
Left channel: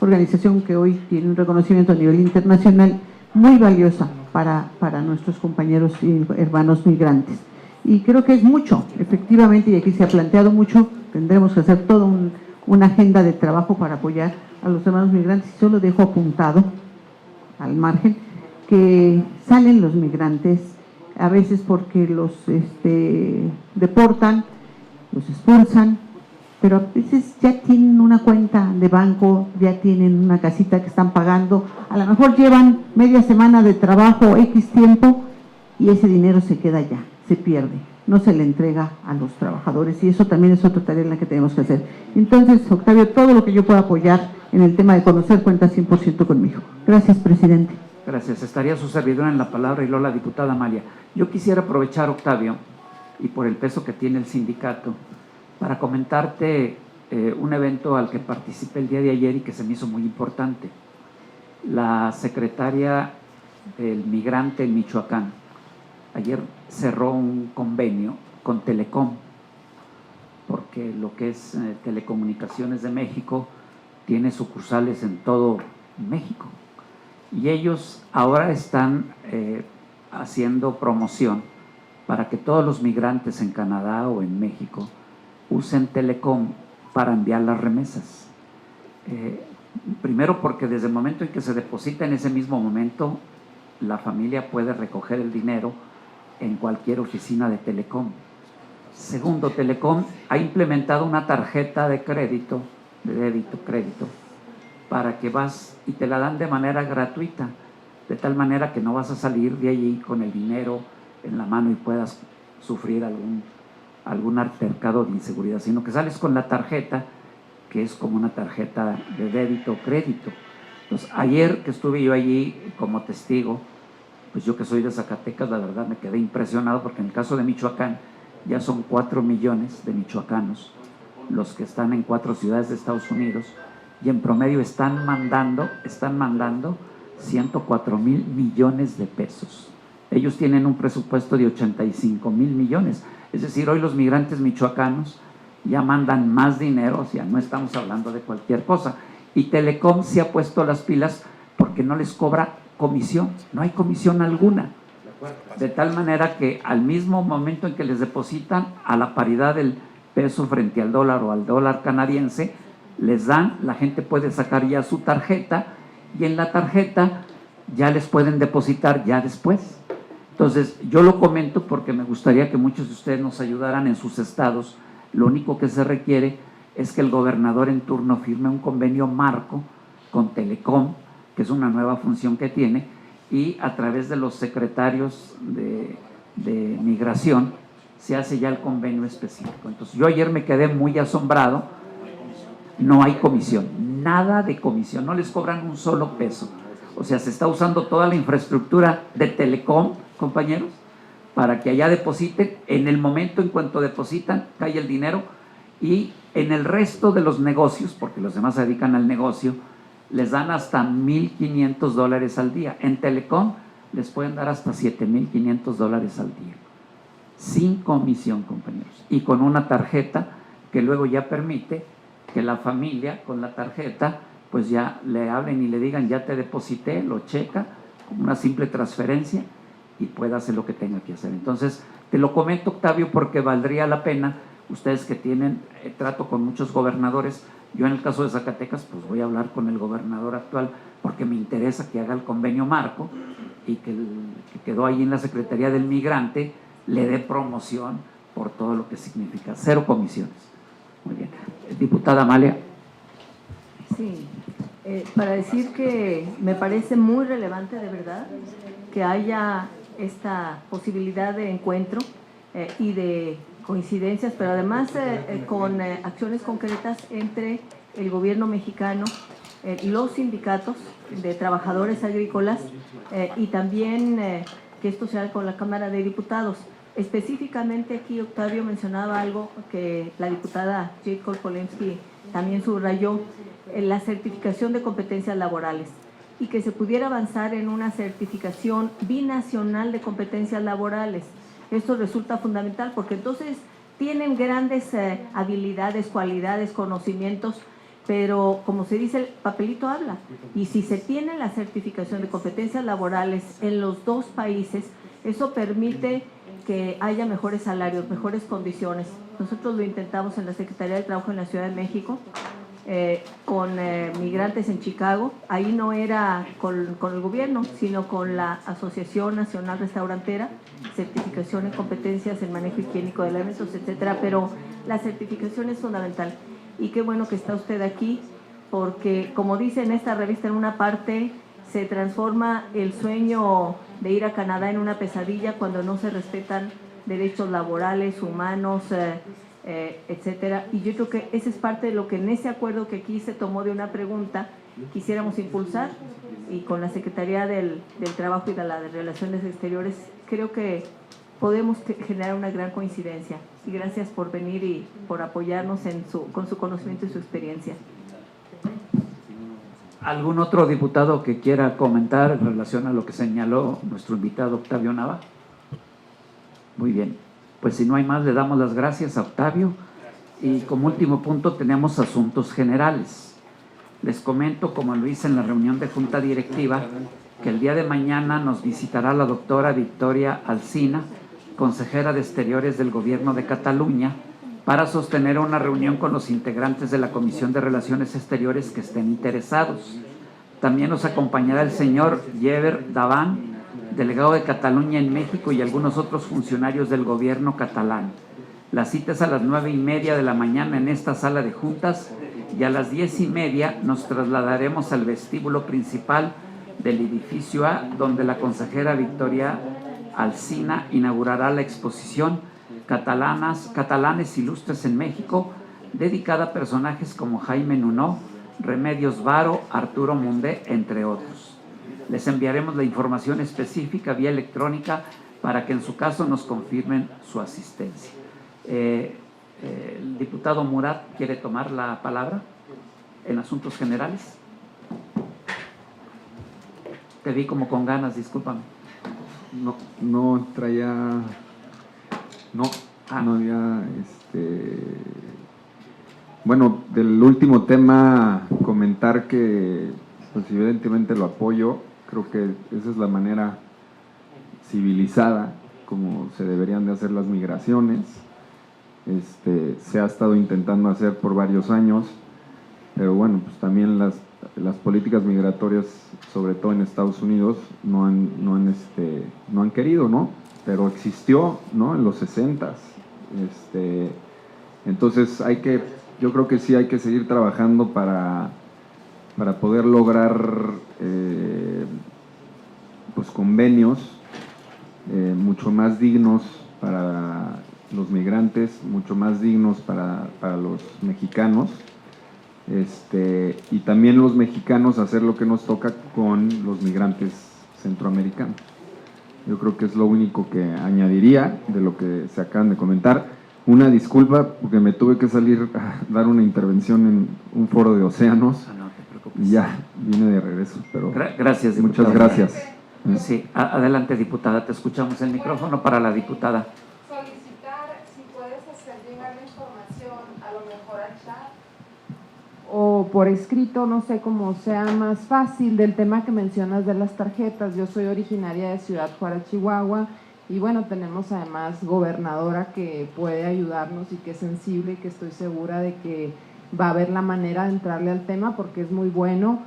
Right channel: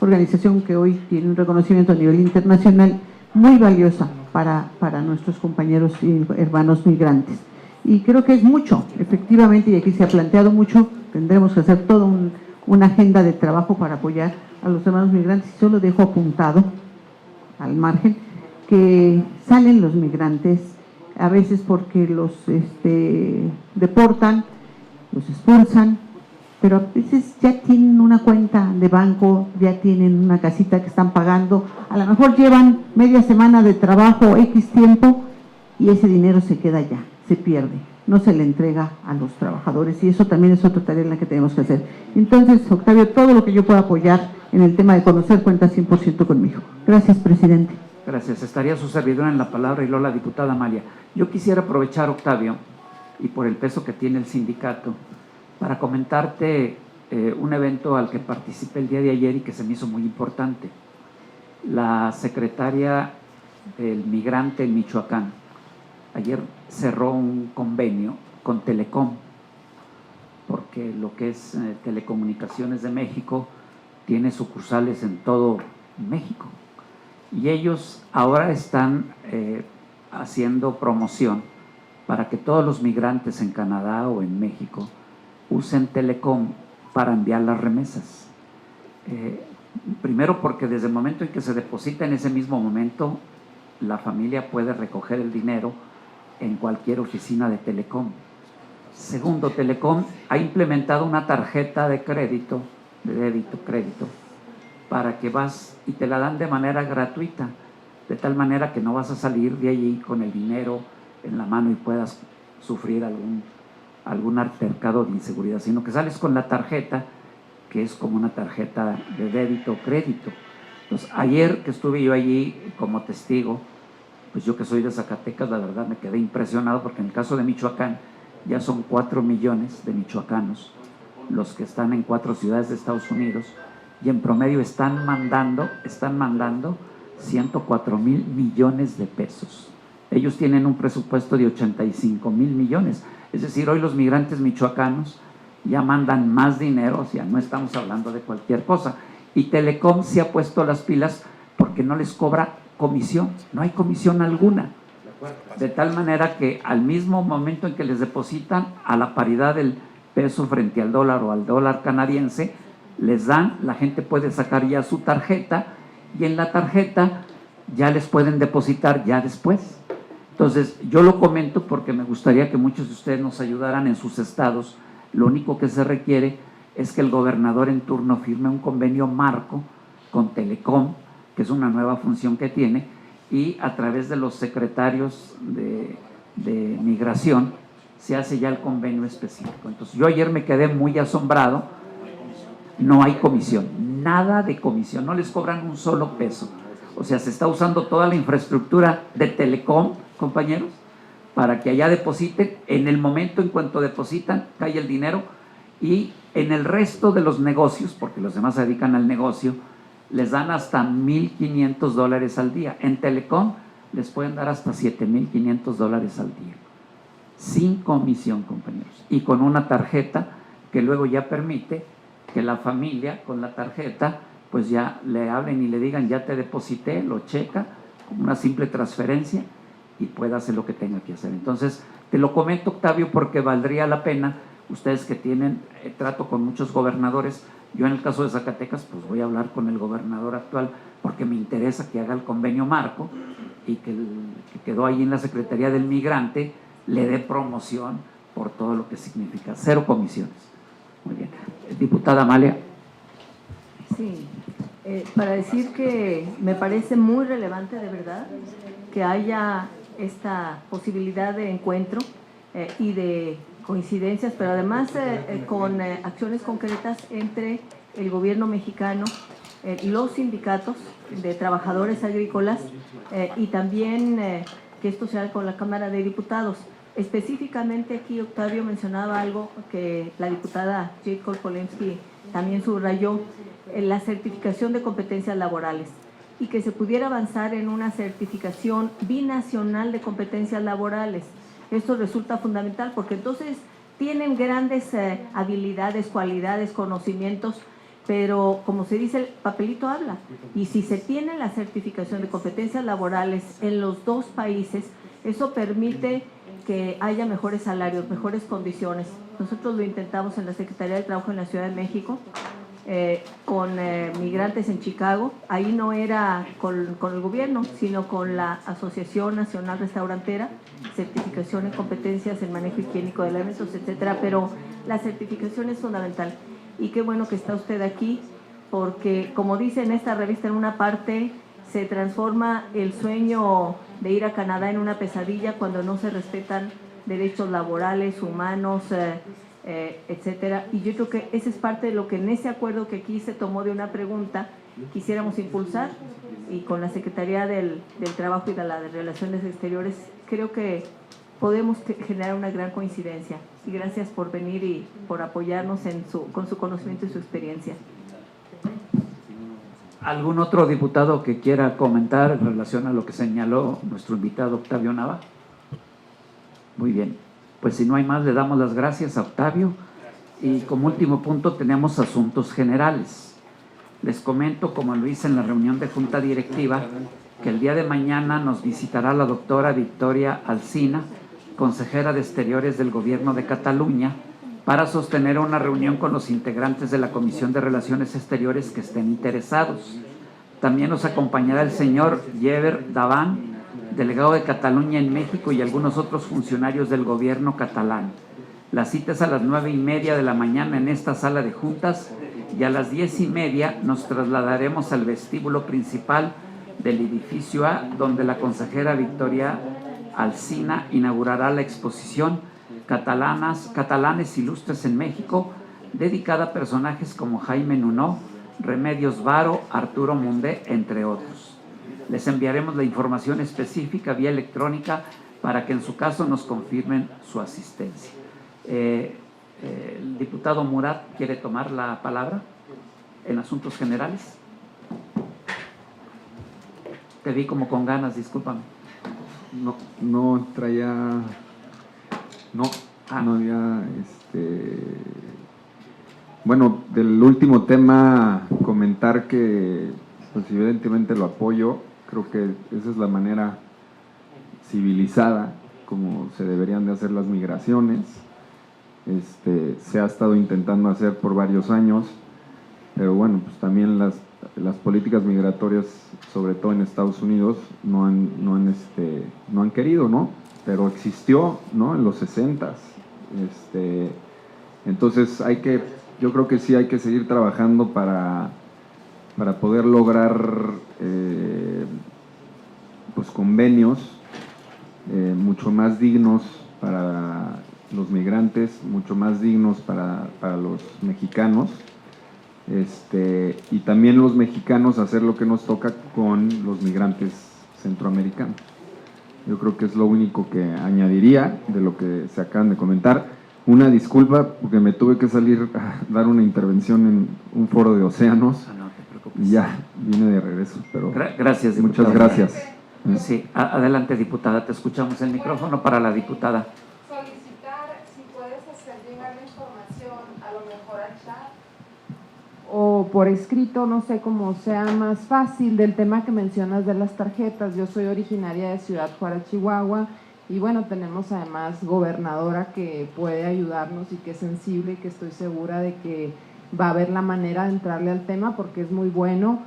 organización que hoy tiene un reconocimiento a nivel internacional muy valiosa para nuestros compañeros y hermanos migrantes. Y creo que es mucho, efectivamente, y aquí se ha planteado mucho. Tendremos que hacer toda una agenda de trabajo para apoyar a los hermanos migrantes. Y solo dejo apuntado, al margen, que salen los migrantes a veces porque los deportan, los expulsan, pero a veces ya tienen una cuenta de banco, ya tienen una casita que están pagando, a lo mejor llevan media semana de trabajo, X tiempo, y ese dinero se queda ya, se pierde. no se le entrega a los trabajadores, y eso también es otra tarea en la que tenemos que hacer. Entonces, Octavio, todo lo que yo pueda apoyar en el tema de conocer cuenta 100% conmigo. Gracias, presidente. Gracias. Estaría su servidora en la palabra y luego la diputada Amalia. Yo quisiera aprovechar, Octavio, y por el peso que tiene el sindicato, para comentarte un evento al que participé el día de ayer y que se me hizo muy importante. La secretaria del migrante en Michoacán ayer cerró un convenio con Telecom, porque lo que es Telecomunicaciones de México tiene sucursales en todo México. Y ellos ahora están haciendo promoción para que todos los migrantes en Canadá o en México usen Telecom para enviar las remesas. Primero porque desde el momento en que se deposita, en ese mismo momento la familia puede recoger el dinero en cualquier oficina de Telecom. Segundo, Telecom ha implementado una tarjeta de crédito, de débito, crédito, para que vas y te la dan de manera gratuita, de tal manera que no vas a salir de allí con el dinero en la mano y puedas sufrir algún altercado de inseguridad, sino que sales con la tarjeta, que es como una tarjeta de débito o crédito. Entonces, ayer que estuve yo allí como testigo, pues yo que soy de Zacatecas, la verdad me quedé impresionado, porque en el caso de Michoacán ya son 4 millones de michoacanos los que están en 4 ciudades de Estados Unidos, y en promedio están mandando 104,000 millones de pesos. Ellos tienen un presupuesto de 85,000 millones, es decir, hoy los migrantes michoacanos ya mandan más dinero, o sea, no estamos hablando de cualquier cosa. Y Telecom se ha puesto las pilas porque no les cobra comisión, no hay comisión alguna, de tal manera que al mismo momento en que les depositan, a la paridad del peso frente al dólar o al dólar canadiense, les dan, la gente puede sacar ya su tarjeta, y en la tarjeta ya les pueden depositar ya después. Entonces, yo lo comento porque me gustaría que muchos de ustedes nos ayudaran en sus estados. Lo único que se requiere es que el gobernador en turno firme un convenio marco con Telecom, que es una nueva función que tiene, y a través de los secretarios de migración se hace ya el convenio específico. Entonces, yo ayer me quedé muy asombrado. No hay comisión, nada de comisión, no les cobran un solo peso. O sea, se está usando toda la infraestructura de Telecom, compañeros, para que allá depositen. En el momento en cuanto depositan, cae el dinero, y en el resto de los negocios, porque los demás se dedican al negocio, les dan hasta $1,500 al día. En Telecom les pueden dar hasta $7,500 al día, sin comisión, compañeros, y con una tarjeta que luego ya permite que la familia con la tarjeta pues ya le hablen y le digan: ya te deposité, lo checa como una simple transferencia y pueda hacer lo que tenga que hacer. Entonces, te lo comento, Octavio, porque valdría la pena, ustedes que tienen trato con muchos gobernadores. Yo en el caso de Zacatecas, pues voy a hablar con el gobernador actual, porque me interesa que haga el convenio marco, y que quedó ahí en la Secretaría del Migrante le dé promoción por todo lo que significa. 0 comisiones. Muy bien. Diputada Amalia. Sí, para decir que me parece muy relevante, de verdad, que haya esta posibilidad de encuentro y de coincidencias, pero además con acciones concretas entre el gobierno mexicano, los sindicatos de trabajadores agrícolas y también que esto se haga con la Cámara de Diputados. Específicamente aquí Octavio mencionaba algo que la diputada Jade Kolpolensky también subrayó, la certificación de competencias laborales, y que se pudiera avanzar en una certificación binacional de competencias laborales. Esto resulta fundamental porque entonces tienen grandes habilidades, cualidades, conocimientos, pero como se dice, el papelito habla. Y si se tiene la certificación de competencias laborales en los dos países, eso permite que haya mejores salarios, mejores condiciones. Nosotros lo intentamos en la Secretaría del Trabajo en la Ciudad de México, con migrantes en Chicago. Ahí no era con el gobierno, sino con la Asociación Nacional Restaurantera, certificación en competencias en manejo higiénico de alimentos, etcétera. Pero la certificación es fundamental. Y qué bueno que está usted aquí, porque como dice en esta revista, en una parte se transforma el sueño de ir a Canadá en una pesadilla cuando no se respetan derechos laborales, humanos, etcétera. Y yo creo que esa es parte de lo que en ese acuerdo que aquí se tomó de una pregunta quisiéramos impulsar, y con la Secretaría del Trabajo y de las Relaciones Exteriores creo que podemos generar una gran coincidencia. Y gracias por venir y por apoyarnos con su conocimiento y su experiencia. ¿Algún otro diputado que quiera comentar en relación a lo que señaló nuestro invitado Octavio Nava? Muy bien, pues si no hay más, le damos las gracias a Octavio. Y como último punto tenemos asuntos generales. Les comento, como lo hice en la reunión de Junta Directiva, que el día de mañana nos visitará la doctora Victoria Alsina, consejera de Exteriores del Gobierno de Cataluña, para sostener una reunión con los integrantes de la Comisión de Relaciones Exteriores que estén interesados. También nos acompañará el señor Jever Davant, delegado de Cataluña en México, y algunos otros funcionarios del gobierno catalán. La cita es a las 9:30 de la mañana en esta sala de juntas, y a las 10:30 nos trasladaremos al vestíbulo principal del edificio A, donde la consejera Victoria Alsina inaugurará la exposición Catalanes Ilustres en México, dedicada a personajes como Jaime Nuno, Remedios Varo, Arturo Mundé, entre otros. Les enviaremos la información específica vía electrónica para que en su caso nos confirmen su asistencia. El diputado Murat quiere tomar la palabra en asuntos generales. Te vi como con ganas, discúlpame. No traía, no había, bueno, del último tema comentar que pues evidentemente lo apoyo. Creo que esa es la manera civilizada como se deberían de hacer las migraciones. Se ha estado intentando hacer por varios años, pero bueno, pues también las políticas migratorias, sobre todo en Estados Unidos, no han querido, ¿no? Pero existió, ¿no? En los 60s. Entonces yo creo que sí hay que seguir trabajando para poder lograr pues convenios mucho más dignos para los migrantes, mucho más dignos para los mexicanos, y también los mexicanos hacer lo que nos toca con los migrantes centroamericanos. Yo creo que es lo único que añadiría de lo que se acaban de comentar. Una disculpa porque me tuve que salir a dar una intervención en un foro de océanos y ya vine de regreso, pero gracias, diputado. muchas gracias. Sí, adelante, diputada, te escuchamos. El micrófono para la diputada. Solicitar si puedes hacer llegar la información a lo mejor al chat o por escrito, no sé cómo sea más fácil, del tema que mencionas de las tarjetas. Yo soy originaria de Ciudad Juárez, Chihuahua, y bueno, tenemos además gobernadora que puede ayudarnos y que es sensible y que estoy segura de que va a haber la manera de entrarle al tema porque es muy bueno.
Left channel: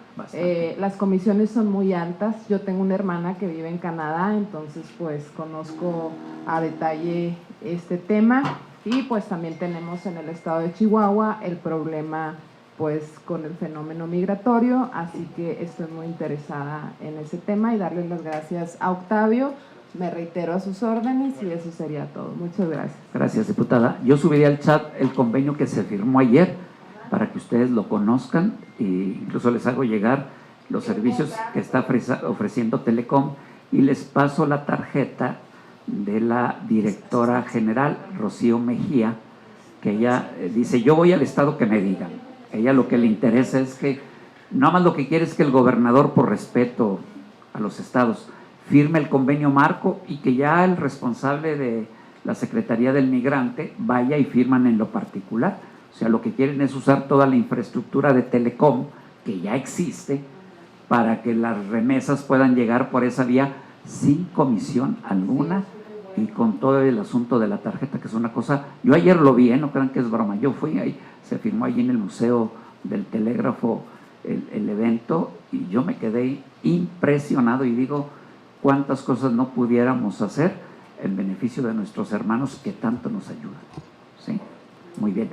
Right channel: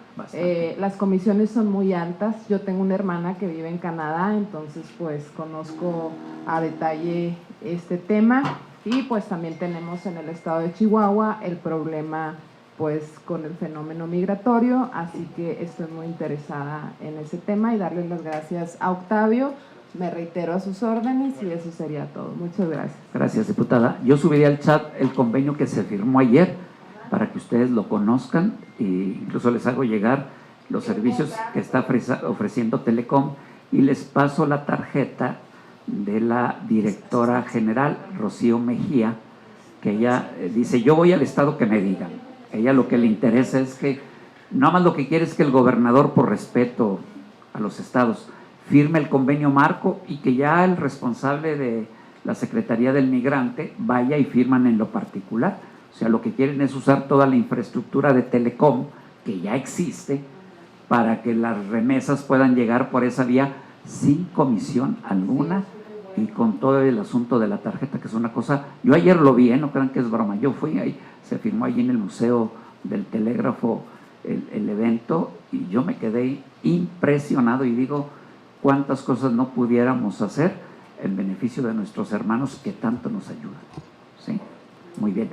Las comisiones son muy altas. Yo tengo una hermana que vive en Canadá, entonces pues conozco a detalle este tema, y pues también tenemos en el estado de Chihuahua el problema pues con el fenómeno migratorio, así que estoy muy interesada en ese tema y darles las gracias a Octavio. Me reitero a sus órdenes y eso sería todo. Muchas gracias. Gracias, diputada. Yo subiría al chat el convenio que se firmó ayer para que ustedes lo conozcan, e incluso les hago llegar los servicios que está ofreciendo Telecom, y les paso la tarjeta de la directora general, Rocío Mejía, que ella dice: yo voy al estado que me digan. Ella lo que le interesa es que, nada más lo que quiere es que el gobernador, por respeto a los estados, firme el convenio marco y que ya el responsable de la Secretaría del Migrante vaya y firman en lo particular. O sea, lo que quieren es usar toda la infraestructura de Telecom, que ya existe, para que las remesas puedan llegar por esa vía sin comisión alguna y con todo el asunto de la tarjeta, que es una cosa... Yo ayer lo vi, no crean que es broma, yo fui ahí, se firmó allí en el Museo del Telégrafo el evento, y yo me quedé impresionado y digo, cuántas cosas no pudiéramos hacer en beneficio de nuestros hermanos que tanto nos ayudan. ¿Sí? Muy bien.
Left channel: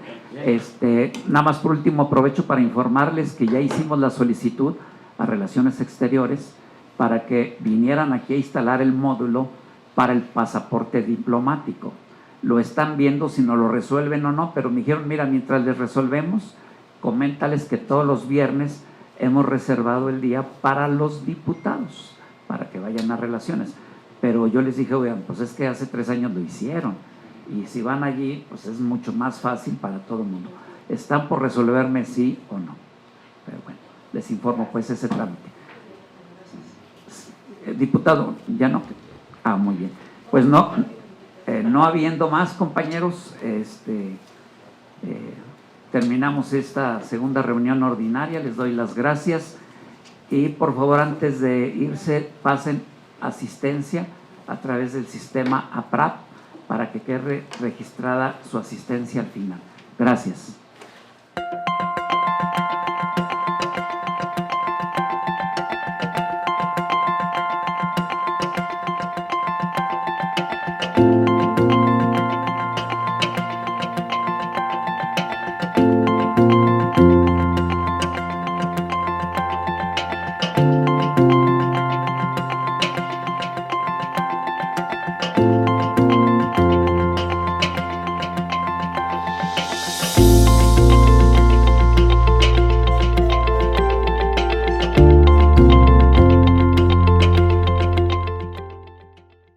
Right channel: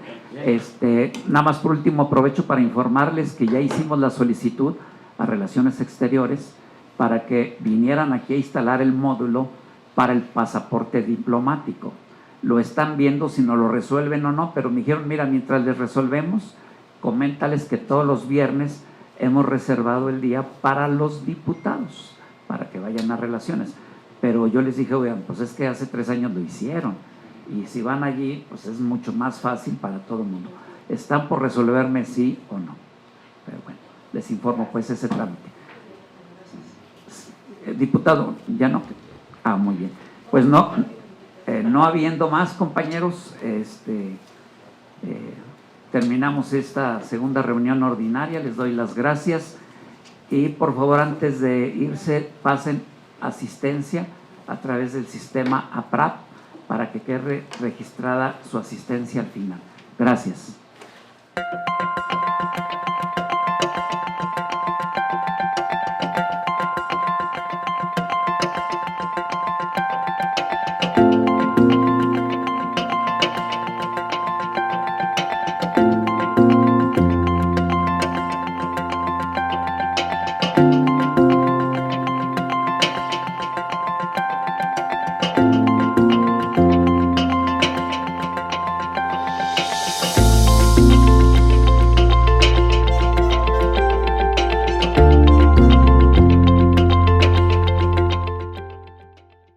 Nada más por último aprovecho para informarles que ya hicimos la solicitud a Relaciones Exteriores para que vinieran aquí a instalar el módulo para el pasaporte diplomático. Lo están viendo si no lo resuelven o no, pero me dijeron, mira, mientras les resolvemos, coméntales que todos los viernes hemos reservado el día para los diputados, para que vayan a relaciones. Pero yo les dije, oigan, pues es que hace 3 años lo hicieron, y si van allí, pues es mucho más fácil para todo el mundo. Están por resolverme sí o no. Pero bueno, les informo pues ese trámite. Diputado, ¿ya no? Ah, muy bien. Pues no habiendo más, compañeros, terminamos esta segunda reunión ordinaria. Les doy las gracias y por favor, antes de irse, pasen asistencia a través del sistema APRAP para que quede registrada su asistencia al final. Gracias.